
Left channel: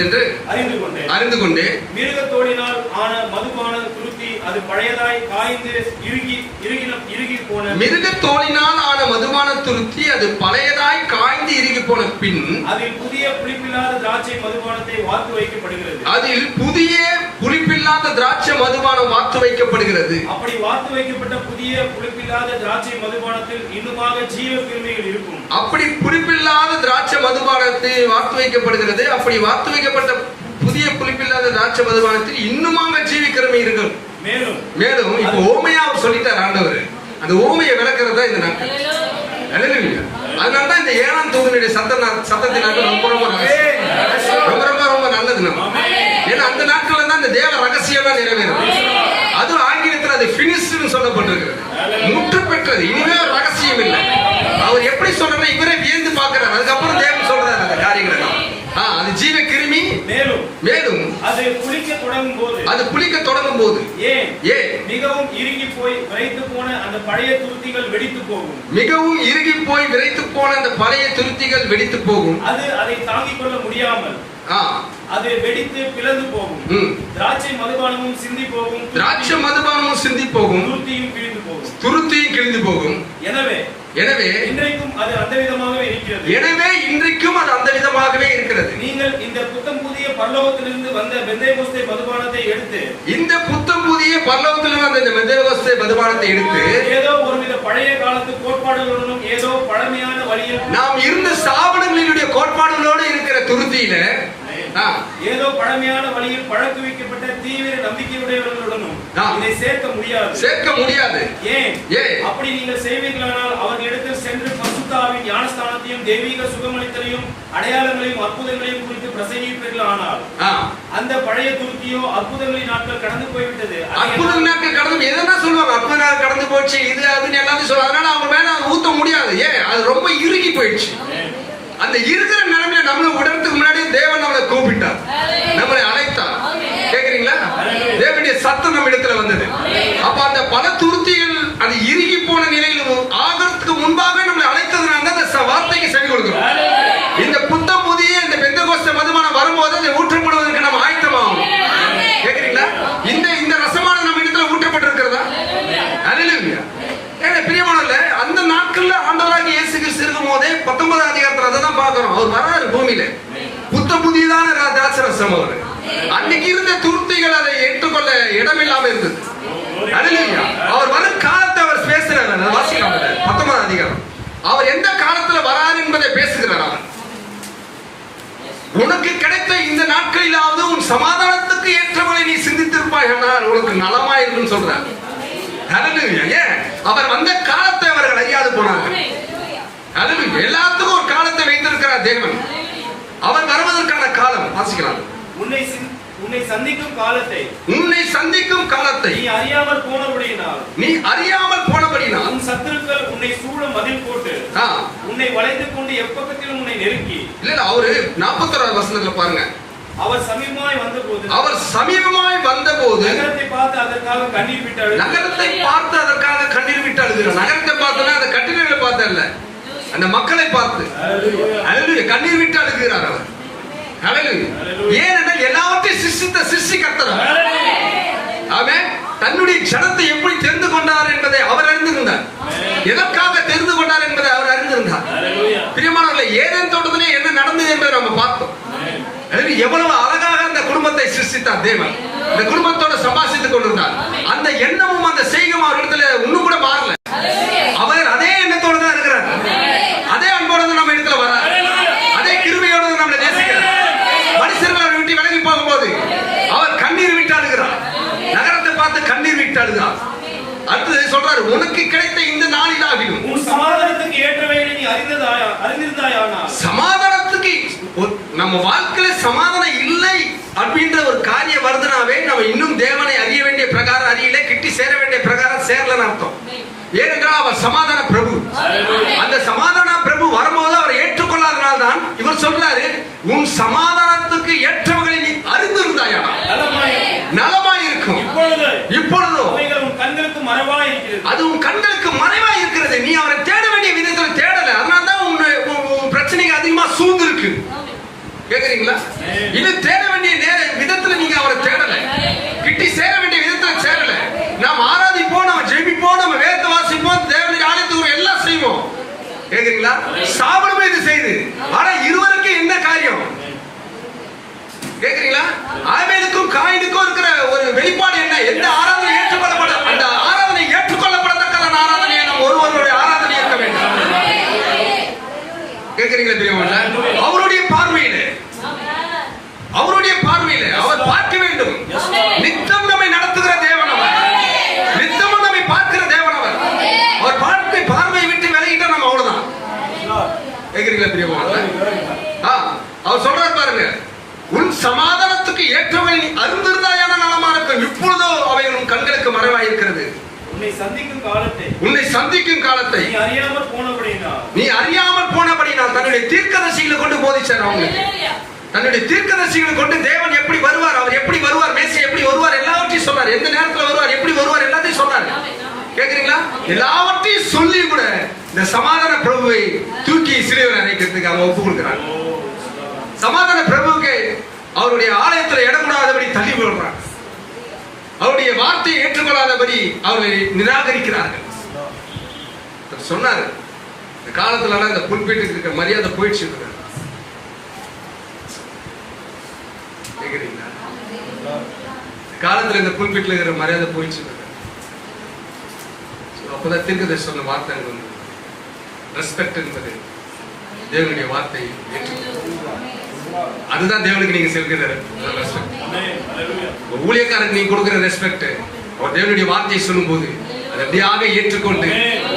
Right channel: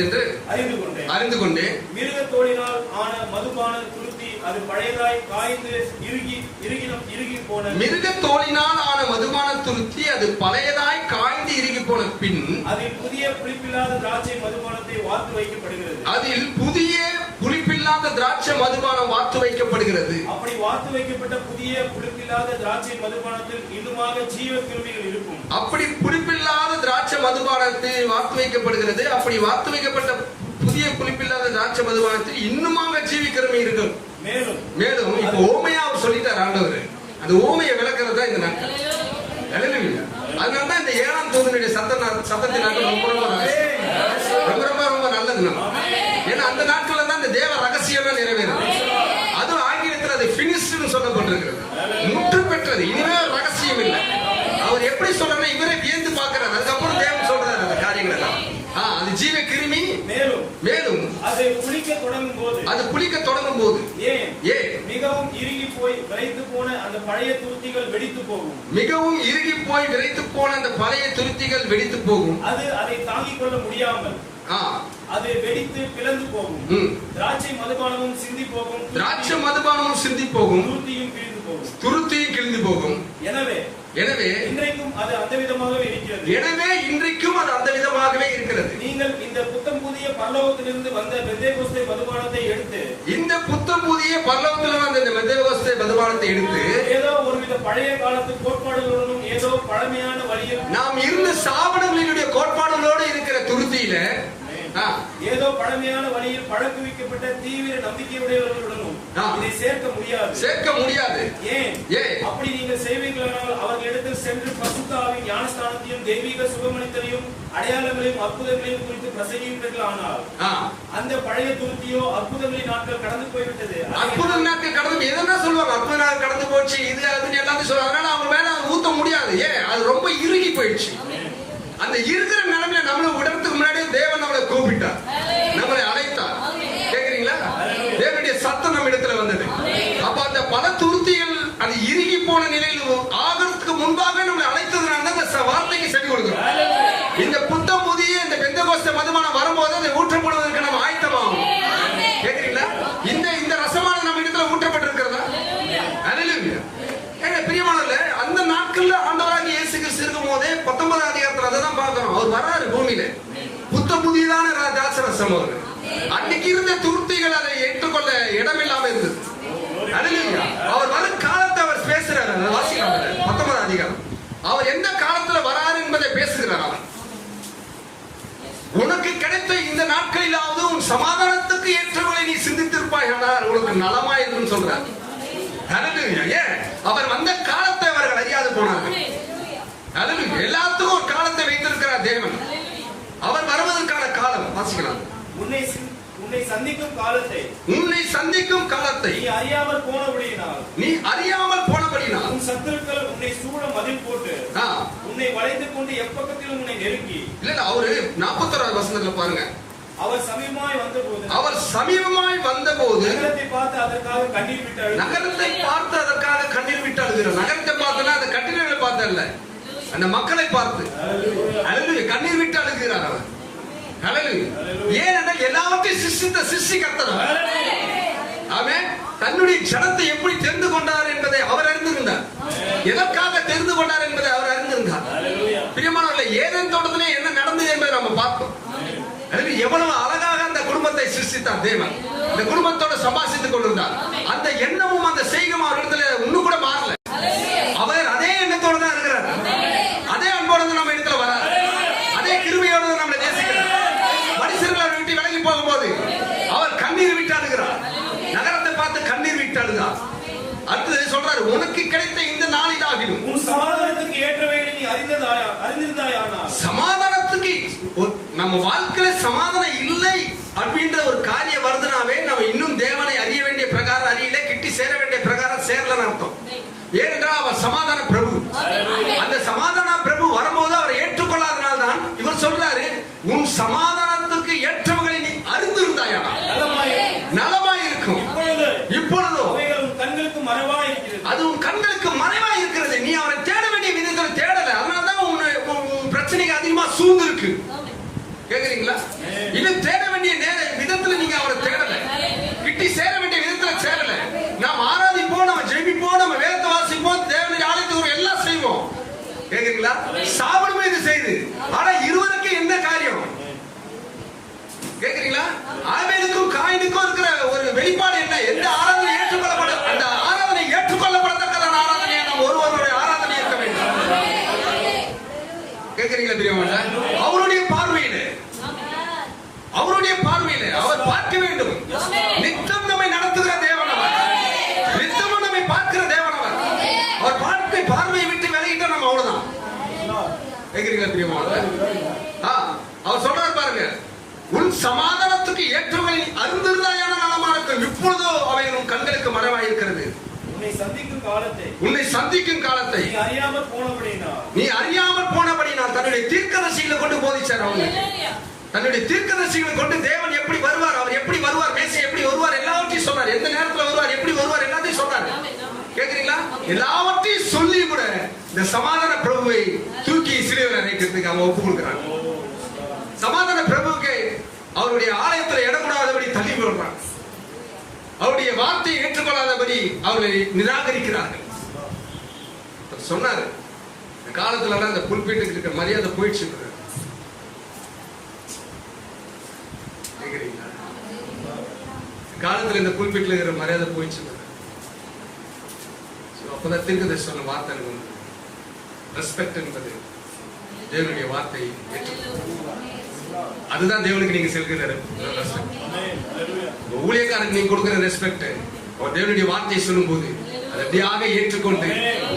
என்று அறிந்து கொண்டு மிருக தோலினால் ஆன மதுபான துருத்தி அது பழையதாய் காய்ந்து இறுகி போன பின் அதில் புதிய புளிப்பில்லாத திராட்சை மதுபானத்தை வார்த்து வைக்கப்படுகிறது. அப்படி வார்த்து வைக்கப்பட்ட புதிய புளிப்பில்லாத திராட்சை மதுபானத்தில் இன்னுமாக ஜீவ கிருமிகள் இருக்கும். அப்படி புளிப்பில்லாத திராட்சை மதுபானத்தை வார்த்து வைக்கப்படுகிறது. அப்படி வார்த்து வைக்கப்பட்ட புதிய புளிப்பில்லாத திராட்சை மதுபானத்தில் இன்னுமாக ஜீவ கிருமி இருக்கும். மேலும் இப்ப ஓமையா அவர் சொல்லிட்டார் ஆண்டவர். அந்த ஓமையை விளக்குறது தான் இந்த நாட்கள். அதனாலதான் இந்த 7ஆம் தூதனுடைய சத்தத்தினால ரொம்ப நல்லது நம்ம. ஏன்னா அந்த நாட்கள் தான் இந்த தேவ ரகசியமா நிறைவேறும். அதுவும் ஆங்கிலத்தில் அது பினிஷ்டு சொல்லப்பட்டிருக்கு. முற்று பெற்றது. இனிமே ரகசியம் இல்லை. அவர் எப்படி சொல்றா இவரே வியந்து பார்க்கிறார். அதுக்கப்புறம் தேவன் சொல்றாரு அந்த காரியங்களை. அது ஜீவ கிருமி. மேலும் அது புளிக்க தொடங்கும் போது மிகவும் இறுகி போய் விரைத்து போன அந்த பழைய துருத்திகள் வெடித்து போகும். அது அதை தாங்கிக் கொள்ள முடியாமல் அது வெடித்து பிளந்து போகும். திராட்சை மதுபானமும் சிந்தி போகும். துருத்தியும் கிழிந்து போகும். எனவே இன்றைக்கும் அது அந்த விதமாகவே இருக்கிறது. நீங்கள் இந்த புத்தம் புதிய பரலோகத்திலிருந்து வந்த பெந்தேகோஸ்தே மதுபானத்தை எடுத்து ஏதோ ஒருவித பழைய காலத்து கோட்பாடுகளுடன் ஏதோ பழமையான வழியில் நாம் இருந்த ஸ்தாபனங்களினுடைய கோட்பாடுகளோடு இருக்கிற துருத்தியில ஏதோ பழமையான வழியில் பழக்குவிக்கப்பட்ட தீவிர நம்பிக்கையுடையவர்களுடனும் இதை சேர்க்க முடியாது. ஏன் அப்படி நீங்கள் செய்வீர்களானால் அவர்களிடத்தில் சென்று பரிசுத்த ஆவியின் ஞானஸ்தானத்தையும் தெய்வீக சுகமளித்தலையும் அடையாளங்களையும் அற்புதங்களையும் குறித்து பிரசங்கிப்பீர்கள். ஆனால் அந்த பழைய துருத்தியோ அற்புதங்களின் நாட்கள் கடந்து போய்விட்டது. அற்புத நாட்கள் கடந்து எதனா சொல்லுவாங்க, அற்புத நாள் கடந்து போச்சு இது அதுன்னு எல்லாத்தையும் சொல்லுவாங்க. அதனால அவங்க மேல ஊத்த முடியாது. அது ரொம்ப இறுகி போயிடுச்சு. அந்த இருக்கிற நிலைமையில நம்மளை விடுறதுக்கு முன்னாடியே தேவன் நம்மளை கூப்பிட்டார், நம்மளை அழைத்தார். கேக்குறீங்களா? தேவனுடைய சத்தம் நம்ம இடத்துல வந்தது. அப்ப அந்த பல துருத்திகள் அது இறுகி போன நிலையில் ஆகிறதுக்கு முன்பாக நம்மளை அழைத்ததுனால அந்த வார்த்தைக்கு செவி கொடுக்கிறோம். இந்த புத்தம் புதிய இந்த பெந்தெகோஸ்தே மதுபானம் வரும்போது அதை ஊற்றப்படுவதற்கு நம்ம ஆயத்தமாகும். கேக்குறீங்களா? இந்த ரசமான நம்ம இடத்துல ஊற்றப்பட்டிருக்கிறதா? அல்லேலூயா. பிரியமானவர்களே, அந்த நாட்கள்ல ஆண்டவராகிய இயேசு கிறிஸ்து இருக்கும் போதே 19ஆம் அதிகாரத்துல அதை தான் பார்க்கிறோம். அவர் வராரு பூமியில, புத்த புதியதான திராட்சரசம். அவர் அன்னைக்கு இருந்த துருத்திகள் அதை ஏற்றுக்கொள்ள இடமில்லாம இருந்தது. அல்லேலூயா. அவர் வரும் காலத்தை அவர் பேசுறாரு. வாசிக்கலாம் 19ஆம் அதிகாரம். அவர் எந்த காலத்துல வராரு என்பதை பேசுகிறார். அவர் உனக்கு கிடைத்த இந்த நாட்களிலாவது உன் சமாதானத்துக்கு ஏற்றவரை நீ சிந்தித்திருப்பாய், உனக்கு நலமாயிருக்கும் சொல்றார். அவர் வந்த காலத்தை அவர்கள் அறியாது போனார்கள். எல்லாத்துக்கும் ஒரு காலத்தை வைத்திருக்கிறார் தேவன். அவர் வருவதற்கான காலம் வாசிக்கலாம். உன்னை சந்திக்கும் காலத்தை நீ அறியாமல் போனபடியினால் உன் சத்துருக்கள் உன்னை சூழ மதில் போட்டு உன்னை வளைத்துக் கொண்டு எப்பக்கத்திலும் உன்னை நெருக்கி. இல்ல அவரு 41ஆவது வசனத்துல பாருங்க, அவர் சமீபமாய் வந்தபோது நகரத்தை பார்த்து அதற்காக கண்ணீர் விட்டு அழுகிறார். நகரத்தை பார்த்தா அந்த கட்டிடங்களை பார்த்து அல்ல, அந்த மக்களை பார்த்து கண்ணீர் விட்டு அழுகிறார் அவர். ஏனென்றால் எல்லாவற்றையும் சிருஷ்டி கர்த்தர். ஆமென். தன்னுடைய ஜனத்தை எப்படி தெரிந்து கொண்டார் என்பதை அவர் அறிந்திருந்தார். எதற்காக தெரிந்து கொண்டார் என்பதை அவர் அறிந்திருந்தார். பிரியமானவர்களே, ஏதேன் தோட்டத்திலே என்ன நடந்தது என்பதை நம்ம பார்த்தோம். எவ்வளவு அழகாக அந்த குடும்பத்தை சிருஷ்டித்தார் தேவன். இந்த குடும்பத்தோட சம்பாஷித்துக் கொண்டிருந்தார். அந்த எண்ணமும் அந்த செய்கையும் அவரிடத்துல இன்னும் கூட மாறல. அவர் அதே எண்ணத்தோட தான் இருக்கிறார். அதே அன்போட நம்ம இடத்துல வர, அதே கிருபையோட நம்மளை நேசிக்கிறார். மனுஷர்கள் அவரை விட்டு விலகி போகும்போது அவர் கண்ணீர் விட்டு அழுகிறார். நகரத்தை பார்த்து கண்ணீர் விட்டு அழுகிறார். அடுத்தது சொல்றாரு, உனக்கு கிடைத்த இந்த நாளிலாகிலும் உன் சமாதானத்துக்கு ஏற்றவைகளை நீ அறிந்திருந்தாயானா. சமாதானத்துக்கு நம்ம வாழ்க்கையில சமாதானம் இல்லை அப்படின்ற ஒரு காரியம் வருதுனாவே நம்ம இன்னும் தேவனை அறிய வேண்டிய பிரகாரம் அறியல, கிட்டி சேர வேண்டிய பிரகாரம் சேரலன்னு அர்த்தம். ஏனென்றால் அவர் சமாதான பிரபு. அந்த சமாதான பிரபு வரும்போது அவரை ஏற்றுக்கொள்ளாதனால்தான் இவர் சொல்றாரு, உன் சமாதானத்துக்கு ஏற்றவர்களை நீ அறிந்திருந்தாயானா நலமாயிருக்கும். இப்பொழுதோ அது உன் கண்களுக்கு மறைவாய் இருக்கிறது. நீ அவரை தேட வேண்டிய விதத்தில் தேடல. அதனால்தான் உன் பிரச்சனைக்கு அதிகமா சூழ்ந்து இருக்கு. கேக்குறீங்களா? இது தேட வேண்டிய விதத்துல நீங்க அவரை தேடல, கிட்டி சேர வேண்டிய விதத்துல சேரல. நாம் ஆராதிப்போம், நம்ம ஜெபிப்போம், நம்ம வேத வாசிப்போம், தேவனுடைய ஆலயத்துக்கு எல்லாம் செய்வோம். கேக்குறீங்களா? சாப்பிடுமே இது செய்து. ஆனா இருவருக்கு என்ன காரியம்? கேக்குறீங்களா? ஆபேலுக்கும் காயினுக்கும் இருக்கிற ஒரு வெளிப்பாடு என்ன? எந்த ஆராதனை ஏற்றுக்கொள்ளப்பட, அந்த ஆராதனை ஏற்றுக்கொள்ளப்படத்தக்க ஆராதனையை நம்ம ஒருவருடைய ஆராதனை இருக்க வேண்டும். கேக்குறீங்களா? பிரியமானவர்களே, அவருடைய பார்வையில அவர் பார்க்க வேண்டும். நித்தம் நம்மை நடத்துகிற தேவன் அவர். நித்தமும் நம்மை பார்க்கிற தேவன் அவர். அவர் பார்வை விட்டு விலகிட்டா நம்ம அவ்வளவுதான். கேக்குறீங்களா? பிரியமானவர்களே, அவர் சொல்றாரு பாருங்க, உன் சமாதானத்துக்கு ஏற்றவை நீ அறிந்திருந்தாயான நலமா இருக்கும். இப்பொழுதோ அவைகள் உன் கண்களுக்கு மறைவாய் இருக்கிறது. உன்னை சந்திக்கும் காலத்தை நீ அறியாமல் போனபடினால் தன்னுடைய தீர்க்கதரிசிகளை கொண்டு போதிச்சார். அவங்க தன்னுடைய தீர்க்கதரிசிகளை கொண்டு தேவன் எப்படி வருவார், அவர் எப்படி வருவார், மேசியா எப்படி வருவார், எல்லாவற்றையும் சொன்னார். எந்த நேரத்தில் வருவார், எப்படி வருவார், எல்லாத்தையும் சொன்னார். கேக்குறீங்களா? எல்லாவற்றையும் சொல்லி கூட இந்த சமாதான பிரபுவை தூக்கி சிறுவர் அணைக்கிறதுக்கு அவங்க ஒப்பு கொடுக்கிறார். சமாதான பிரபுவுக்கு அவருடைய ஆலயத்தில் இடம் கூடாதபடி தள்ளி விடுறார். அவருடைய வார்த்தையை ஏற்றுக்கொள்ளாதபடி அவர்களை நிராகரிக்கிறார்கள். சொன்னார், காலத்துல அந்த புல்பீட்டுக்கு இருக்க மரியாதை போயிடுச்சு. காலத்துல இந்த புல்பீட்டுல இருக்கிற மரியாதை போயிடுச்சு. அப்பதான் தீர்க்கதரிசி சொன்ன வார்த்தை ரெஸ்பெக்ட் என்பது தேவனுடைய வார்த்தையை ஏற்றுக்கொள்ள அதுதான் தேவனுக்கு நீங்க செலுத்துகிற ஊழியக்காரருக்கு நீங்க கொடுக்கிற ரெஸ்பெக்ட். தேவனுடைய வார்த்தையை சொல்லும் போது அதை அப்படியாக ஏற்றுக்கொண்டு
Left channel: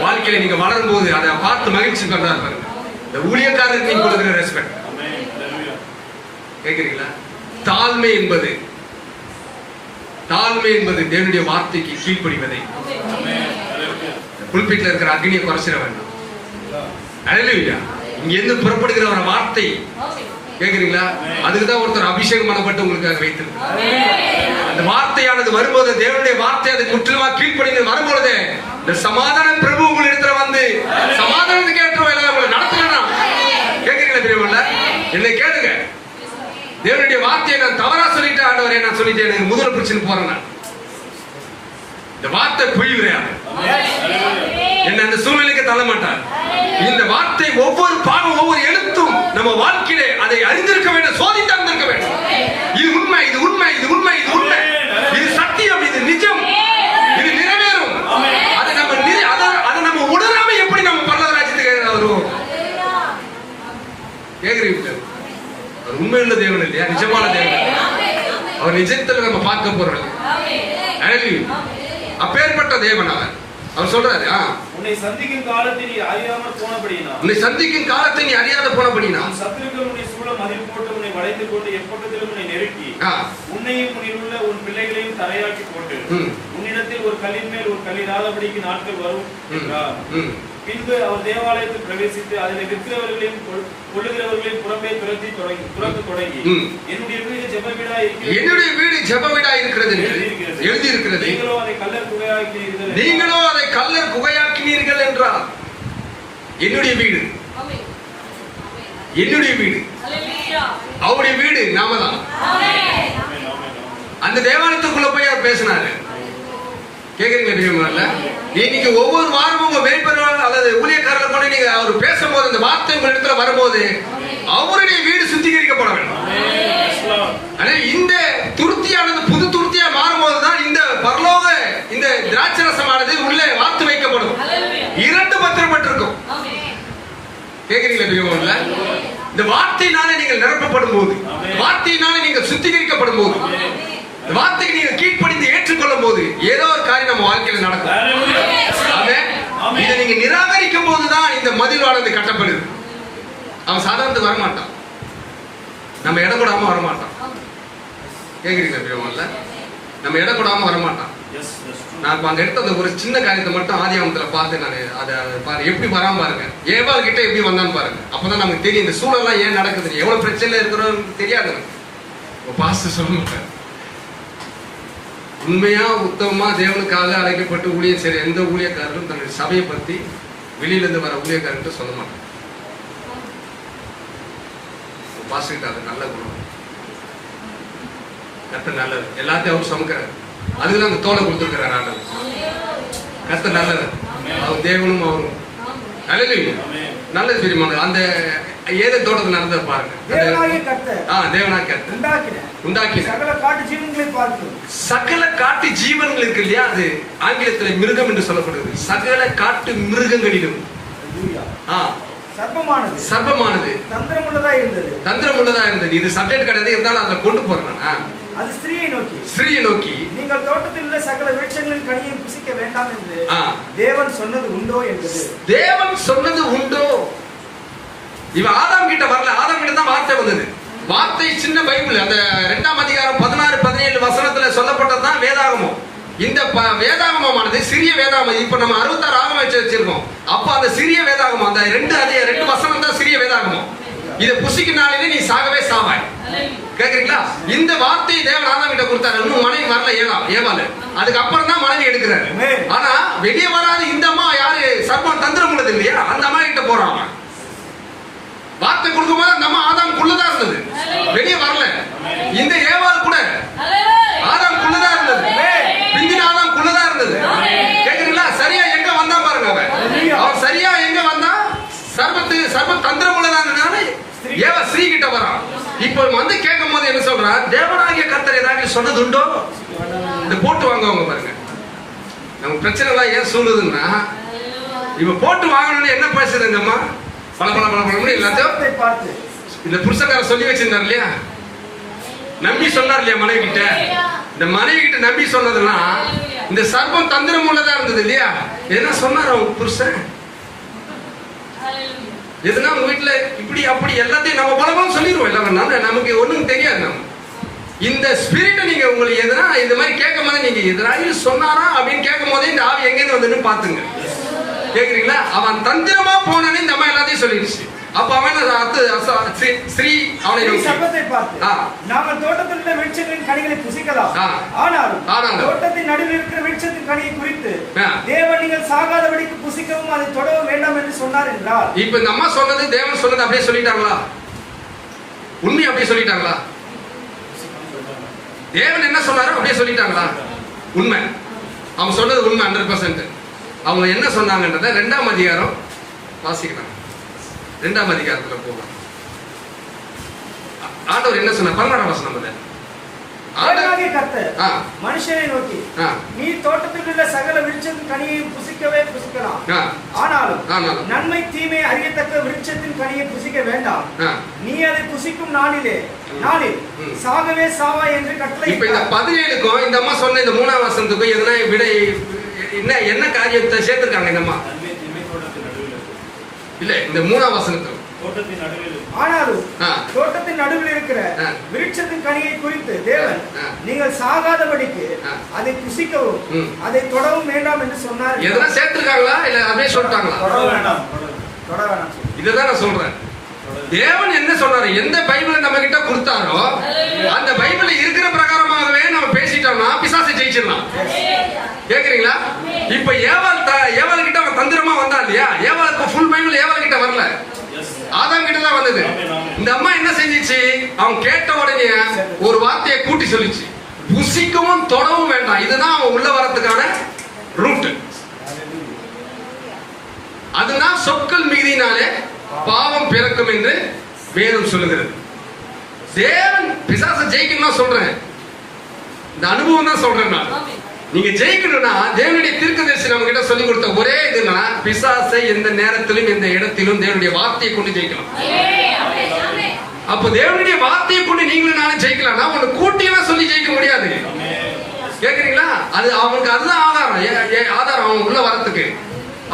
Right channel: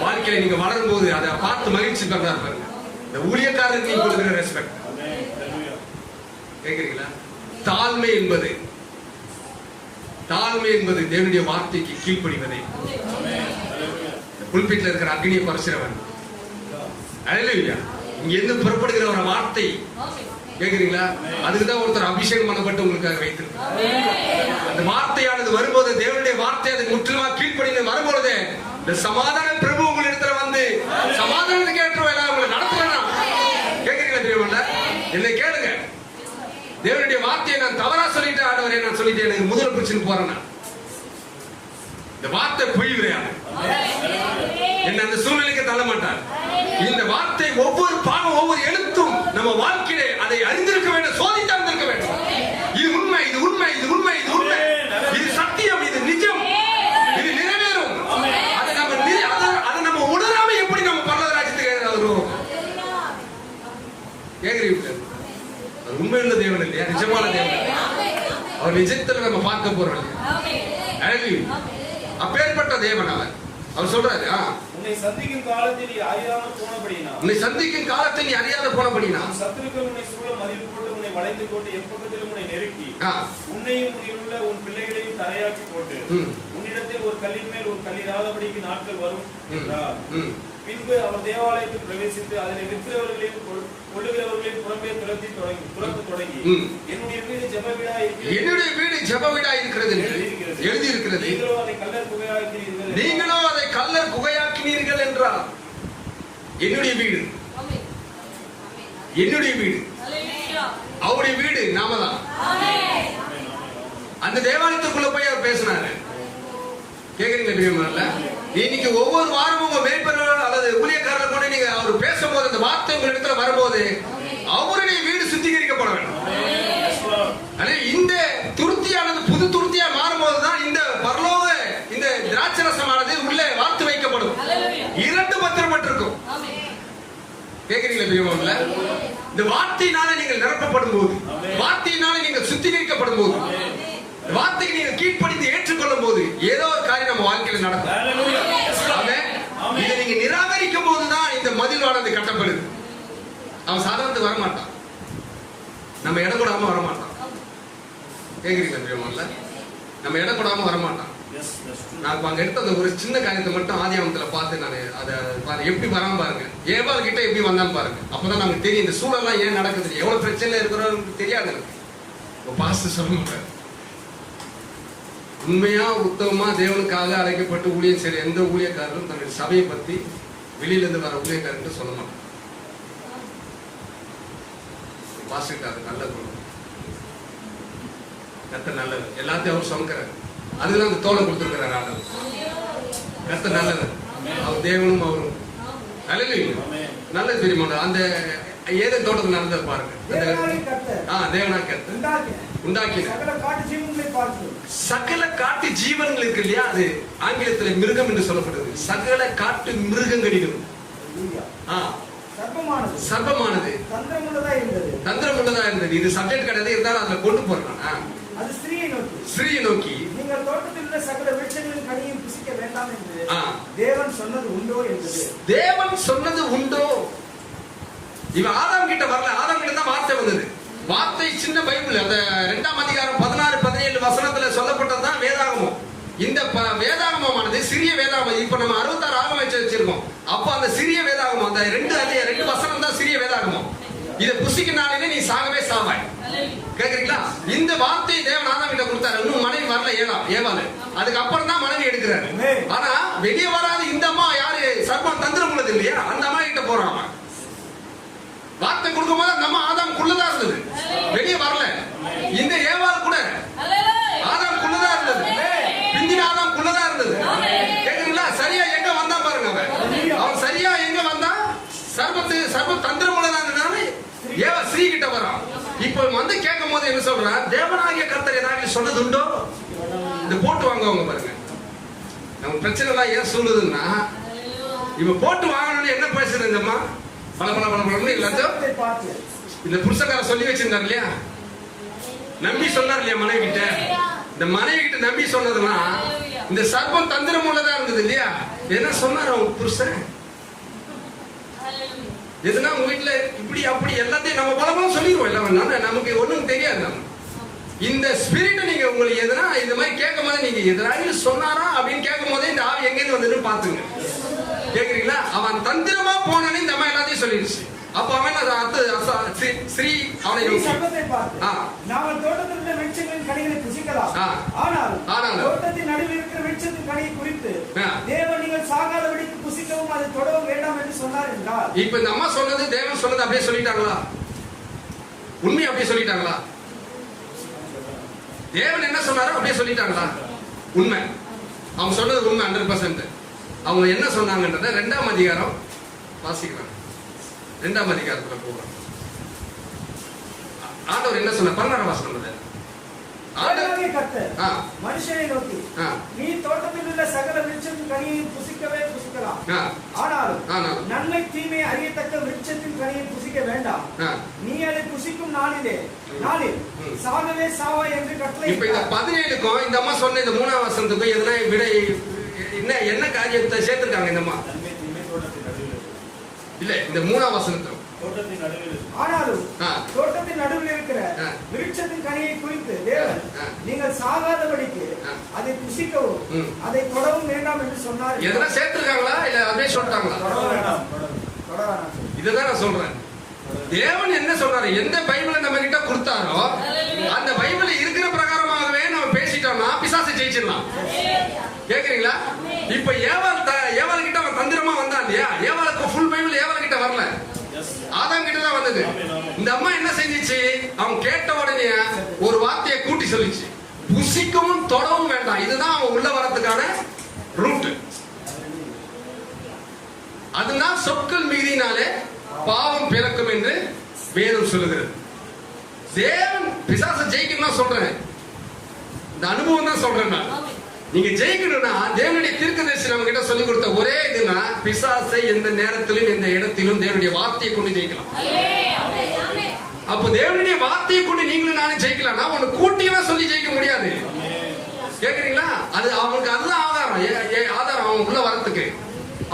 வாழ்க்கையில நீங்க வளரும் போது அதை பார்த்து மகிழ்ச்சி பண்றாரு பாருங்க. இந்த ஊழியக்காரருக்கு நீங்க கொடுக்கிற ரெஸ்பெக்ட் கேக்குறீங்களா? தாழ்மை என்பது தேவனுடைய வார்த்தைக்கு கீழ்ப்படிவதை. புல்பிட்ல இருக்கிற அக்னியை குறைச்சிட வேண்டாம். அல்லேலூயா. இங்க இருந்து புறப்படுகிற ஒரு வார்த்தை கேக்குறீங்களா? அதுக்குதான் ஒருத்தர் அபிஷேகம் பண்ணப்பட்டு உங்களுக்கு வைத்திருக்கிறார். அந்த வார்த்தையானது வரும்போது, தேவனுடைய வார்த்தை அதுக்கு முற்றிலுமா கீழ்ப்படிந்து வரும்பொழுது, இந்த சமாதான பிரபு உங்களிடத்துல வந்து சமாதானத்துக்கு ஏற்ற வேலை உங்களை நடத்தலாம். கேக்குறீங்களா பெரியவங்கள? என்னை கேளுங்க. தேவனுடைய வார்த்தையை நான் தவறா சொல்லிட்டேன் ஆண்டவரே, நான் சொல்லிட்டேன், எனக்கு முதல்ல பிரச்சனை போறேன். இந்த வார்த்தை பொய் கிடையாது. என்ன அந்த சூழ்நிலைக்கு தள்ள மாட்டார். இந்த வார்த்தை ஒவ்வொரு பாகம் ஒவ்வொரு எழுத்தும் நம்ம வாழ்க்கையிலே அதை அறிந்திருக்க வேண்டும், சோதித்து அறிந்திருக்க வேண்டும். இது உண்மை, இது உண்மை, இது உண்மை, இது உண்மை, இது சத்தியம், இது நிஜம், இது நிறைவேறும். அதை நம்ம உணராம எப்படி நம்ம பரலோக ராஜ்யத்துக்கு வருவோம்? கேக்குறீங்க? அவர் உண்மையுள்ள தேவன் இல்லையா? நிஜமான தேவன். அவர் நிஜத்தில் நம்ம பார்க்க போறோம். அப்பேற்பட்ட தேவன் அவர் சொல்றாரு, உன்னை சந்திக்கும் காலத்தை நீ அறியாமல் போனபடினா சத்துருக்கள் உன்னை சூழ மதில் போட்டு உன்னை வளைத்து போட்டு எப்பக்கத்திலும் உன்னை நெருக்கி உன்னையும் உன்னில் உள்ள உன் பிள்ளைகளையும் தரையாக்கி போட்டு உன்னிடத்தில் ஒரு கல்லின் மேல் ஒரு கல்லிடாதபடிக்கு நாட்கள் வரும் என்றார். பின்பு அவர் தேவாலயத்தில் பிரவேசித்து அதில் விற்கிறவர்களையும் கொள்ளுகிறவர்களையும் புறம்பே துரத்து தொடங்கி என்னுடைய வீடு ஜெப வீடா இருக்கிறது எழுதி இருக்கிறது. நீங்களோ அதை கல்லர் குகையாக்கினீர்கள் என்றார். என்னுடைய வீடு அவருடைய வீடு நாம தான். அந்த தேவாலயத்துக்குள்ள போய் அவர் பேசினாரு. கேக்குறீங்க? இன்னைக்கு ஒவ்வொரு வாரமும் உங்க மேற்பரவாளர் அல்லது ஊழியக்காரர்கள் கூட நீங்க அவர் பேசும்போது அந்த வார்த்தை உங்க இடத்துல வரும்போது அவருடைய வீடு சுத்திகரிக்கப்பட வேண்டும். இந்த துருத்தியானது புது துருத்தியா மாறும்போதுதான் இந்த பரலோக இந்த திராட்சரசமானது உள்ளே வார்த்து வைக்கப்படும். 2 பத்திரப்பட்டிருக்கும். கேக்குறீங்களா பெரியவங்கள? இந்த வார்த்தையினால நீங்கள் நிரப்பப்படும் போது, வார்த்தையினால நீங்கள் சுத்திகரிக்கப்படும் போது, இந்த வார்த்தைக்கு நீங்கள் கீழ்ப்படிந்து ஏற்றுக்கொள்ளும் போது ஏதோ ஒரு காரியம் நம்ம வாழ்க்கையில் நடக்கும். இதை நீங்க நிராகரிக்கும் போதுதான் இந்த மதில்வானது கட்டப்படுது. அவன் சாதாரணத்துக்கு வரமாட்டான், நம்ம இடம் கொடாம வரமாட்டான். கேக்குறீங்களா பெரியவங்கள? நம்ம இடம் கொடாம வரமாட்டான். நான் இப்ப அந்த இடத்த ஒரு சின்ன காரியத்தை மட்டும் ஆதியாகமத்துல பார்த்து நான் அதை பாருங்க, எப்படி வராம பாருங்க. ஏவாள் கிட்ட எப்படி வந்தான்னு பாருங்க. அப்பதான் நமக்கு தெரியும் இந்த சூழல்லாம் ஏன் நடக்குது, எவ்வளவு பிரச்சனை இருக்கிறோம் தெரியாது எனக்கு. பாஸ்டர் சொல்லுங்க, உண்மையா உத்தமமா தேவனுக்காக அழைக்கப்பட்டு ஊழியம் செய்யற எந்த ஊழியக்காரரும் தன்னுடைய சபையை பத்தி வெளியில இருந்து வர ஊழியக்காரர்கிட்ட சொல்ல மாட்டாங்க. பாஸ்டர் நல்ல குணம், கர்த்தர் நல்லது, எல்லாத்தையும் அவர் சமைக்கிறார். அதுக்குதான் அந்த தோலை கொடுத்துருக்கிறார் ஆண்டவர். கர்த்தர் நல்லது, அவர் தேவனும் அவரும் நல்லது தெரியுமா? அந்த ஏதோ தோட்டத்தில் நடந்ததை பாருங்க. தேவனாகிய கர்த்தர் உண்டாக்கி சகல காட்டு ஜீவன்கள் இருக்கு இல்லையா, அது ஆங்கிலத்தில் மிருகம் என்று சொல்லப்படுது. சகல காட்டு மிருகங்களிலும் சர்ப்பமானது தந்திரமுள்ளதா இருந்தது. இது சப்ஜெக்ட் கிடையாது, இருந்தாலும் அதை கொண்டு போறேன். அது ஸ்திரீயை நோக்கி நீங்கள் தோட்டத்தில் உள்ள சகல விருட்சங்களின் கனியை புசிக்க வேண்டாம் என்று தேவன் சொன்னது உண்டோ என்பது. தேவன் சொன்னது உண்டோ? இவன் ஆதாம் கிட்ட வரல, ஆதாம் கிட்ட தான் வார்த்தை வந்தது. வார்த்தை சின்ன பைபிள், அந்த 2ஆம் அதிகாரம் 16-17 வசனத்துல சொல்லப்பட்டதுதான் வேதாகமம். இந்த வேதாகமானது சிறிய வேதாகமம். இப்ப நம்ம 66 ஆகமம் வச்சிருக்கோம். அப்ப அந்த சிறிய வேதாகமம், அந்த 2 வசனம் தான் சிறிய வேதாகமம். இதை புசிக்கினாலே நீ சாகவே சாவாய். கேக்குறீங்களா? இந்த வார்த்தையை தேவன் ஆதாம் கிட்ட கொடுத்தாரு. இன்னும் மனைவி வரல ஏவாள். அதுக்கு அப்புறம் தான் மனைவி எடுக்கிறாரு. ஆனா வெளியே வராது இந்த அம்மா யாரு? சர்ப்பம் தந்திரம் உள்ளது இல்லையா, அந்த அம்மா கிட்ட போறான். வார்த்தை கொடுக்கும் போது நம்ம ஆதாமுக்குள்ளதான் இருந்தது, வெளியே வரல. இந்த ஏவாள் கூட ஆதாமுக்குள்ளதான் இருந்தது, பிந்தின ஆதாமுக்குள்ளதான் இருந்தது. கேக்குறீங்களா? சரியா எங்க வந்தா பாருங்க. அவன் சரியா எங்க வந்தா? சர்ப்பம் தந்திரம் உள்ளதான் ஏவா ஸ்ரீ கிட்ட வரான். இப்ப வந்து கேட்கும் போது என்ன சொல்றான்? தேவனாகிய கர்த்தர் ஏதாவது சொன்னது உண்டோ? இந்த போட்டு வாங்குவாங்க பாருங்க. நம்ம பிரச்சனை எல்லாம் ஏன் சொல்லுதுன்னா, இவன் போட்டு வாங்கணும்னு என்ன பேசுறதுங்கம்மா? பல எல்லாத்தையும் இந்த புருஷக்கார சொல்லி வச்சிருந்தார் இல்லையா, நம்பி சொன்னார் இல்லையா மனைவி கிட்ட. இந்த மனைவி கிட்ட நம்பி சொன்னதுன்னா இந்த சர்ப்பம் தந்திரம் உள்ளதா இருந்தது இல்லையா. என்ன சொன்னார் அவங்க புருஷன்? எதுனா உங்க வீட்டுல இப்படி அப்படி எல்லாத்தையும் நம்ம பலபலம் சொல்லிடுவோம். இல்ல நமக்கு ஒண்ணும் தெரியாது. நம்ம இந்த ஸ்பிரிட்டை நீங்க உங்களுக்கு எதனா இந்த மாதிரி கேட்கும் போது நீங்க எதனாலும் சொன்னாரா அப்படின்னு கேட்கும் போதே இந்த ஆவி எங்கேன்னு வந்துன்னு பாத்துங்க. கேக்குறீங்களா? அவன் தந்திரமா போனே இந்த அம்மா எல்லாத்தையும் சொல்லிடுச்சு. அப்ப அவன் ஸ்ரீ அவனை சபத்தை பார்த்து, நாம தோட்டத்தில் உள்ள விருட்சங்களின் கனிகளை புசிக்கலாம், ஆனால் தோட்டத்தின் நடுவில் இருக்கிற விருட்சத்தின் கனியை குறித்து தேவன் நீங்கள் சாகாதபடிக்கு புசிக்கவும் அதை தொடவும் வேண்டாம் என்று சொன்னார் என்றார். இப்ப இந்த அம்மா சொன்னது தேவன் சொன்னது அப்படியே சொல்லிட்டாங்களா? உண்மை அப்படியே சொல்லிட்டாங்களா? தேவன் என்ன சொன்னாரோ அப்படியே சொல்லிட்டாங்களா? உண்மை. அவங்க சொன்னது உண்மை 100%. அவங்க என்ன சொன்னாங்கன்றத 2ஆம் அதிகாரம் வாசிக்கலாம். 2ஆம் அதிகாரத்துல போவாங்க. ஆண்டவர் என்ன சொன்னார்? 16ஆம் வசனம். மனுஷனை நோக்கி, நீ தோட்டத்தில் உள்ள சகல விருட்சத்தின் கனியை புசிக்கவே புசிக்கலாம், ஆனாலும் நன்மை தீமை அறியத்தக்க விருட்சத்தின் கனியை புசிக்க வேண்டாம். நீ அதை புசிக்கும் நாளில் சாகவே சாவா என்று கட்டளை. இப்ப இந்த 17க்கும் இந்த அம்மா சொன்ன இந்த 3ஆம் வசனத்துக்கும் எதனா விடை என்ன காரியத்தை சேர்த்திருக்காங்க இந்த அம்மா? இல்ல, இந்த 3ஆம் வசனத்துக்கு ஆனாலும் தோட்டத்தின் நடுவில் இருக்கிற விருட்சத்தின் கனியை குறித்து தேவன் நீங்கள் சாகாதபடிக்கு அதை புசிக்கவும் அதை தொடவும் வேண்டாம் என்று சொன்னார். எதனா சேர்த்திருக்காங்களா இல்ல அப்படியே சொல்லிட்டாங்களா? தொட வேண்டாம். இதுதான் நான் சொல்றேன். தேவன் என்ன சொன்னாரு? எந்த பைபிள் நம்ம கிட்ட கொடுத்தாரோ அந்த பைபிள் இருக்கிற பிரகாரமாகவே நம்ம பேசிட்டோம்னா பிசாசை ஜெயிச்சிடலாம். கேக்குறீங்களா? இப்ப ஏவாள் கிட்ட அவன் தந்திரமா வந்தா இல்லையா? ஏவாளுக்கு ஃபுல் பைபிள் ஏவாள் கிட்ட வரல, ஆதாம் கிட்ட தான் வந்தது. இந்த அம்மா என்ன செஞ்சிச்சு? அவன் கேட்ட உடனே ஒரு வார்த்தையை கூட்டி சொல்லிச்சு, புசிக்கவும் தொடவும் வேண்டாம். இதுதான் அவன் உள்ள வரதுக்கான ரூட். அதுதான் சொற்கள் மிகுதினாலே பாவம் பிறக்கும் என்று வேதம் சொல்லுகிறது. தேவன் பிசாசை ஜெயிக்கணும் சொல்றேன், இந்த அனுபவம் தான் சொல்றேன். நீங்க ஜெயிக்கணும்னா தேவனுடைய தீர்க்கதரிசி நம்ம கிட்ட சொல்லி கொடுத்த ஒரே இதுனா பிசாசை எந்த நேரத்திலும் எந்த இடத்திலும் தேவனுடைய வார்த்தையை கொண்டு ஜெயிக்கலாம். அப்போ தேவனுடைய வார்த்தையை கொண்டு நீங்களும் நானும் ஜெயிக்கலாம்னா ஒண்ணு கூட்டியெல்லாம் சொல்லி ஜெயிக்க முடியாது. கேக்குறீங்களா? அது அவனுக்கு அதுதான் ஆதாரம் அவன் உள்ள வரத்துக்கு.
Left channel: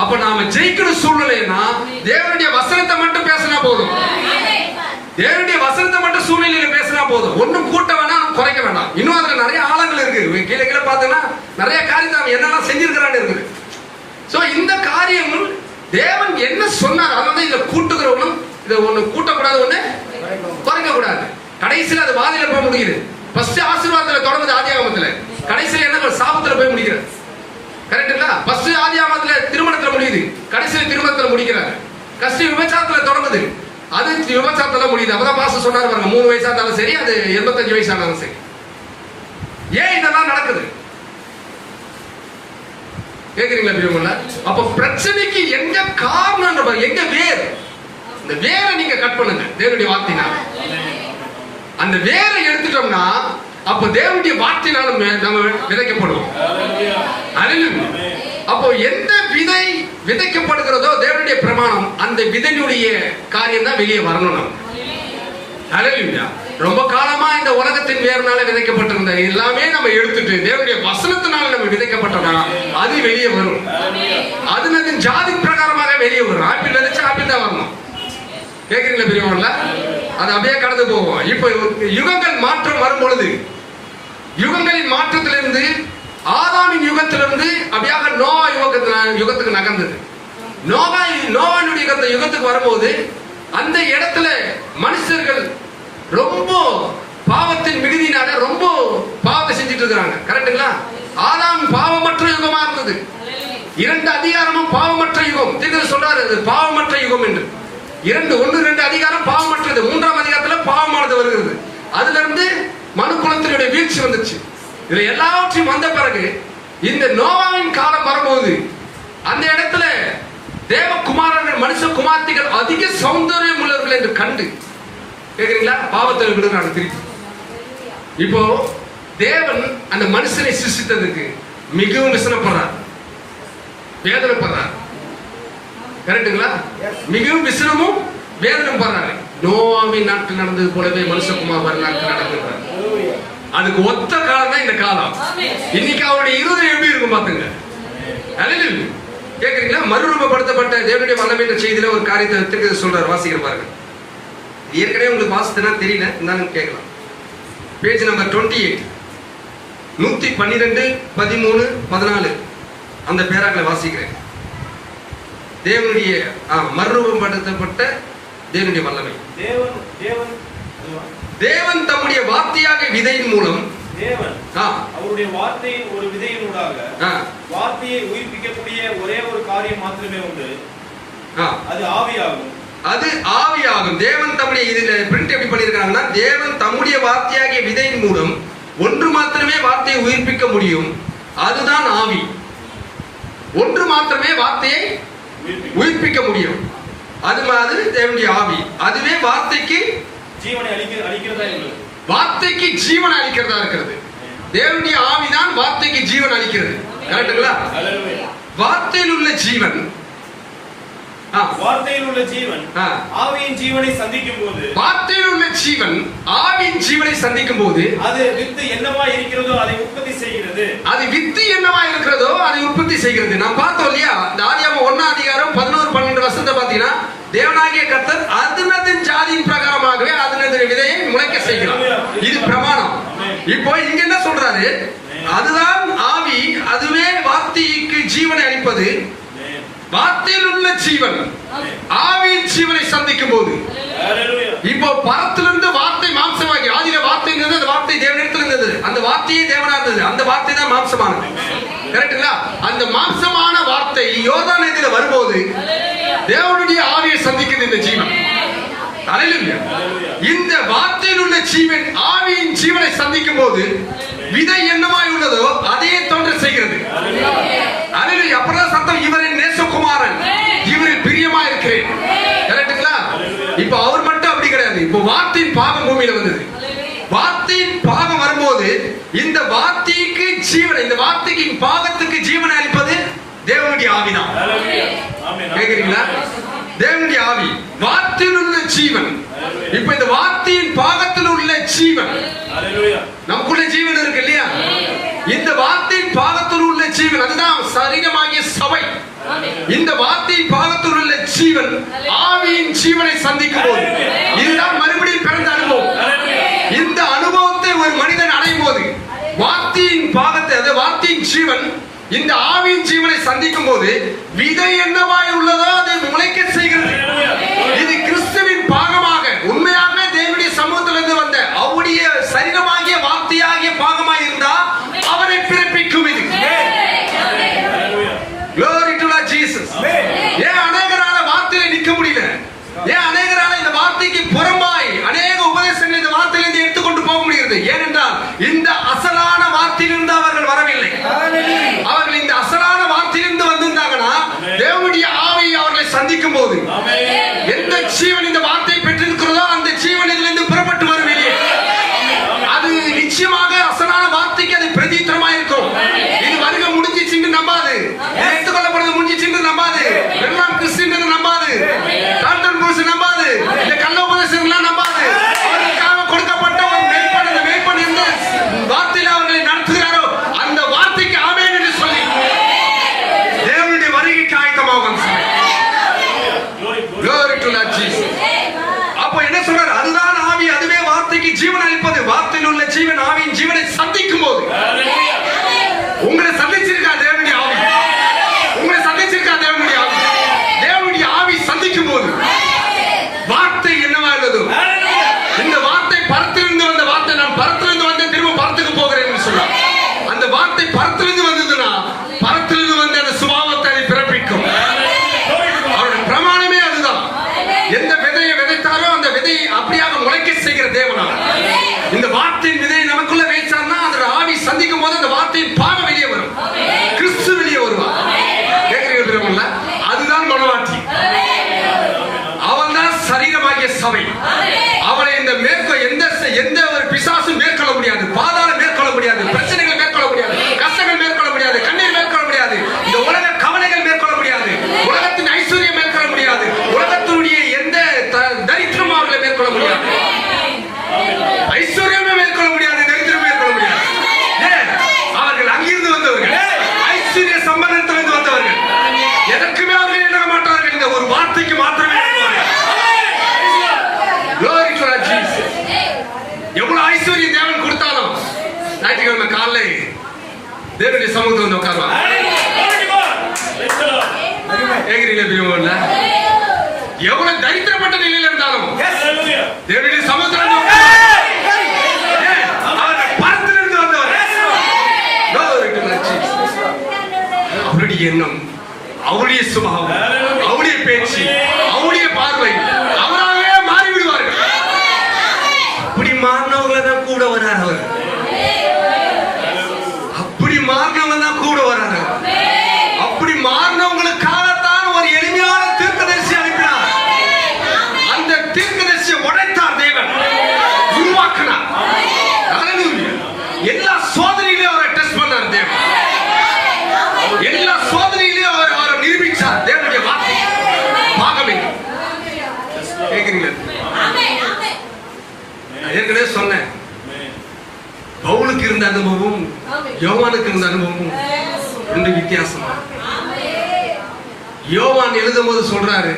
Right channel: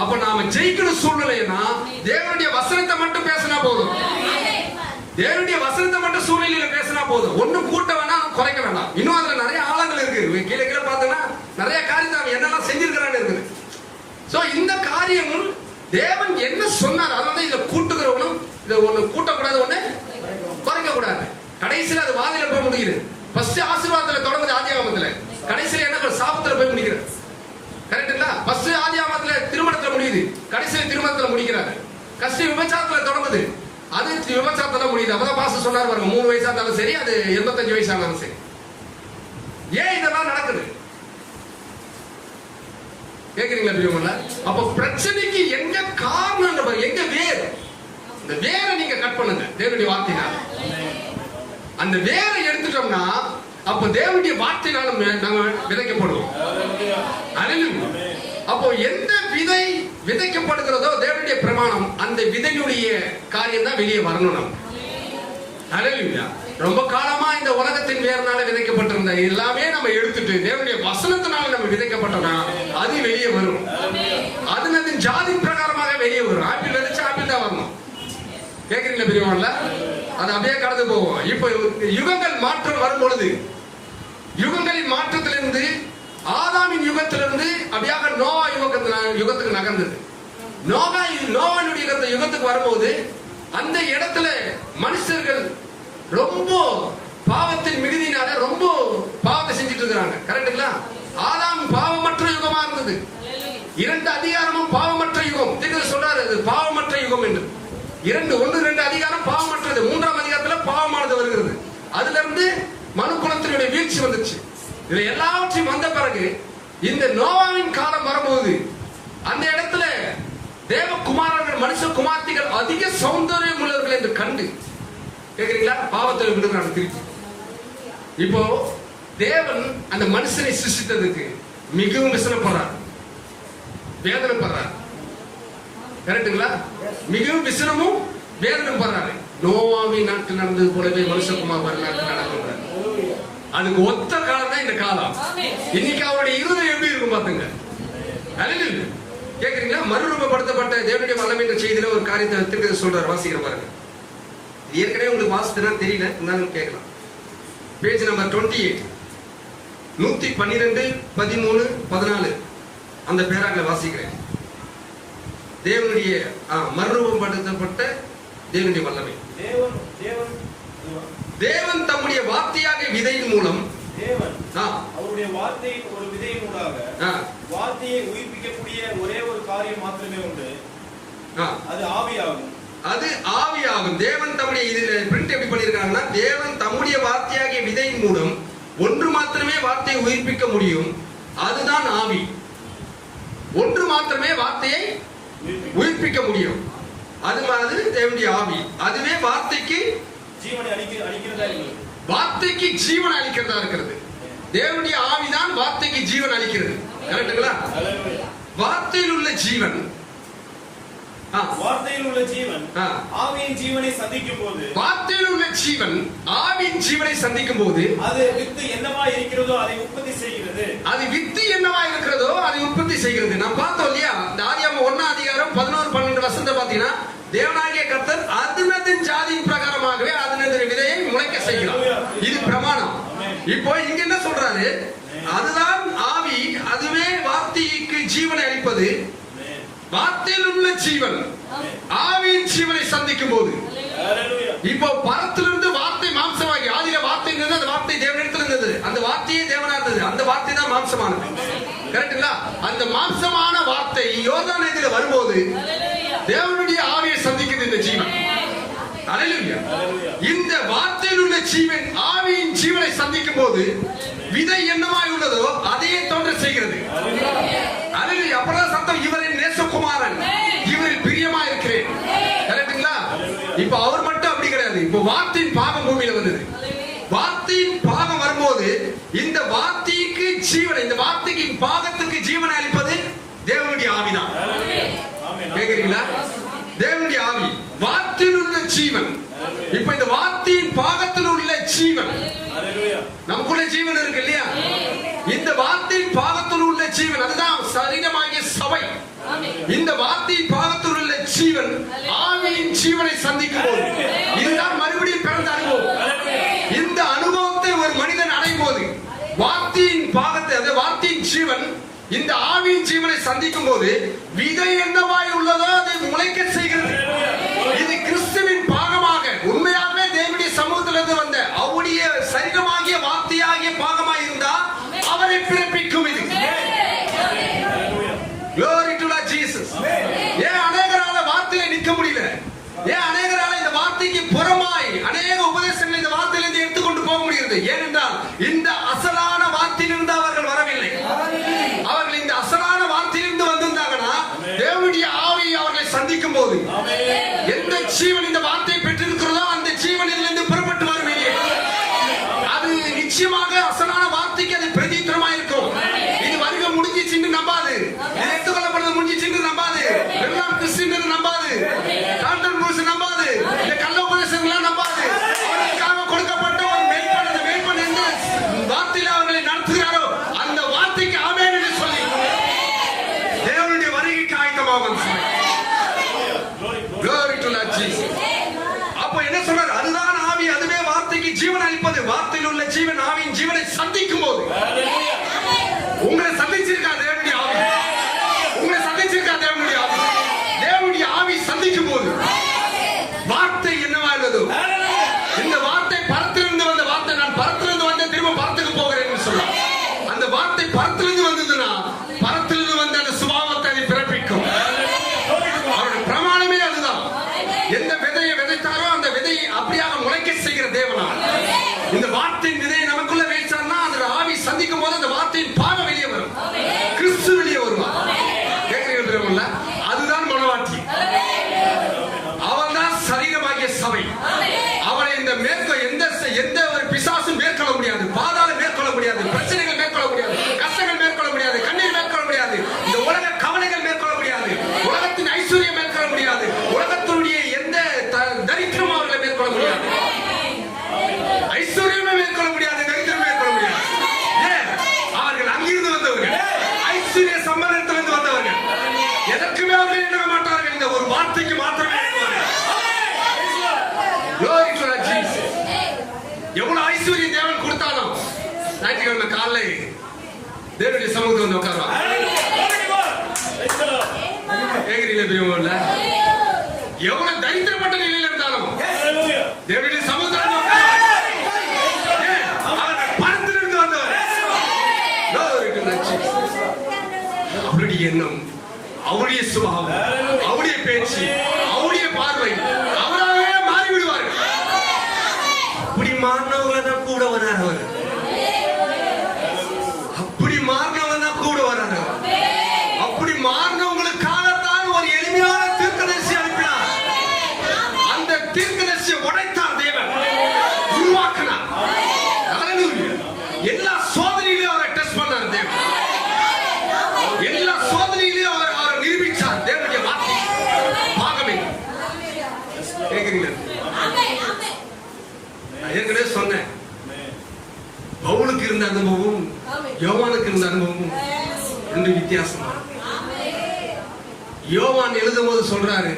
அப்ப நாம ஜெயிக்கிற சூழ்நிலைன்னா தேவனுடைய வசனத்தை மட்டும் பேசினா போதும். தேவனுடைய வசனத்தை மட்டும் சூழ்நிலையில பேசினா போதும். ஒன்னும் கூட்ட வேணாம், குறைக்க வேண்டாம். இன்னும் அதுல நிறைய ஆழங்கள் இருக்கு. கீழே கீழே பார்த்தோம்னா நிறைய காரியத்தை அவன் என்னெல்லாம் செஞ்சிருக்கிறான்னு இருக்குது. சோ இந்த காரியங்கள் தேவன் என்ன சொன்னார் அதை வந்து இதை கூட்டுகிறவங்களும் இதை ஒண்ணு கூட்டக்கூடாது, ஒண்ணு குறைக்க கூடாது. கடைசியில் அது வாதில போய் முடியுது. ஃபர்ஸ்ட் ஆசீர்வாதத்துல தொடர்ந்து ஆதியாகமத்துல, கடைசியில் என்ன சாபத்துல போய் முடிக்கிறது. கரெக்டுங்களா? ஃபர்ஸ்ட் ஆதியாகமத்துல திருமணத்துல முடியுது, கடைசியில் திருமணத்துல முடிக்கிறாரு. கடைசி விபச்சாரத்துல தொடங்குது, அது விபச்சாரத்துல முடியுது. அப்பதான் பாஸ்டர் சொன்னாரு பாருங்க, 3 வயசா இருந்தாலும் சரி, அது 85 வயசானாலும் சரி. ஏன் இதெல்லாம் நடக்குது? கேக்குறீங்களா பிரியமுள்ள? அப்ப பிரச்சனைக்கு எங்க காரணம், எங்க வேர்? இந்த வேரை நீங்க கட் பண்ணுங்க தேவனுடைய வார்த்தையினால. அந்த வேரை எடுத்துட்டோம்னா அப்ப தேவனுடைய வார்த்தையினால நம்ம விதைக்கப்படுவோம். அப்போ எந்த விதை விதைக்கப்படுகிறதோ தேவனுடைய பிரமாணம், அந்த விதையுடைய காரியம் தான் வெளியே வரணும். ஹல்லேலூயா. ரொம்ப காலமா இந்த உலகத்தின் வேர்னால விதைக்கப்பட்டிருந்த எல்லாமே நம்ம எடுத்துட்டு தேவனுடைய வசனத்தினால நம்ம விதைக்கப்பட்டோம்னா அது வெளியே வரும். அது ஜாதி பிரகாரமாக வெளியே வரும். ஆப்பிள் விதைச்சு ஆப்பிள் தான் வரணும். கேக்குறீங்களா பெரியவங்கள? அது அப்படியே கடந்து போகும். இப்ப யுகங்கள் மாற்றம் வரும் பொழுது, யுகங்களின் மாற்றத்திலிருந்து ஆதாமின் யுகத்திலிருந்து அப்படியாக நோவா யுகத்துக்கு நகர்ந்தது. நோவானுடைய யுகத்துக்கு வரும்போது அந்த இடத்துல மனுஷர்கள் ரொம்ப பாவத்தின் மிகுதினால ரொம்ப பாவத்தை செஞ்சுட்டு இருக்காங்க. கரெக்டுங்களா? ஆதாம் பாவமற்ற யுகமா இருந்தது. 2 அதிகாரமும் பாவமற்ற யுகம். தீர்க்கதரிசி சொல்றாரு பாவமற்ற யுகம் என்று. 1-2 அதிகாரம் பாவமற்றது, 3ஆம் அதிகாரத்துல பாவமானது வருகிறது. அதுல இருந்து மனு குலத்தினுடைய வீழ்ச்சி வந்துச்சு. இதுல எல்லாவற்றையும் வந்த பிறகு இந்த நோவாவின் காலம் வரும்போது அந்த இடத்துல தேவகுமாரர்கள் மனுஷ குமார்த்திகள் அதிக சௌந்தரியம் உள்ளவர்கள் என்று கண்டு, கேக்குறீங்களா, பாவத்தில் விடுறாங்க திருப்பி. இப்போ தேவன் அந்த மனுஷனை சிருஷ்டித்ததுக்கு மிகவும் விசனப்படுறார், வேதனைப்படுறார். கரெக்டுங்களா? மிகவும் விசனமும் வேதனை படுறாரு. நோவாவின் நாட்கள் நடந்தது போலவே மனுஷகுமார் நாட்கள் நடந்திருப்பார். அதுக்கு ஒத்த காலம் தான் இந்த காலம். இன்னைக்கு அவருடைய இருதயம் எப்படி இருக்கும் பாத்துங்க. கேக்குறீங்களா? மறுரூபப்படுத்தப்பட்ட தேவனுடைய வல்லமை என்ற செய்தியில ஒரு காரியத்தை திருக்க சொல்றார். வாசிக்கிற பாருங்க. ஏற்கனவே உங்களுக்கு வாசித்தனா தெரியல, இருந்தாலும் கேட்கலாம். பேஜ் நம்பர் 28, 112, 13, 14 அந்த பேராக்களை வாசிக்கிறேன். தேவனுடைய மறுரூபப்படுத்தப்பட்ட தேவனுடைய வல்லமை. தேவன் தம்முடைய வார்த்தையாக விதையின் மூலம் அவருடைய வார்த்தையின் ஒரு விதையினூடாக வார்த்தையை உயிர்ப்பிக்கக்கூடிய ஒரே ஒரு காரியம் மாத்திரமே உண்டு. அது ஆவியாகும். அது ஆவியாகும். தேவன் தம்முடைய இதுல பிரிண்ட் எப்படி பண்ணிருக்காங்கன்னா, தேவன் தம்முடைய வார்த்தையாகிய விதையின் மூலம் ஒன்று மாத்திரமே வார்த்தையை உயிர்ப்பிக்க முடியும். அதுதான் ஆவி. ஒன்று மாத்திரமே வார்த்தையை உயிர்ப்பிக்க முடியும். அது மாதிரி தேவனுடைய ஆவி. அதுவே வார்த்தைக்கு ஜீவனை அளிக்கிறதா இருக்கிறது. வார்த்தைக்கு ஜீவனை அளிக்கிறதா இருக்கிறது. தேவனுடைய ஆவிதான் வார்த்தைக்கு ஜீவன் அளிக்கிறது. கரெக்ட்டுங்களா? வார்த்தையில் உள்ள ஜீவன், வார்த்தையில் உள்ள ஜீவன் ஆவியின் ஜீவனை சந்திக்கும் போது, வார்த்தையில் உள்ள ஜீவன் ஆவியின் ஜீவனை சந்திக்கும் போது அது வித்து என்னவா இருக்கிறதோ அதை உற்பத்தி செய்கிறது. அது வித்து என்னவா இருக்கிறதோ அதை உற்பத்தி செய்கிறது. நான் பார்த்தோம் இல்லையா? ஆதியாகமம் 1ஆம் அதிகாரம் 11, 12 வசனத்தை பார்த்தீங்கன்னா, தேவனாகிய கர்த்தர் அதனதின் ஜாதியின் பிரகாரமாகவே அதனதின் விதையை முளைக்க செய்கிறார். இது பிரமாணம். இப்போ இங்க என்ன சொல்றாரு? அதுதான் ஆவி. அதுவே வார்த்தைக்கு ஜீவனை அளிப்பது. வார்த்தையில் உள்ள ஜீவன் ஆவியின் ஜீவனை சந்திக்கும் போது, இப்போ பரத்திலிருந்து வார்த்தை மாம்சமாகி, ஆதியில வார்த்தை இருந்தது, அந்த வார்த்தை தேவனிடத்தில் இருந்தது, அந்த வார்த்தையே தேவனா இருந்தது, அந்த வார்த்தை தான் மாம்சமானது. கரெக்டுங்களா? அந்த மாம்சமான வார்த்தை யோர்தான் நதியில வரும்போது தேவனுடைய ஆவியை சந்திக்கிறது இந்த ஜீவன். இந்த வார்த்தையில் உள்ள ஜீவன் ஆவியின் ஜீவனை சந்திக்கும் போது விதை என்னமாய் உள்ளதோ அதையே தோன்ற செய்கிறது. அப்புறம் சத்தம், இவரின் நேசகுமாரன், இவரில் பிரியமா இருக்கிறேன். கரெக்டுங்களா? இப்ப அவர் மட்டும் அப்படி கிடையாது. இப்போ வார்த்தையின் பாகம் பூமியில வந்தது. வார்த்தையின் பாகம் வரும்போது இந்த வார்த்தைக்கு ஜீவன், இந்த வார்த்தைக்கு பாகத்துக்கு ஜீவனை அளிப்பது தேவனுடைய ஆவிதான். கேக்குறீங்களா? தேவனுடைய ஆவி, வார்த்தையில் உள்ள ஜீவன். இப்ப இந்த வார்த்தையின் பாகத்தில் உள்ள ஜீவன், நமக்குள்ள ஜீவன் இருக்கு இல்லையா? இந்த வார்த்தையின் பாகத்தில் உள்ள ஜீவன், அதுதான் சரீரமாகிய சபை. இந்த வார்த்தையின் பாகத்தில் உள்ள ஜீவன் ஆவியின் ஜீவனை சந்திக்கும் போது, இதுதான் மறுபடியும் பிறந்த அனுபவம். இந்த அனுபவத்தை ஒரு மனிதன் அடையும் போது வார்த்தையின் பாகத்தை, அந்த வார்த்தையின் ஜீவன் இந்த ஆவியின் ஜீவனை சந்திக்கும் போது விதை என்னவாய் உள்ளதோ அதை முளைக்க செய்கிறது. இது கிறிஸ்துவின் பாகமாக, உண்மையாக தேவனுடைய சமூகத்திலிருந்து வந்த அவருடைய சரீரமாகிய வார்த்தையாகிய பாகமாய் இருந்தா அவரை பிறப்பிக்கும். இது Glory to Lord Jesus. ஏன் அநேகரால வார்த்தையில நிற்க முடியல? ஏன் அநேகரால இந்த வார்த்தைக்கு புறமாய் அநேக உபதேசங்கள் இந்த வார்த்தையிலிருந்து எடுத்துக்கொண்டு போக முடிகிறது? ஏனென்றால் இந்த அசலான வார்த்தையிலிருந்து அவர்கள் வரவில்லை. அவர்கள் இந்த அசலான வார்த்தையிலிருந்து வந்திருந்தாங்கன்னா தேவனுடைய தேவனுடைய சமூகத்தில் வந்து உட்காருவாங்க. கேக்குறீங்களா பிரியமானவர்களே? எவ்வளவு தரித்திரப்பட்ட நிலையில இருந்தாலும் தேவனுடைய சமூகத்தில் பரத்திலிருந்து வந்தவர். அவருடைய எண்ணம், அவருடைய சுபாவம், அவருடைய பேச்சு, அவருடைய பார்வை அவராகவே மாறிவிடுவார்கள். அப்படி மாறினவங்களை தான் கூட வரார் அவர். அப்படி மாறினவங்க தான் கூட வரார். அப்படி மாறினவங்களுக்காகத்தான் ஒரு எளிமையான தீர்க்கதரிசி அனுப்பினார். அந்த தீர்க்கதரிசியை உடைத்தார் தேவன், உருவாக்கினார். எல்லா சோதனையிலையும் அவரை டெஸ்ட் பண்ணார் தேவன். எல்லா சோதனையிலையும் அவரை நிரூபிச்சார். தேவனுடைய வார்த்தை பாகமே. கேக்குறீங்களா? ஏற்கனவே சொன்னேன், பவுலுக்கு இருந்த அனுபவம் யோவானுக்கு இருந்த அனுபவம் ரெண்டு வித்தியாசமா. யோவான் எழுதும் போது சொல்றாரு,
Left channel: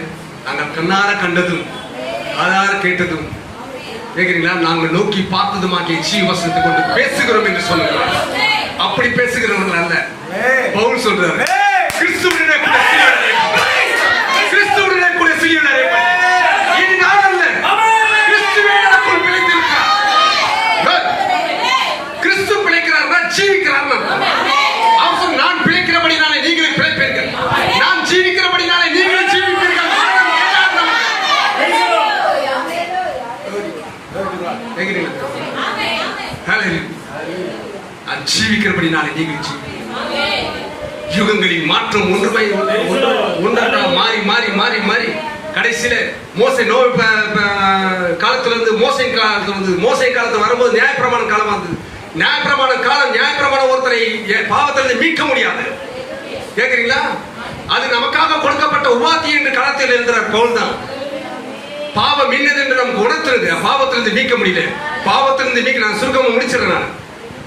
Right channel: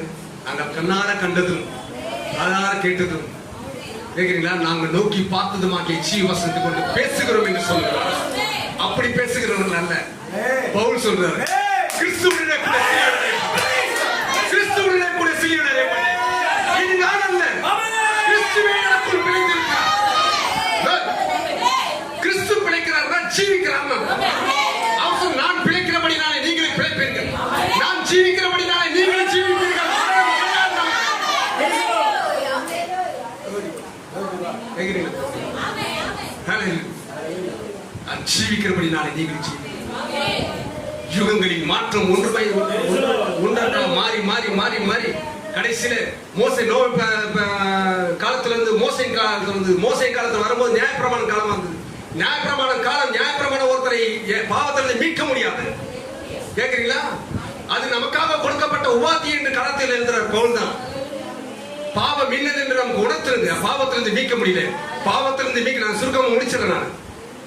நாங்கள் கண்ணார கண்டதும் காதார கேட்டதும், கேக்குறீங்களா, நாங்கள் நோக்கி பார்த்ததுமாகிய ஜீவசனத்தை கொண்டு பேசுகிறோம் என்று சொல்லுகிறார். அப்படி பேசுகிறவர்கள் அல்ல. பவுல் சொல்றாரு, கிறிஸ்துவுடனே கூட சிலுவையில் இது நான் அல்ல, கிறிஸ்துவே எனக்குள் பிழைத்திருக்கிறார். கிறிஸ்து பிழைக்கிறார்னா ஜீவிக்கிறார்னா. அவன் நான் பிழைக்கிறபடினாலே நீங்கள் பிழைப்பீர்கள், நான் ஜீவிக்கிறபடினாலே நீங்கள் ஜீவிப்பீர்கள். ஜீவிக்கிறபடினாலே நீங்கள் யுகங்களின் மாற்றம் ஒன்றாக மாறி மாறி மாறி மாறி கடைசியில மோசே காலத்திலிருந்து மோசையின் காலத்திலிருந்து மோசையின் காலத்தில் வரும்போது நியாயப்பிரமாண காலம் வந்தது. நியாயப்பிரமாணம் ஒருத்தரை பாவத்திலிருந்து மீட்க முடியாது. கேக்குறீங்களா? அது நமக்காக கொடுக்கப்பட்ட உபாதி என்று காலத்தில் எழுதுறார் பவுல் தான். பாவம் இன்னது என்று நமக்கு உணர்த்துறது, பாவத்திலிருந்து மீட்க முடியல. பாவத்திலிருந்து மீட்க நான் சுருக்கமாக முடிச்சிடறேன். நான்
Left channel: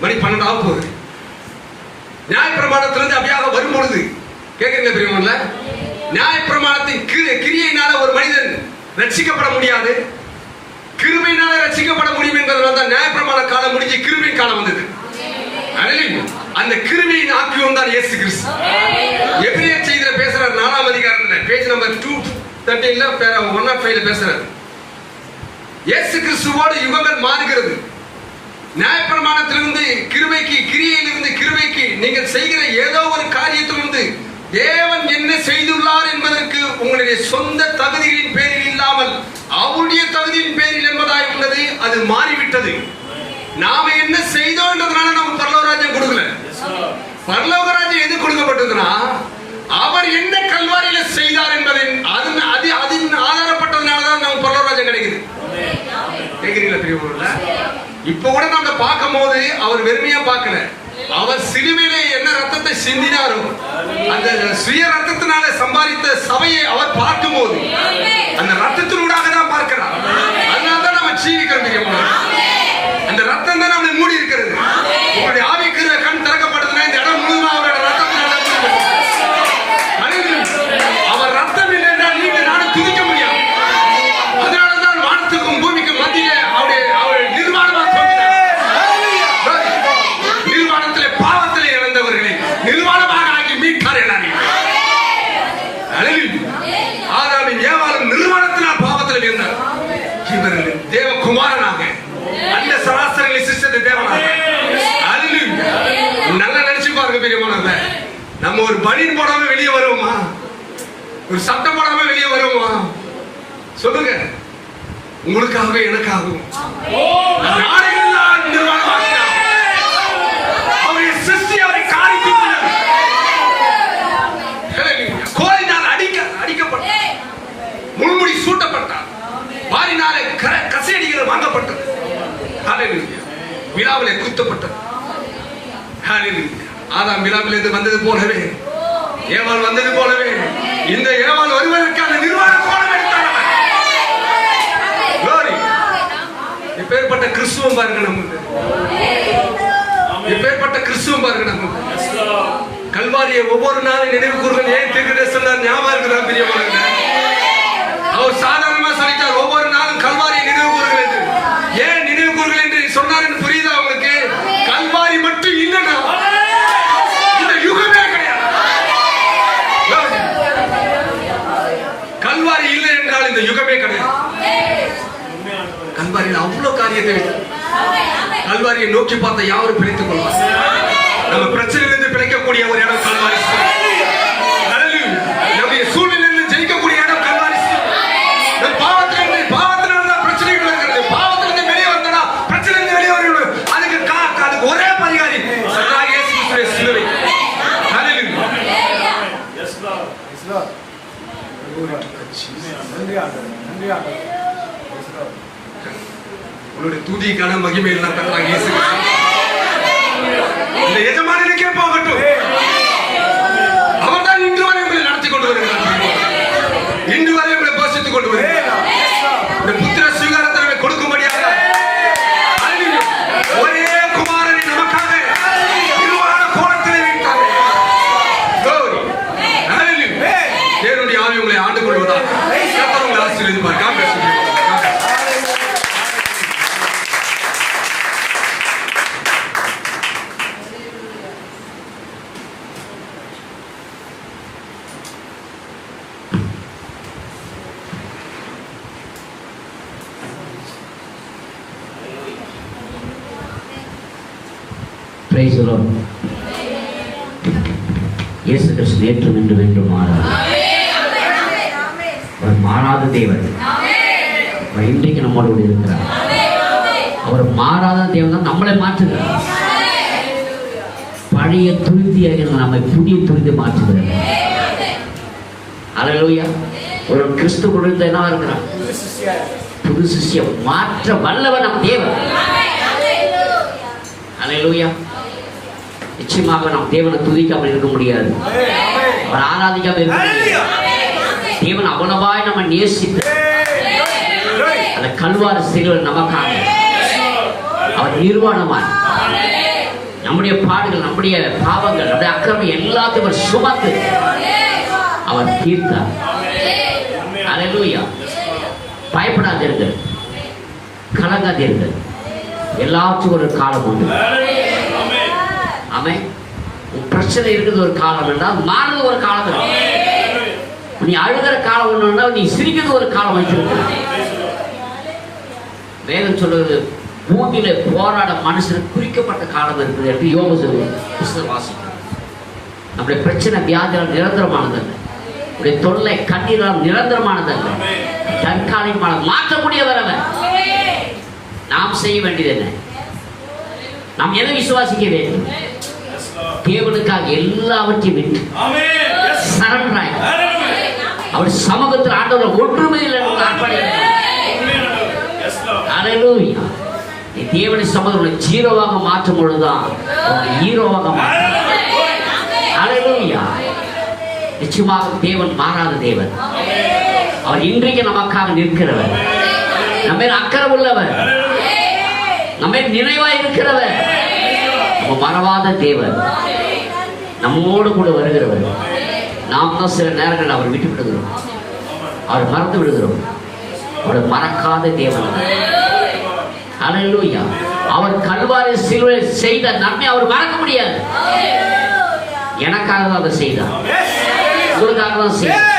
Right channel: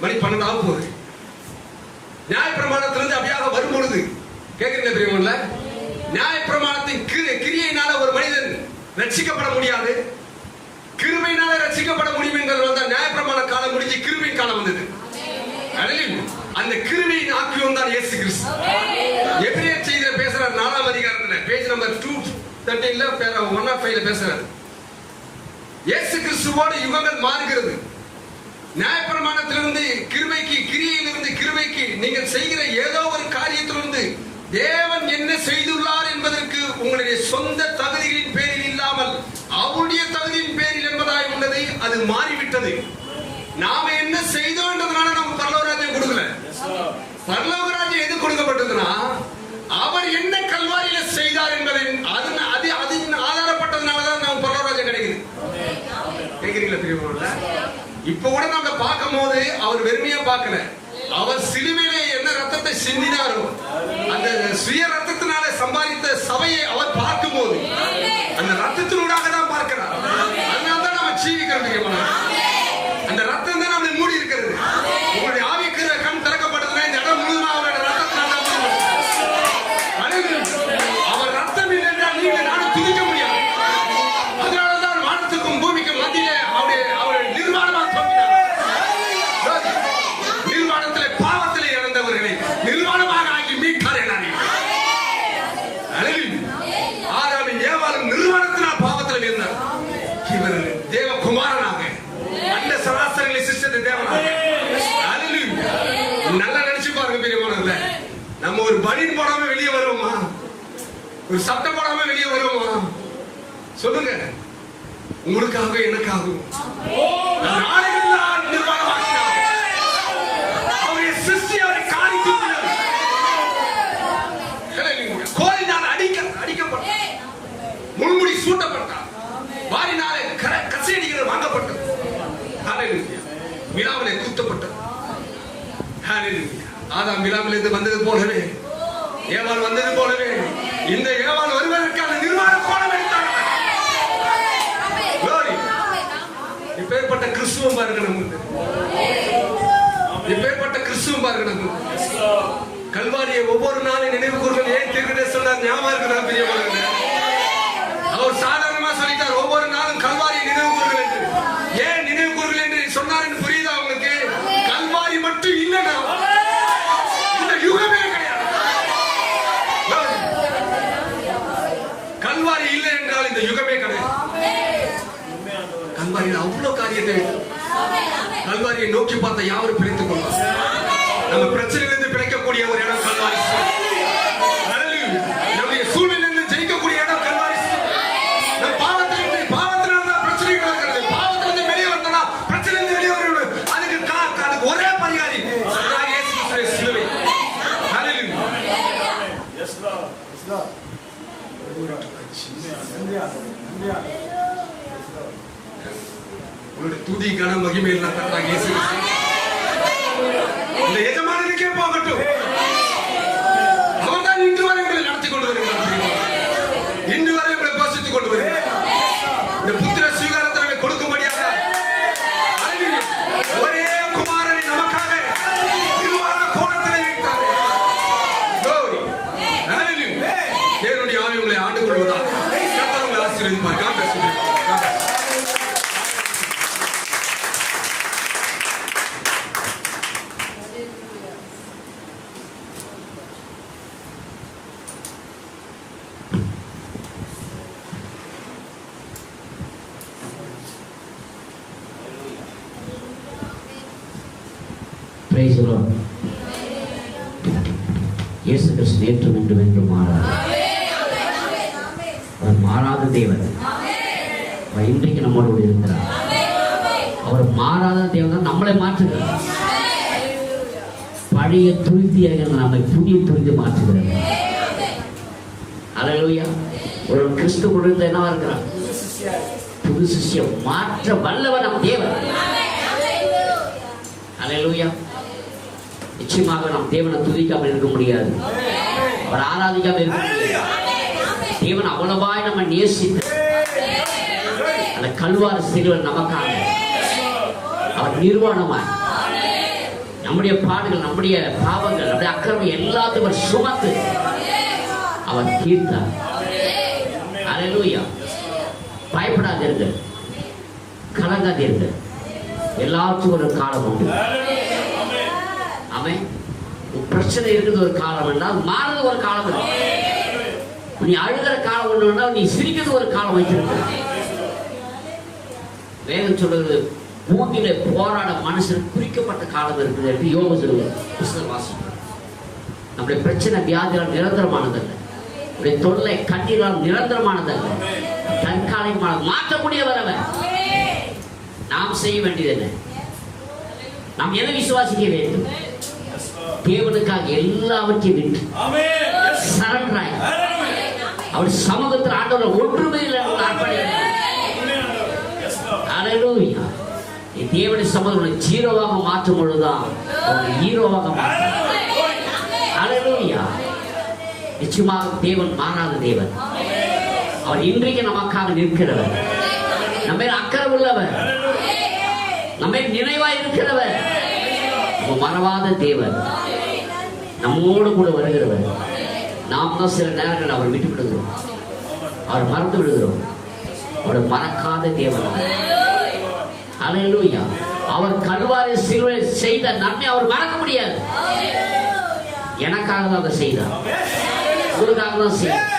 மணி 12 ஆக போகுது. நியாயப்பிரமாணத்திலிருந்து அப்படியாக வரும்பொழுது, கேட்குறீங்க பிரியமானவர்களே, நியாயப்பிரமாணத்தின் கிரியையினால ஒரு மனிதன் ரட்சிக்கப்பட முடியாது, கிருபையினால ரட்சிக்கப்பட முடியும் என்பதனால தான் நியாயப்பிரமாண காலம் முடிஞ்சு கிருபை காலம் வந்தது. அந்த கிருபையின் ஆக்கியோம் தான் இயேசு கிறிஸ்து. எபிரேயர் செய்தியில பேசுறாரு, 4ஆம் அதிகாரத்துல பேஜ் நம்பர் 213 105 பேசுறாரு. இயேசு கிறிஸ்துவோடு யுகங்கள் மாறுகிறது. நியாயப்பிரமாணத்திலிருந்து கிருபைக்கு, கிரியையிலிருந்து கிருபைக்கு, நீங்கள் செய்கிற ஏதோ ஒரு காரியத்திலிருந்து தேவன் என்ன செய்துள்ளார் என்பதற்கு உங்களுடைய சொந்த தகுதிகளின் பேரில் இல்லாமல் அவருடைய தகுதியின் பேரில் என்பதாய் உள்ளது. அது மாறிவிட்டது. நாம என்ன செய்தோன்றதுனால நம்ம பரலோகராஜ்யம் கொடுக்கல. பரலோகராஜ்யம் எது கொடுக்கப்பட்டதுன்னா, அவர் என்ன கல்வாரியில செய்தார் என்பதின் அதன் ஆதாரப்பட்டதுனாலதான் நம்ம பரலோகராஜ்யம் கிடைக்குது. கேக்குறீங்களா பிரியமானவர்களே? இப்ப கூட நம்ம பார்க்கும் போது அவர் வெறுமையா பார்க்கல. அவர் சிலுவையிலே என்ன ரத்தத்தை சிந்தினாரோ அந்த சுய ரத்தத்தினால சம்பாதித்த சபையை அவர் பார்க்கும் போது அந்த ரத்தத்தினூடாக தான் பார்க்கிறார். அதனாலதான் நம்ம ஜீவிக்கிறோம். அந்த ரத்தம் தான் நம்மளை மூடி இருக்கிறது. உங்களுடைய ஆவிக்கிற கண் திறக்கப்படுதுன்னா இந்த இடம் முழுவதும் அவரோட ரத்தத்தினால அவர் ரத்தம் இல்லை என்றால் நீங்க நானும் துதிக்க முடியாது. அதனாலதான் வானத்துக்கும் பூமிக்கும் மத்தியிலே அவருடைய நிர்வாணமாக பாவத்திலே இழந்தவர்களை நிர்வாணமாக ஆகி மீட்கார். ஆதாமின் ஏவாளும் நிர்வாணத்தினால் பாவத்தில் இருந்தார். இவர் தேவகுமாரனாக அந்த சராசரி சிஸ்டத்தை தேவனாக. நல்லா நினைச்சு பாருங்க பெரியமானவர்களே, நம்ம ஒரு பனியன் போடாம வெளியே வருவோமா? ஒரு சட்டம் போடாம வெளியே வருவோமா? சொல்லுங்க. உங்களுக்காக எனக்காகவும் நாடுகள் நிர்வாணமாக முள்முடி சூட்டப்பட்டார். வாரினாலே கசையடிகள் வாங்கப்பட்டது. விழாவிலே குத்தப்பட்டது. ஆதாம் விழாவிலிருந்து வந்தது போலவே, ஏவாள் வந்தது போலவே, இந்த ஏவாள் வருவதற்கான நிர்வாகம் போலவே இப்பேற்பட்ட கிறிஸ்துவம் பாருங்க. நமக்கு இப்பேற்பட்ட கிறிஸ்துவம் பாருங்க. நமக்கு கல்வாரியை ஒவ்வொரு நாளும் நினைவு கூறுகள். ஏன் தீர்க்கதரிசனம் ஞாபகம் இருக்குதா பிரியமானவர்களே? அவர் சாதாரணமா சொல்லிட்டார், ஒவ்வொரு நாளும் கல்வாரியை நினைவு கூறுகள். ஏன் நினைவு கூறுகள் என்று சொன்னார் என்று புரியுதா உங்களுக்கு? கல்வாரி மட்டும் இல்லைன்னா கல்வாரியில் அவ்வளவு காரியத்தை கல்வாரியை நோக்கி பார்த்த யாரும் பிரித்துக் கொள்வார். நம்ம பிரச்சனையிலிருந்து பிழைக்கக்கூடிய ஒரு இடம் கல்வாரி. நம்முடைய சூழ்நிலையிலிருந்து ஜெயிக்கக்கூடிய இடம் கல்வாரி. பாவத்தினால்தான் பிரச்சனைகள் இருக்கிறது. பாவத்திலிருந்து வெளியே வந்தா பிரச்சனையிலிருந்து வெளியே வரணும். அதுக்கு ஒரே பரிகாரி சிலுவை. உங்களுடைய துதிக்கான மகிமை எல்லாம் கர்த்தராகிய இயேசு இந்த எஜமானனுக்கே போகட்டும். அவர்தான் இன்று வரை உங்களை நடத்தி கொண்டு வருகிறார். இன்று வரை உங்களை போஷித்துக் கொண்டு வருகிறார். புத்திர சுவீகாரத்தை கொடுக்கும்படியாக ஒரே குமாரனை நமக்காக திருவான கோலத்தில் வைத்தார். தேவனுடைய ஆவி உங்களை ஆண்டு கொள்வதாக உங்களை ஆசீர்வதிப்பார். இயேசு கிறிஸ்து நேற்றும் இன்றும் என்றும் மாறாது. அவர் மாறாத தேவன். அவர் இன்றைக்கு நம்மளோடு இருக்கிறார். அவர் மாறாத தேவன் தான் நம்மளை மாற்றுகிறார். பழைய துருத்தியாக நம்மை புதிய துருத்தி மாற்றுகிறார். அல்லேலூயா. ஒரு கிறிஸ்து கொடுத்த என்ன இருக்கிறார்? புது சிஷ்யம் மாற்ற வல்லவன் நம் தேவன். அல்லேலூயா. நிச்சயமாக நாம் தேவனை துதிக்காமல் இருக்க முடியாது. அவர் ஆராதிக்காமல் இருக்க முடியாது. தேவன் அவ்வளவாய் நம்ம நேசித்து அந்த கல்வாரி சிலுவையில் நமக்காக அவர் நிர்வாணமாய் நம்முடைய பாடுகள், நம்முடைய பாவங்கள், நம்முடைய அக்கிரமம் எல்லாத்தையும் சுமந்து அவர் தீர்த்தார். அல்லேலூயா. பயப்படாதீர்கள், கலங்காதீர்கள். எல்லாத்துக்கும் ஒரு காலம் உண்டு. ஆமென். பிரச்சனை இருக்குது ஒரு காலம் என்றால் மாறுது ஒரு காலம். நீ அழுகிற காலம் ஒன்று, நீ சிரிக்கிறது ஒரு காலம் வைத்திருக்க. வேதம் சொல்றது பூமியில போராட மனுஷன் குறிக்கப்பட்ட காலம் இருக்குது என்று யோபு புஸ்தகம் வாசிக்கும். நம்முடைய பிரச்சனை வியாதியால் நிரந்தரமானதல்ல. நம்முடைய தொல்லை கண்ணீரால் நிரந்தரமானதல்ல. தற்காலிகமான மாற்றக்கூடியவர் அவர். நாம் செய்ய வேண்டியது என்ன? நாம் எதை விசுவாசிக்க வேண்டும்? தேவனுக்காக எல்லாவற்றையும் விட்டு சரண்டராய் அவர் சமூகத்தில் ஆண்டவர் ஒன்றுமே இல்லை அல்லேலூயா. நீ தேவனுடைய சமூகத்தில் ஜீரோவாக மாற்றும் பொழுதுதான் அவர் ஹீரோவாக மாற்றும். அல்லேலூயா. நிச்சயமாக தேவன் மாறாத தேவன். அவர் இன்றைக்கு நமக்காக நிற்கிறவர், நம்ம அக்கறை உள்ளவர், நம்ம நினைவாய் இருக்கிறவர், நம்ம மறவாத தேவன், நம்மோடு கூட வருகிறவர். நாம் தான் சில நேரங்கள் அவர் விட்டு விடுகிறோம், அவர் மறந்து விடுகிறோம். அவர் மறக்காத தேவன். அல்லேலூயா. அவர் கல்வாரி சிலுவையில் செய்த நன்மை அவர் மறக்க முடியாது. எனக்காக தான் அதை செய்தார், உங்களுக்காக தான் செய்தார்.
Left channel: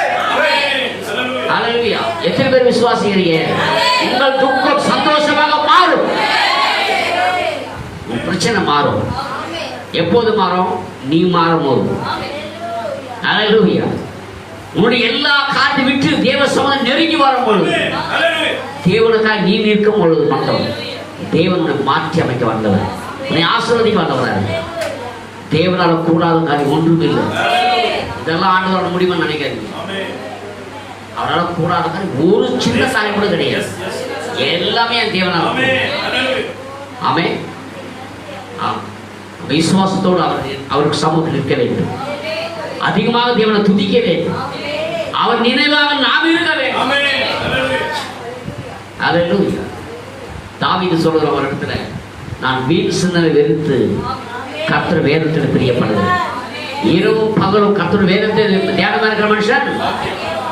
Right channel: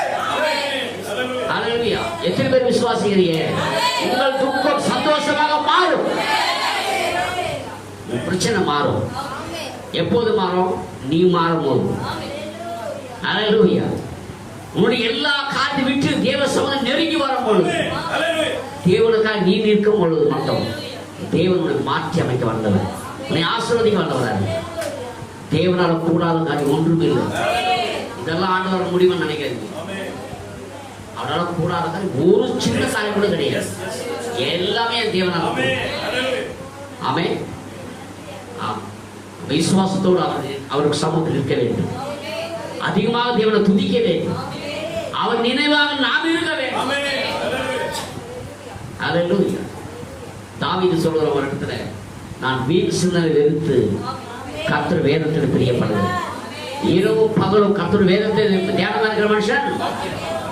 அல்லேலூயா. எத்தனை பேர் விசுவாசிக்கிறீங்க? உங்கள் துக்கம் சந்தோஷமாக மாறும். பிரச்சனை மாறும். எப்போது மாறும்? நீ மாறும்போது. அல்லேலூயா. உன்னுடைய எல்லா காத்து விட்டு தேவ சமூகம் நெருங்கி வரும் பொழுது, தேவனுக்காக நீ நிற்கும் பொழுது மட்டும் தேவனுடைய மாற்றி அமைக்க வந்தவர், உன்னை ஆசீர்வதிக்க வந்தவர். தேவனால கூடாத காரியம் ஒன்றுமே இல்லை. இதெல்லாம் ஆண்டவரோட முடிவுன்னு நினைக்காதீங்க. அவரால் கூடாத காரியம் ஒரு சின்ன காரியம் கூட கிடையாது. எல்லாமே என் தேவனால. ஆமென். விசுவாசத்தோடு அவருக்கு சமூகத்தில் இருக்க வேண்டும். அதிகமாக தேவனை துதிக்க வேண்டும். அவர் நினைவாக நாம் இருக்க வேண்டும். அல்லேலூயா. தாவீது சொல்கிற ஒரு இடத்துல, நான் வீண் சிந்தனை வெறுத்து கர்த்தர் வேதத்தில் பிரியப்படுகிறேன். இரவும் பகலும் கர்த்தர் வேதத்தில் தியானமா இருக்கிற மனுஷன்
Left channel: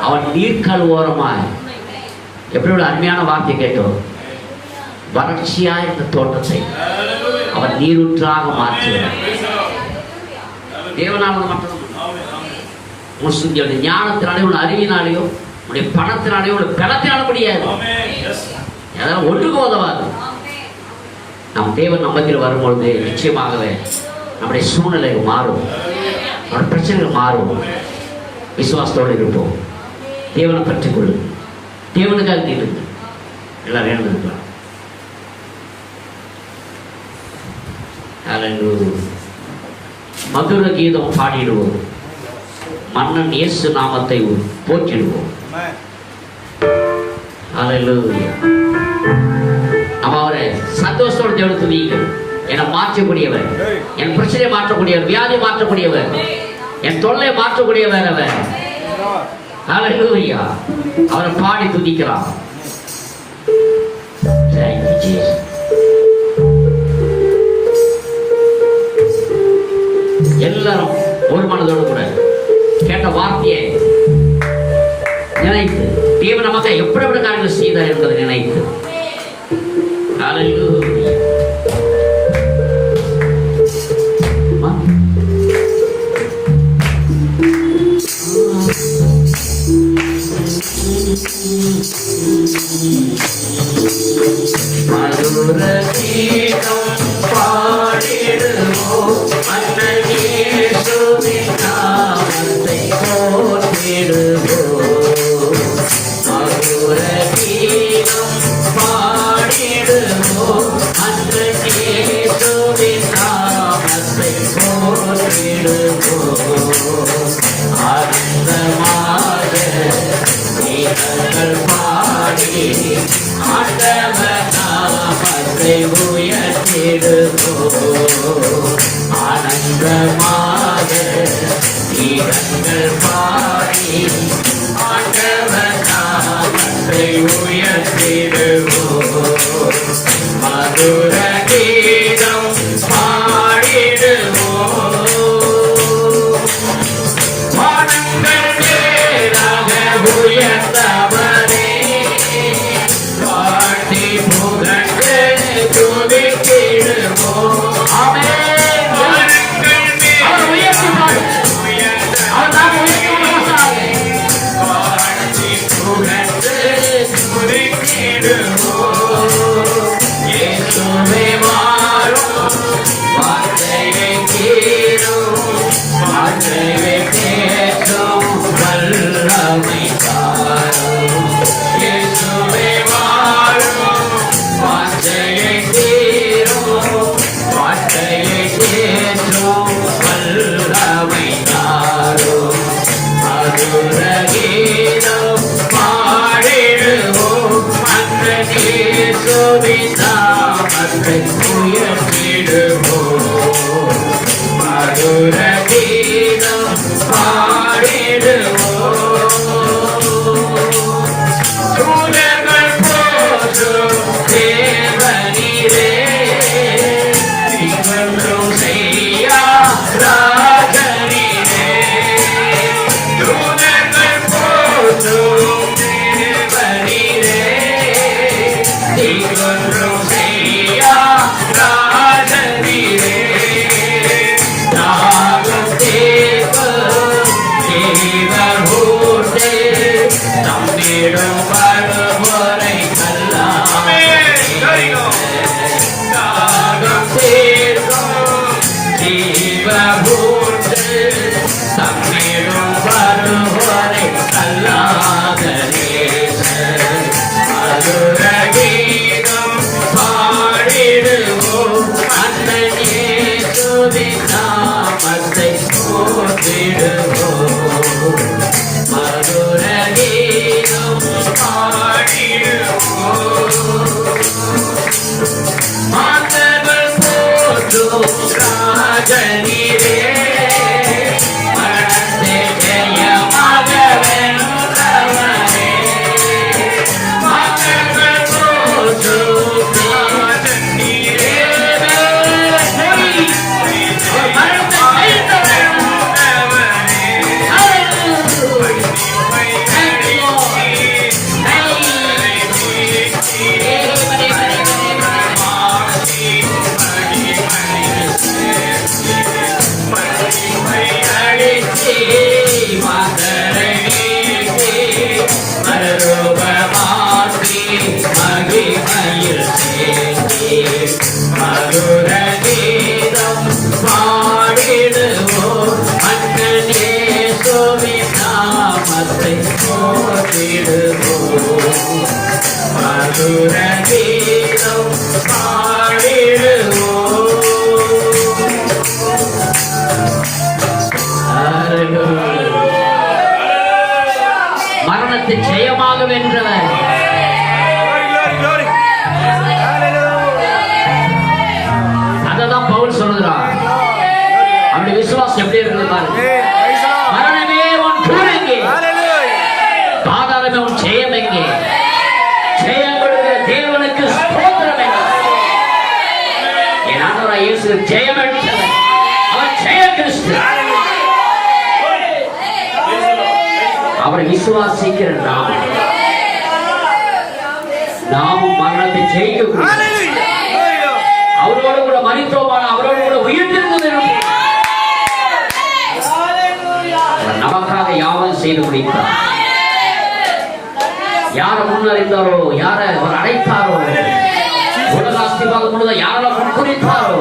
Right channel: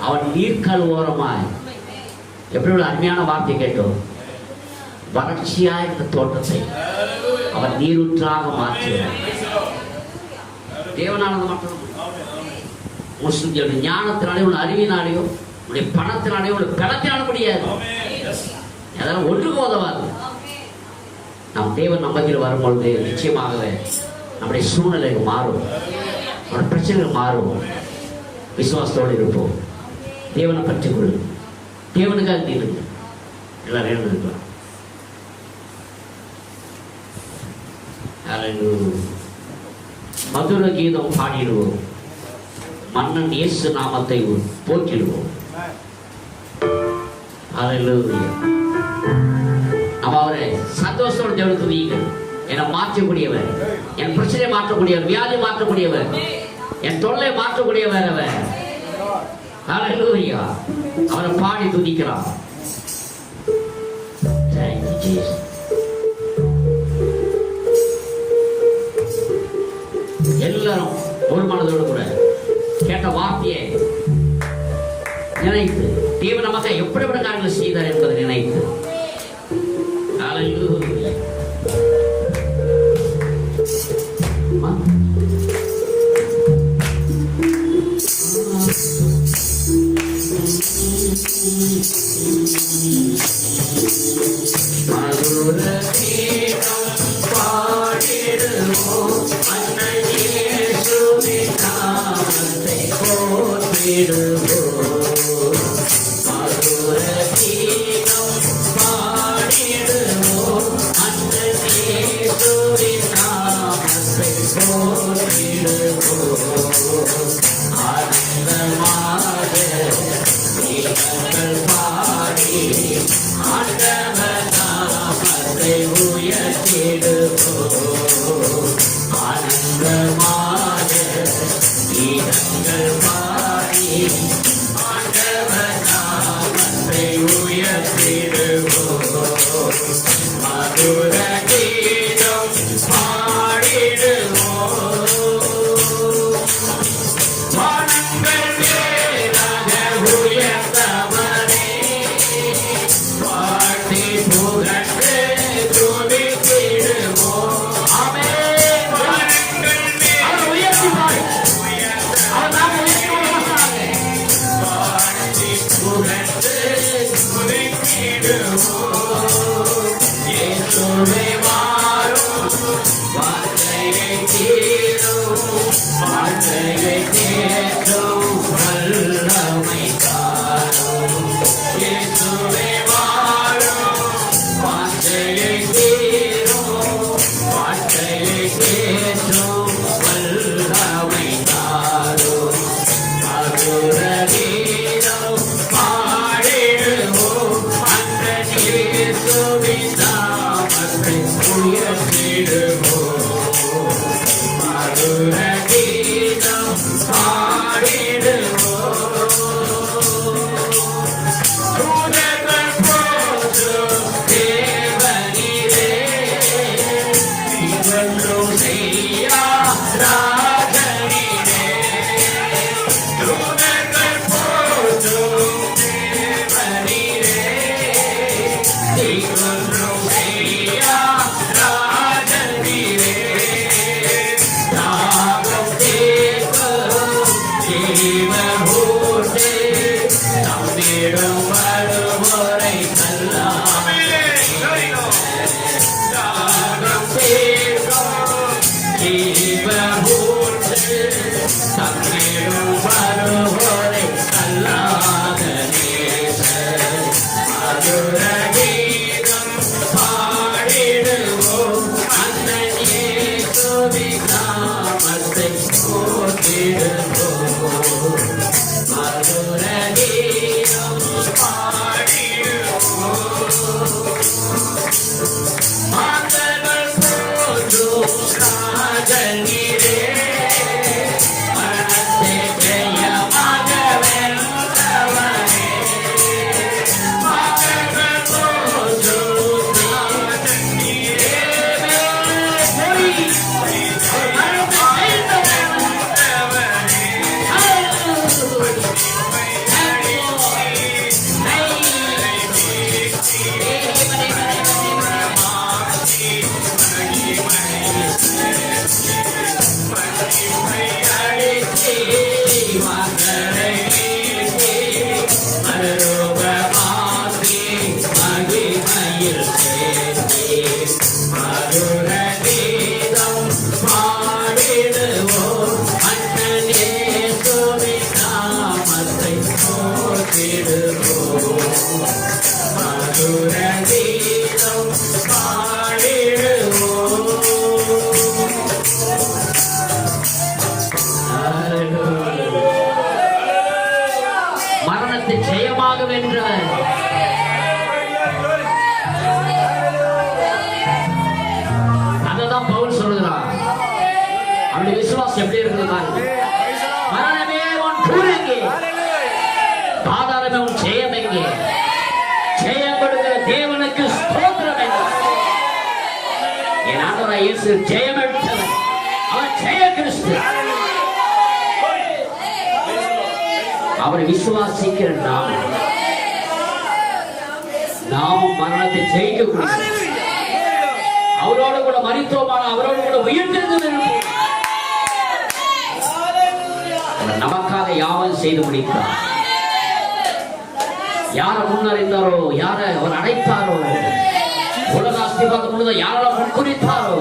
அவன் நீர்க்கால் ஓரமாய், எப்படி ஒரு அருமையான வார்த்தை கேட்டோம், வறட்சியா இருந்த தோட்டத்தை அவன் நீரூற்றாக மாற்றுகிறார். தேவனால மட்டும் ஞானத்தினாலேயோ, உன் அறிவினாலேயோ, உன்னுடைய பணத்தினாலேயோ, உன் பலத்தினால முடியாது. அதெல்லாம் ஒன்றுக்கும் உதவாது. நம் தேவன் நம்மத்தில் வரும்பொழுது நிச்சயமாகவே நம்முடைய சூழ்நிலைகள் மாறும், நம்ம பிரச்சனைகள் மாறும். விசுவாசத்தோடு இருப்போம். தேவனை பற்றி கொள்ளு, தேவனுக்காக தீர்ந்து எல்லாம் வேணும் இருக்கலாம். மதுர கீதம் பாடிடுவோம், மன்னன் இயேசு நாமத்தை போற்றிடுவோம். நம்ம அவரை சந்தோஷத்தோடு தேவனை துதிக்கணும். என்னை மாற்றக்கூடியவர், என் பிரச்சனையை மாற்றக்கூடியவர், வியாதி மாற்றக்கூடியவர், என் தொல்லை மாற்றக்கூடியவர் அவர். ஹல்லேலூயா. அவரை பாடி துதிக்கலாம். எல்லாரும் ஒரு மனதோடு கூட கேட்ட வார்த்தையை நினைத்து தேவன் நமக்கு எப்படி எப்படி காரியங்கள் செய்தார் என்பதை நினைத்து ஆனந்தமாக பாடி ஜெயமாக வென்றவர். அததான் பவுல் சொல்லுகிறார். அப்படி விசுவாசம் எப்படி இருக்குது பாருங்க. மரணமே உன் கூர் எங்கே, பாதாளமே உன் ஜெயம் எங்கே? ஜெயம் கொடுக்கிற தேவனுக்கு ஸ்தோத்திரம் எங்கே? என் ஆண்டவராகிய இயேசு ஜெயம் எடுத்தவர். அவர் ஜெய கிறிஸ்து. அவரை விசுவாசிக்கிற நாமும் மரணத்தை ஜெயிக்கக்கூடிய, அவரோடு கூட மரித்தோமான, அவரோடு கூட உயிர்த்தெழுந்து நமக்காக யாவும் செய்து முடித்தார். யாரை முன்னறிந்தாரோ, யாரை அவர் அழைத்தாரோ, உலகாஸ்திபாகம் முழுவதும் யாரை முன்குறித்தாரோ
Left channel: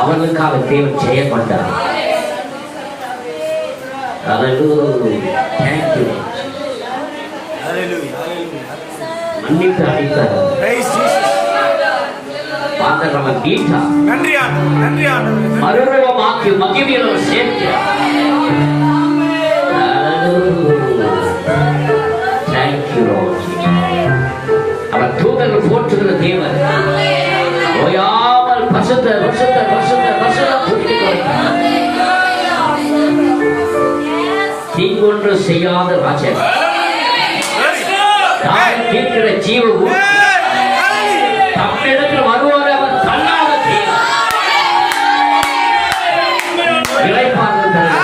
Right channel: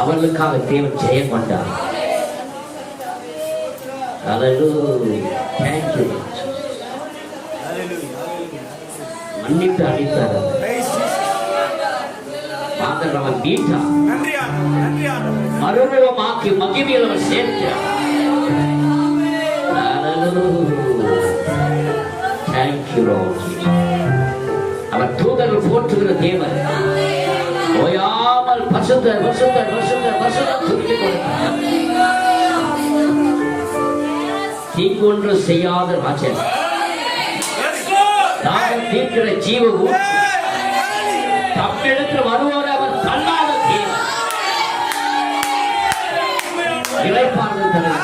அவர்களுக்காக தேவன் ஜெயப்பட்டார். மன்னித்து அளித்தார். பாதகவன் நீட்டா மறுரூபமாக்கி மகிமையில் சேர்த்தார். அவர் தூதர்கள் போற்றுகிற தேவன். ஓயாமல் பசுத்தர் பசுத்தர் பசுத்தர் பசுத்தர் புரிந்து கொடுத்தார். தீங்கொன்று செய்யாத ராஜன், தான் தீர்க்கிற ஜீவவும் தம்மிடத்தில் வருவார். அவர் தள்ளாத தேவன். இளைப்பாறுதல்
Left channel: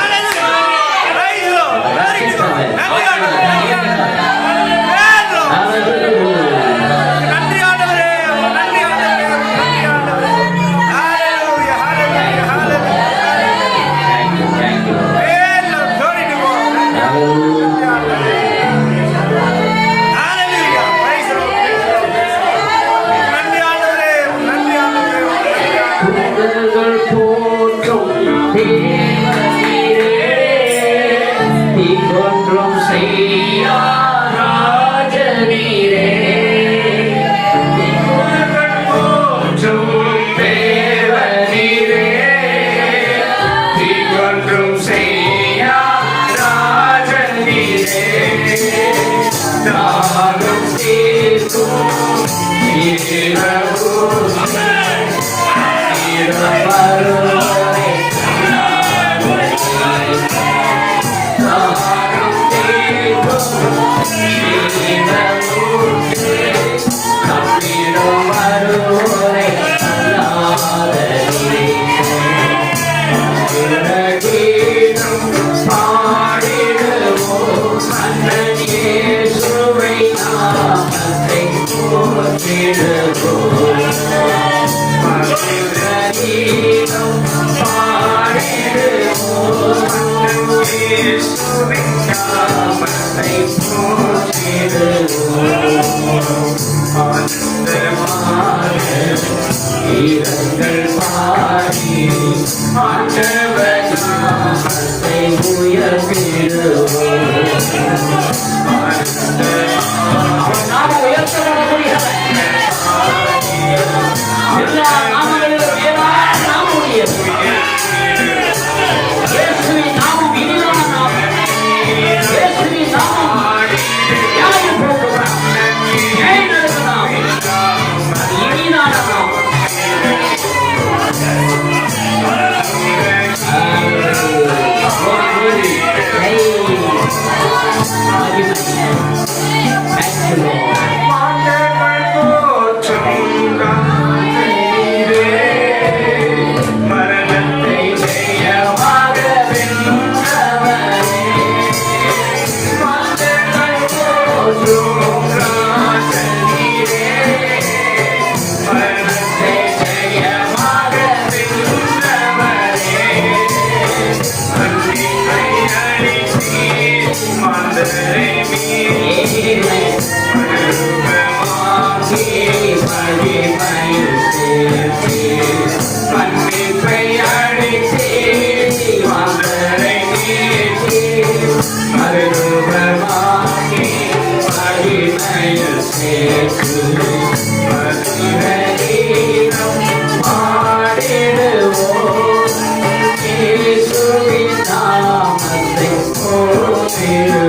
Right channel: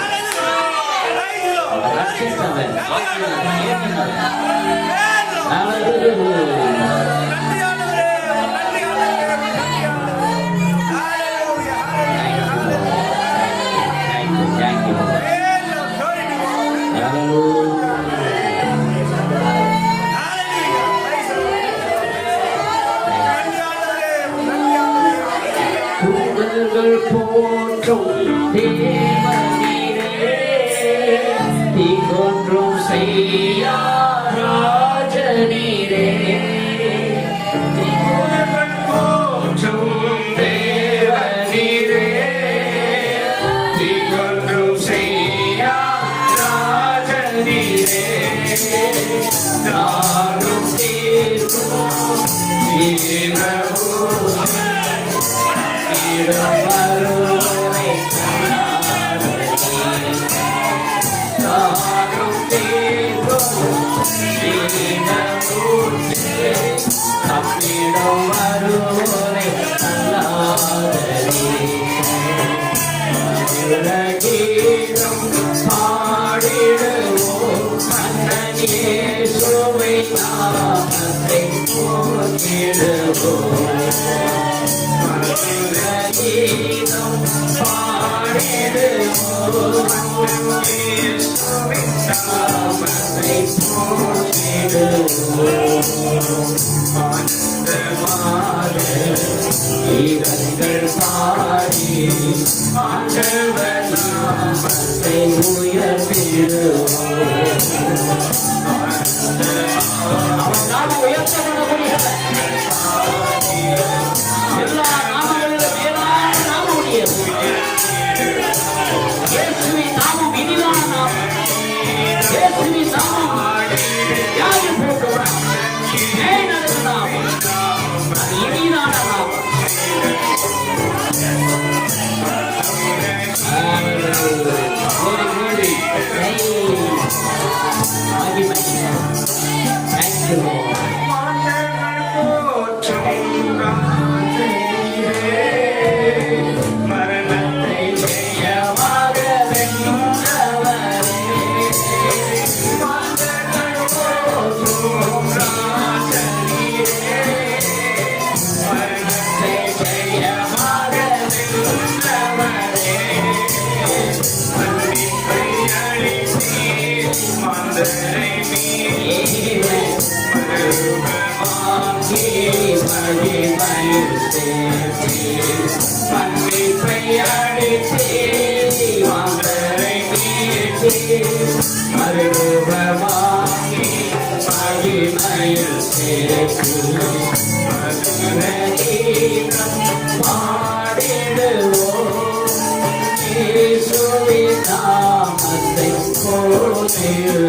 Amen.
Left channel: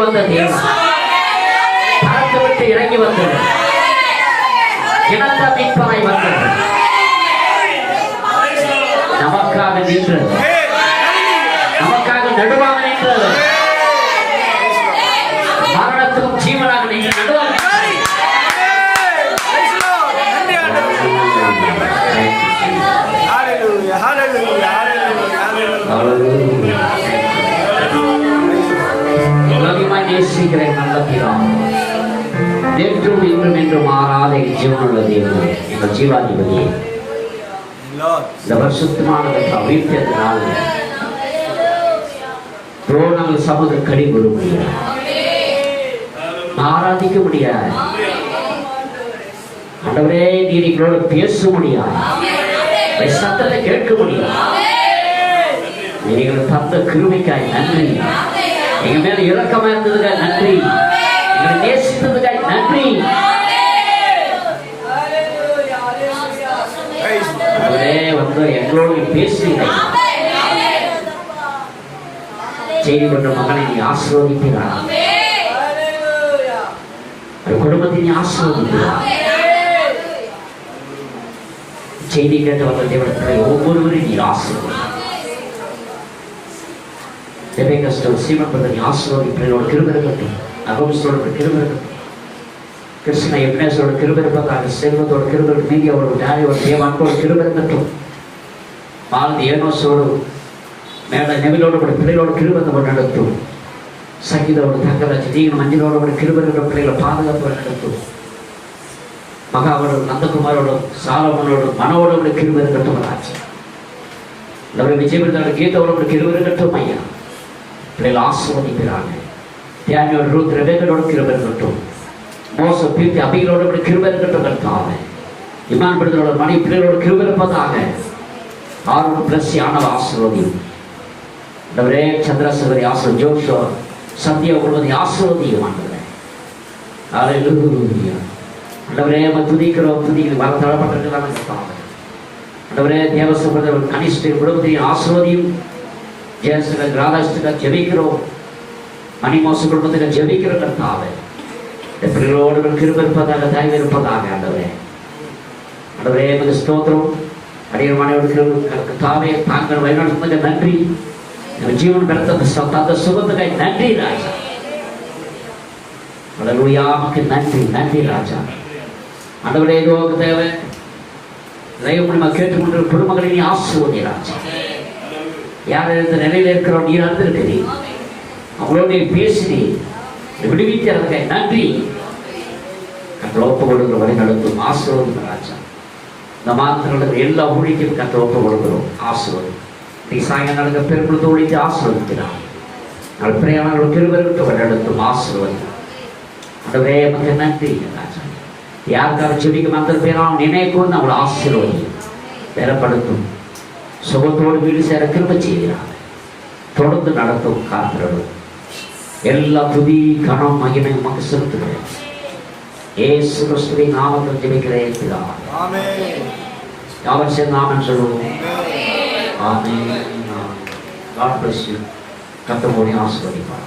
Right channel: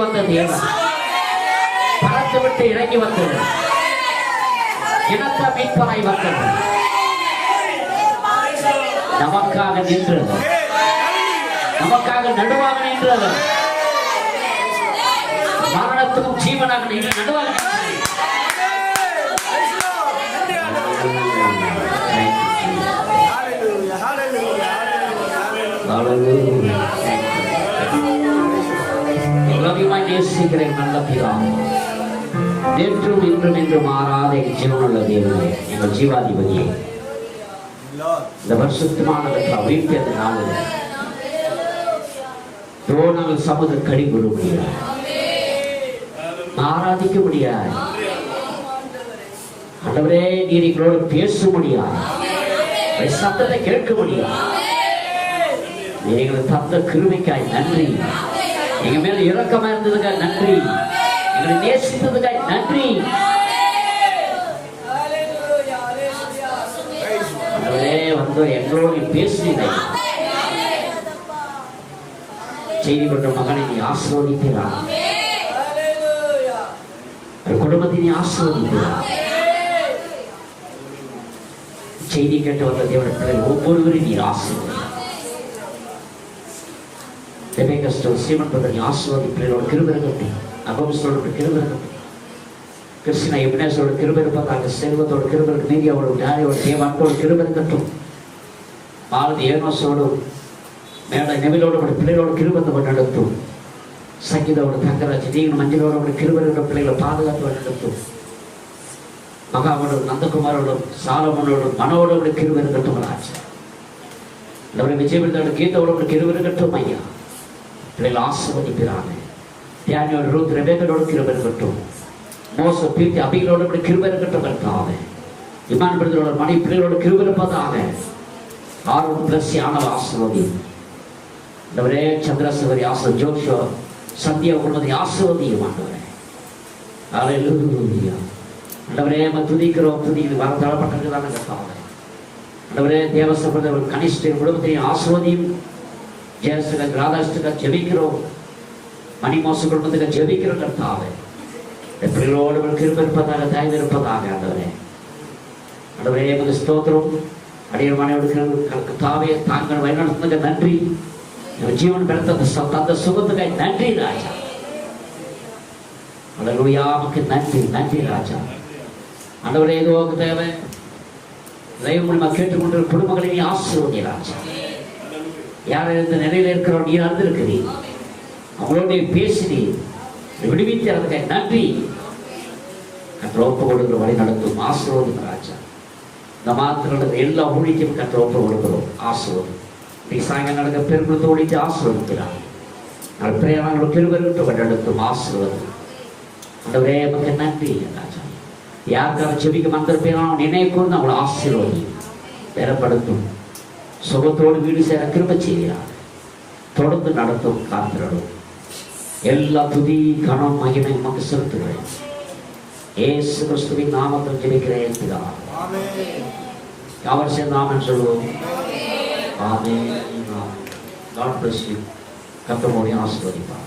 வந்த தேவன், பறந்து விட்டு இறங்கி வந்தது, இனத்த மீட்பராய் வந்தது, நமக்காக நின்றது, நமக்காக நடுவாக நின்றது, மரணத்தும் ஜீவனாக நின்று நடுவாக நேசிக்கிறேன். நல்ல நேற்றும் இன்றும் என்று மாறாத ஜீவனுள்ள தேவன், எங்கள் ஜீவாதிபதியே, இந்த வருஷத்துமான வீட்டத்தினால் நாங்கள் சமூக கடி கொள்ள முடியாது, ஆராதிக்க முடியாது. ஆண்டவரே, நீர் எங்களோட பேச முடியாது, சத்தத்தை கேட்க முடியாது. நீங்க தந்த கிருபைக்காய் நன்றி, எங்க மேல இரக்கமா இருந்ததுக்காக நன்றி, எங்களை நேசித்ததுக்காக நன்றி. வந்து எங்களோடு பேசுகிறேன். செய்தி கொண்ட மகனை நீ ஆசீர்வதிக்கிறார், குடும்பத்தை நீ ஆசீர்வதிக்கிறார். செய்தி கேட்டவர்கள் தேவனத்தில் ஒவ்வொருவரையும் நீ ஆசீர்வதிக்கிறார். கஷ்டம் சீமன் பண்ணி ஆசீர்வதிப்போட கிருபை இருக்கட்டும், அகமசோட கிருபை இருக்கட்டும், கிருஷ்ண எப்னேசோட கிருபை இருப்பதாக, செல்வத்தோட கிருபை, மீதியோட டேரியோட தேவான்கோட கிருபை இருக்கட்டும், மாலதி ஏனோசோடு மேல நெவிலோட பிள்ளைகளோட கிருபத்தை நடத்தும், சங்கீதோட தங்கராஜ் நீங்க மஞ்சளோட கிருபை இருக்கிற பிள்ளைகளை பாதுகாப்பு நடத்தும், மகாவோட நந்தகுமாரோட சாலமனோட மனோட கிருபை இருக்கட்டும், நம்முடைய விஜயபுரத்தோட கீதோட கிருபை இருக்கட்டும். ஐயா பிள்ளைகள் ஆசீர்வதிக்கிறாங்க. தியானியோட ரூத் ரெபேக்கோட கிருபை இருக்கட்டும், மோச பீர்த்தி அபிகளோட கிருபை இருக்கட்டும். கர்த்தாவே, இமான் பிரதரோட மணி பிள்ளைகளோட கிருபை இருப்பதாக, ஆரோட பிளஸ் ஆனவ ஆசீர்வதி. நம்மளே சந்திரசேகரி ஆசீர்வதி, ஜோஷோ சந்தியா குழுவதை ஆசீர்வதியும் ஆண்டவரே. அல்லேலூயா. ஆண்டவரே, துதிக்கிறோம், துதிக்கிறோம், வர தளப்பட்டிருக்கிறாங்க. கர்த்தாவே, ஆண்டவரே, தேவசபை கனிஷ்ட குடும்பத்தையும் ஆசீர்வதியும். ஜெயசுடன் ராதாஸ்துடன் ஜெபிக்கிறோம், மணிமோச குடும்பத்தில் ஜெபிக்கிற கர்த்தாவே, பிள்ளைகளோடு கிருபை இருப்பதாக, தயவு இருப்பதாக. ஆண்டவரே, ஆண்டவரே எமது ஸ்தோத்திரம். அடியமானவர்களுக்கு கர்த்தாவே தாங்கள் வழிநடத்துவதற்கு நன்றி, எங்கள் ஜீவன் தந்த சுகத்துக்காய் நன்றி ராஜா. அல்லேலூயாவுக்கு நன்றி, நன்றி ராஜா. ஆண்டவரே, இதுவாக தேவை தெய்வம் நம்ம கேட்டுக்கொண்ட குடும்பங்களை நீ ஆசீர்வதி ராஜா. யார் இந்த நிலையில இருக்கிறோம், நீ அறிந்திருக்கிறீர், அவங்களோட பேசினீர், விடுவிக்கிறதுக்காக நன்றி. கற்றோப்பு கொடுக்கிற வழி நடத்தும் ஆசீர்வதிக்கும் ராஜா. இந்த மாத்திரம் எல்லா ஊழிக்கும் கற்றோப்பு கொடுக்கிறோம், ஆசீர்வதி. நீ சாயங்காலம் நடக்க பெருக்குளத்தை ஒழித்து ஆசீர்வதிக்கிறான். பிரயாணங்கள் கிருபைக்கு வழி நடத்தும் ஆசீர்வதி. ஆண்டவரே, நமக்கு நன்றி ராஜா. யாருக்காக செடிக்க மாத்திர பேரான நினைக்கும் அவளை ஆசீர்வதி பெறப்படுத்தும், சுகத்தோடு வீடு சேர கிருபை செய்கிறார். தொடர்ந்து நடத்தும் காத்திரவு. எல்லா துதி கனம் மகிமை உமக்கு செலுத்துகிறேன். இயேசு கிறிஸ்துவின் நாமத்தில் ஜெபிக்கிறேன் பிதாவே. ஆமென். யாவர் சேர்ந்து ஆமென் சொல்லுவோம். ஆமென். God bless you. கர்த்தர் உங்களை ஆசீர்வதிப்பார்.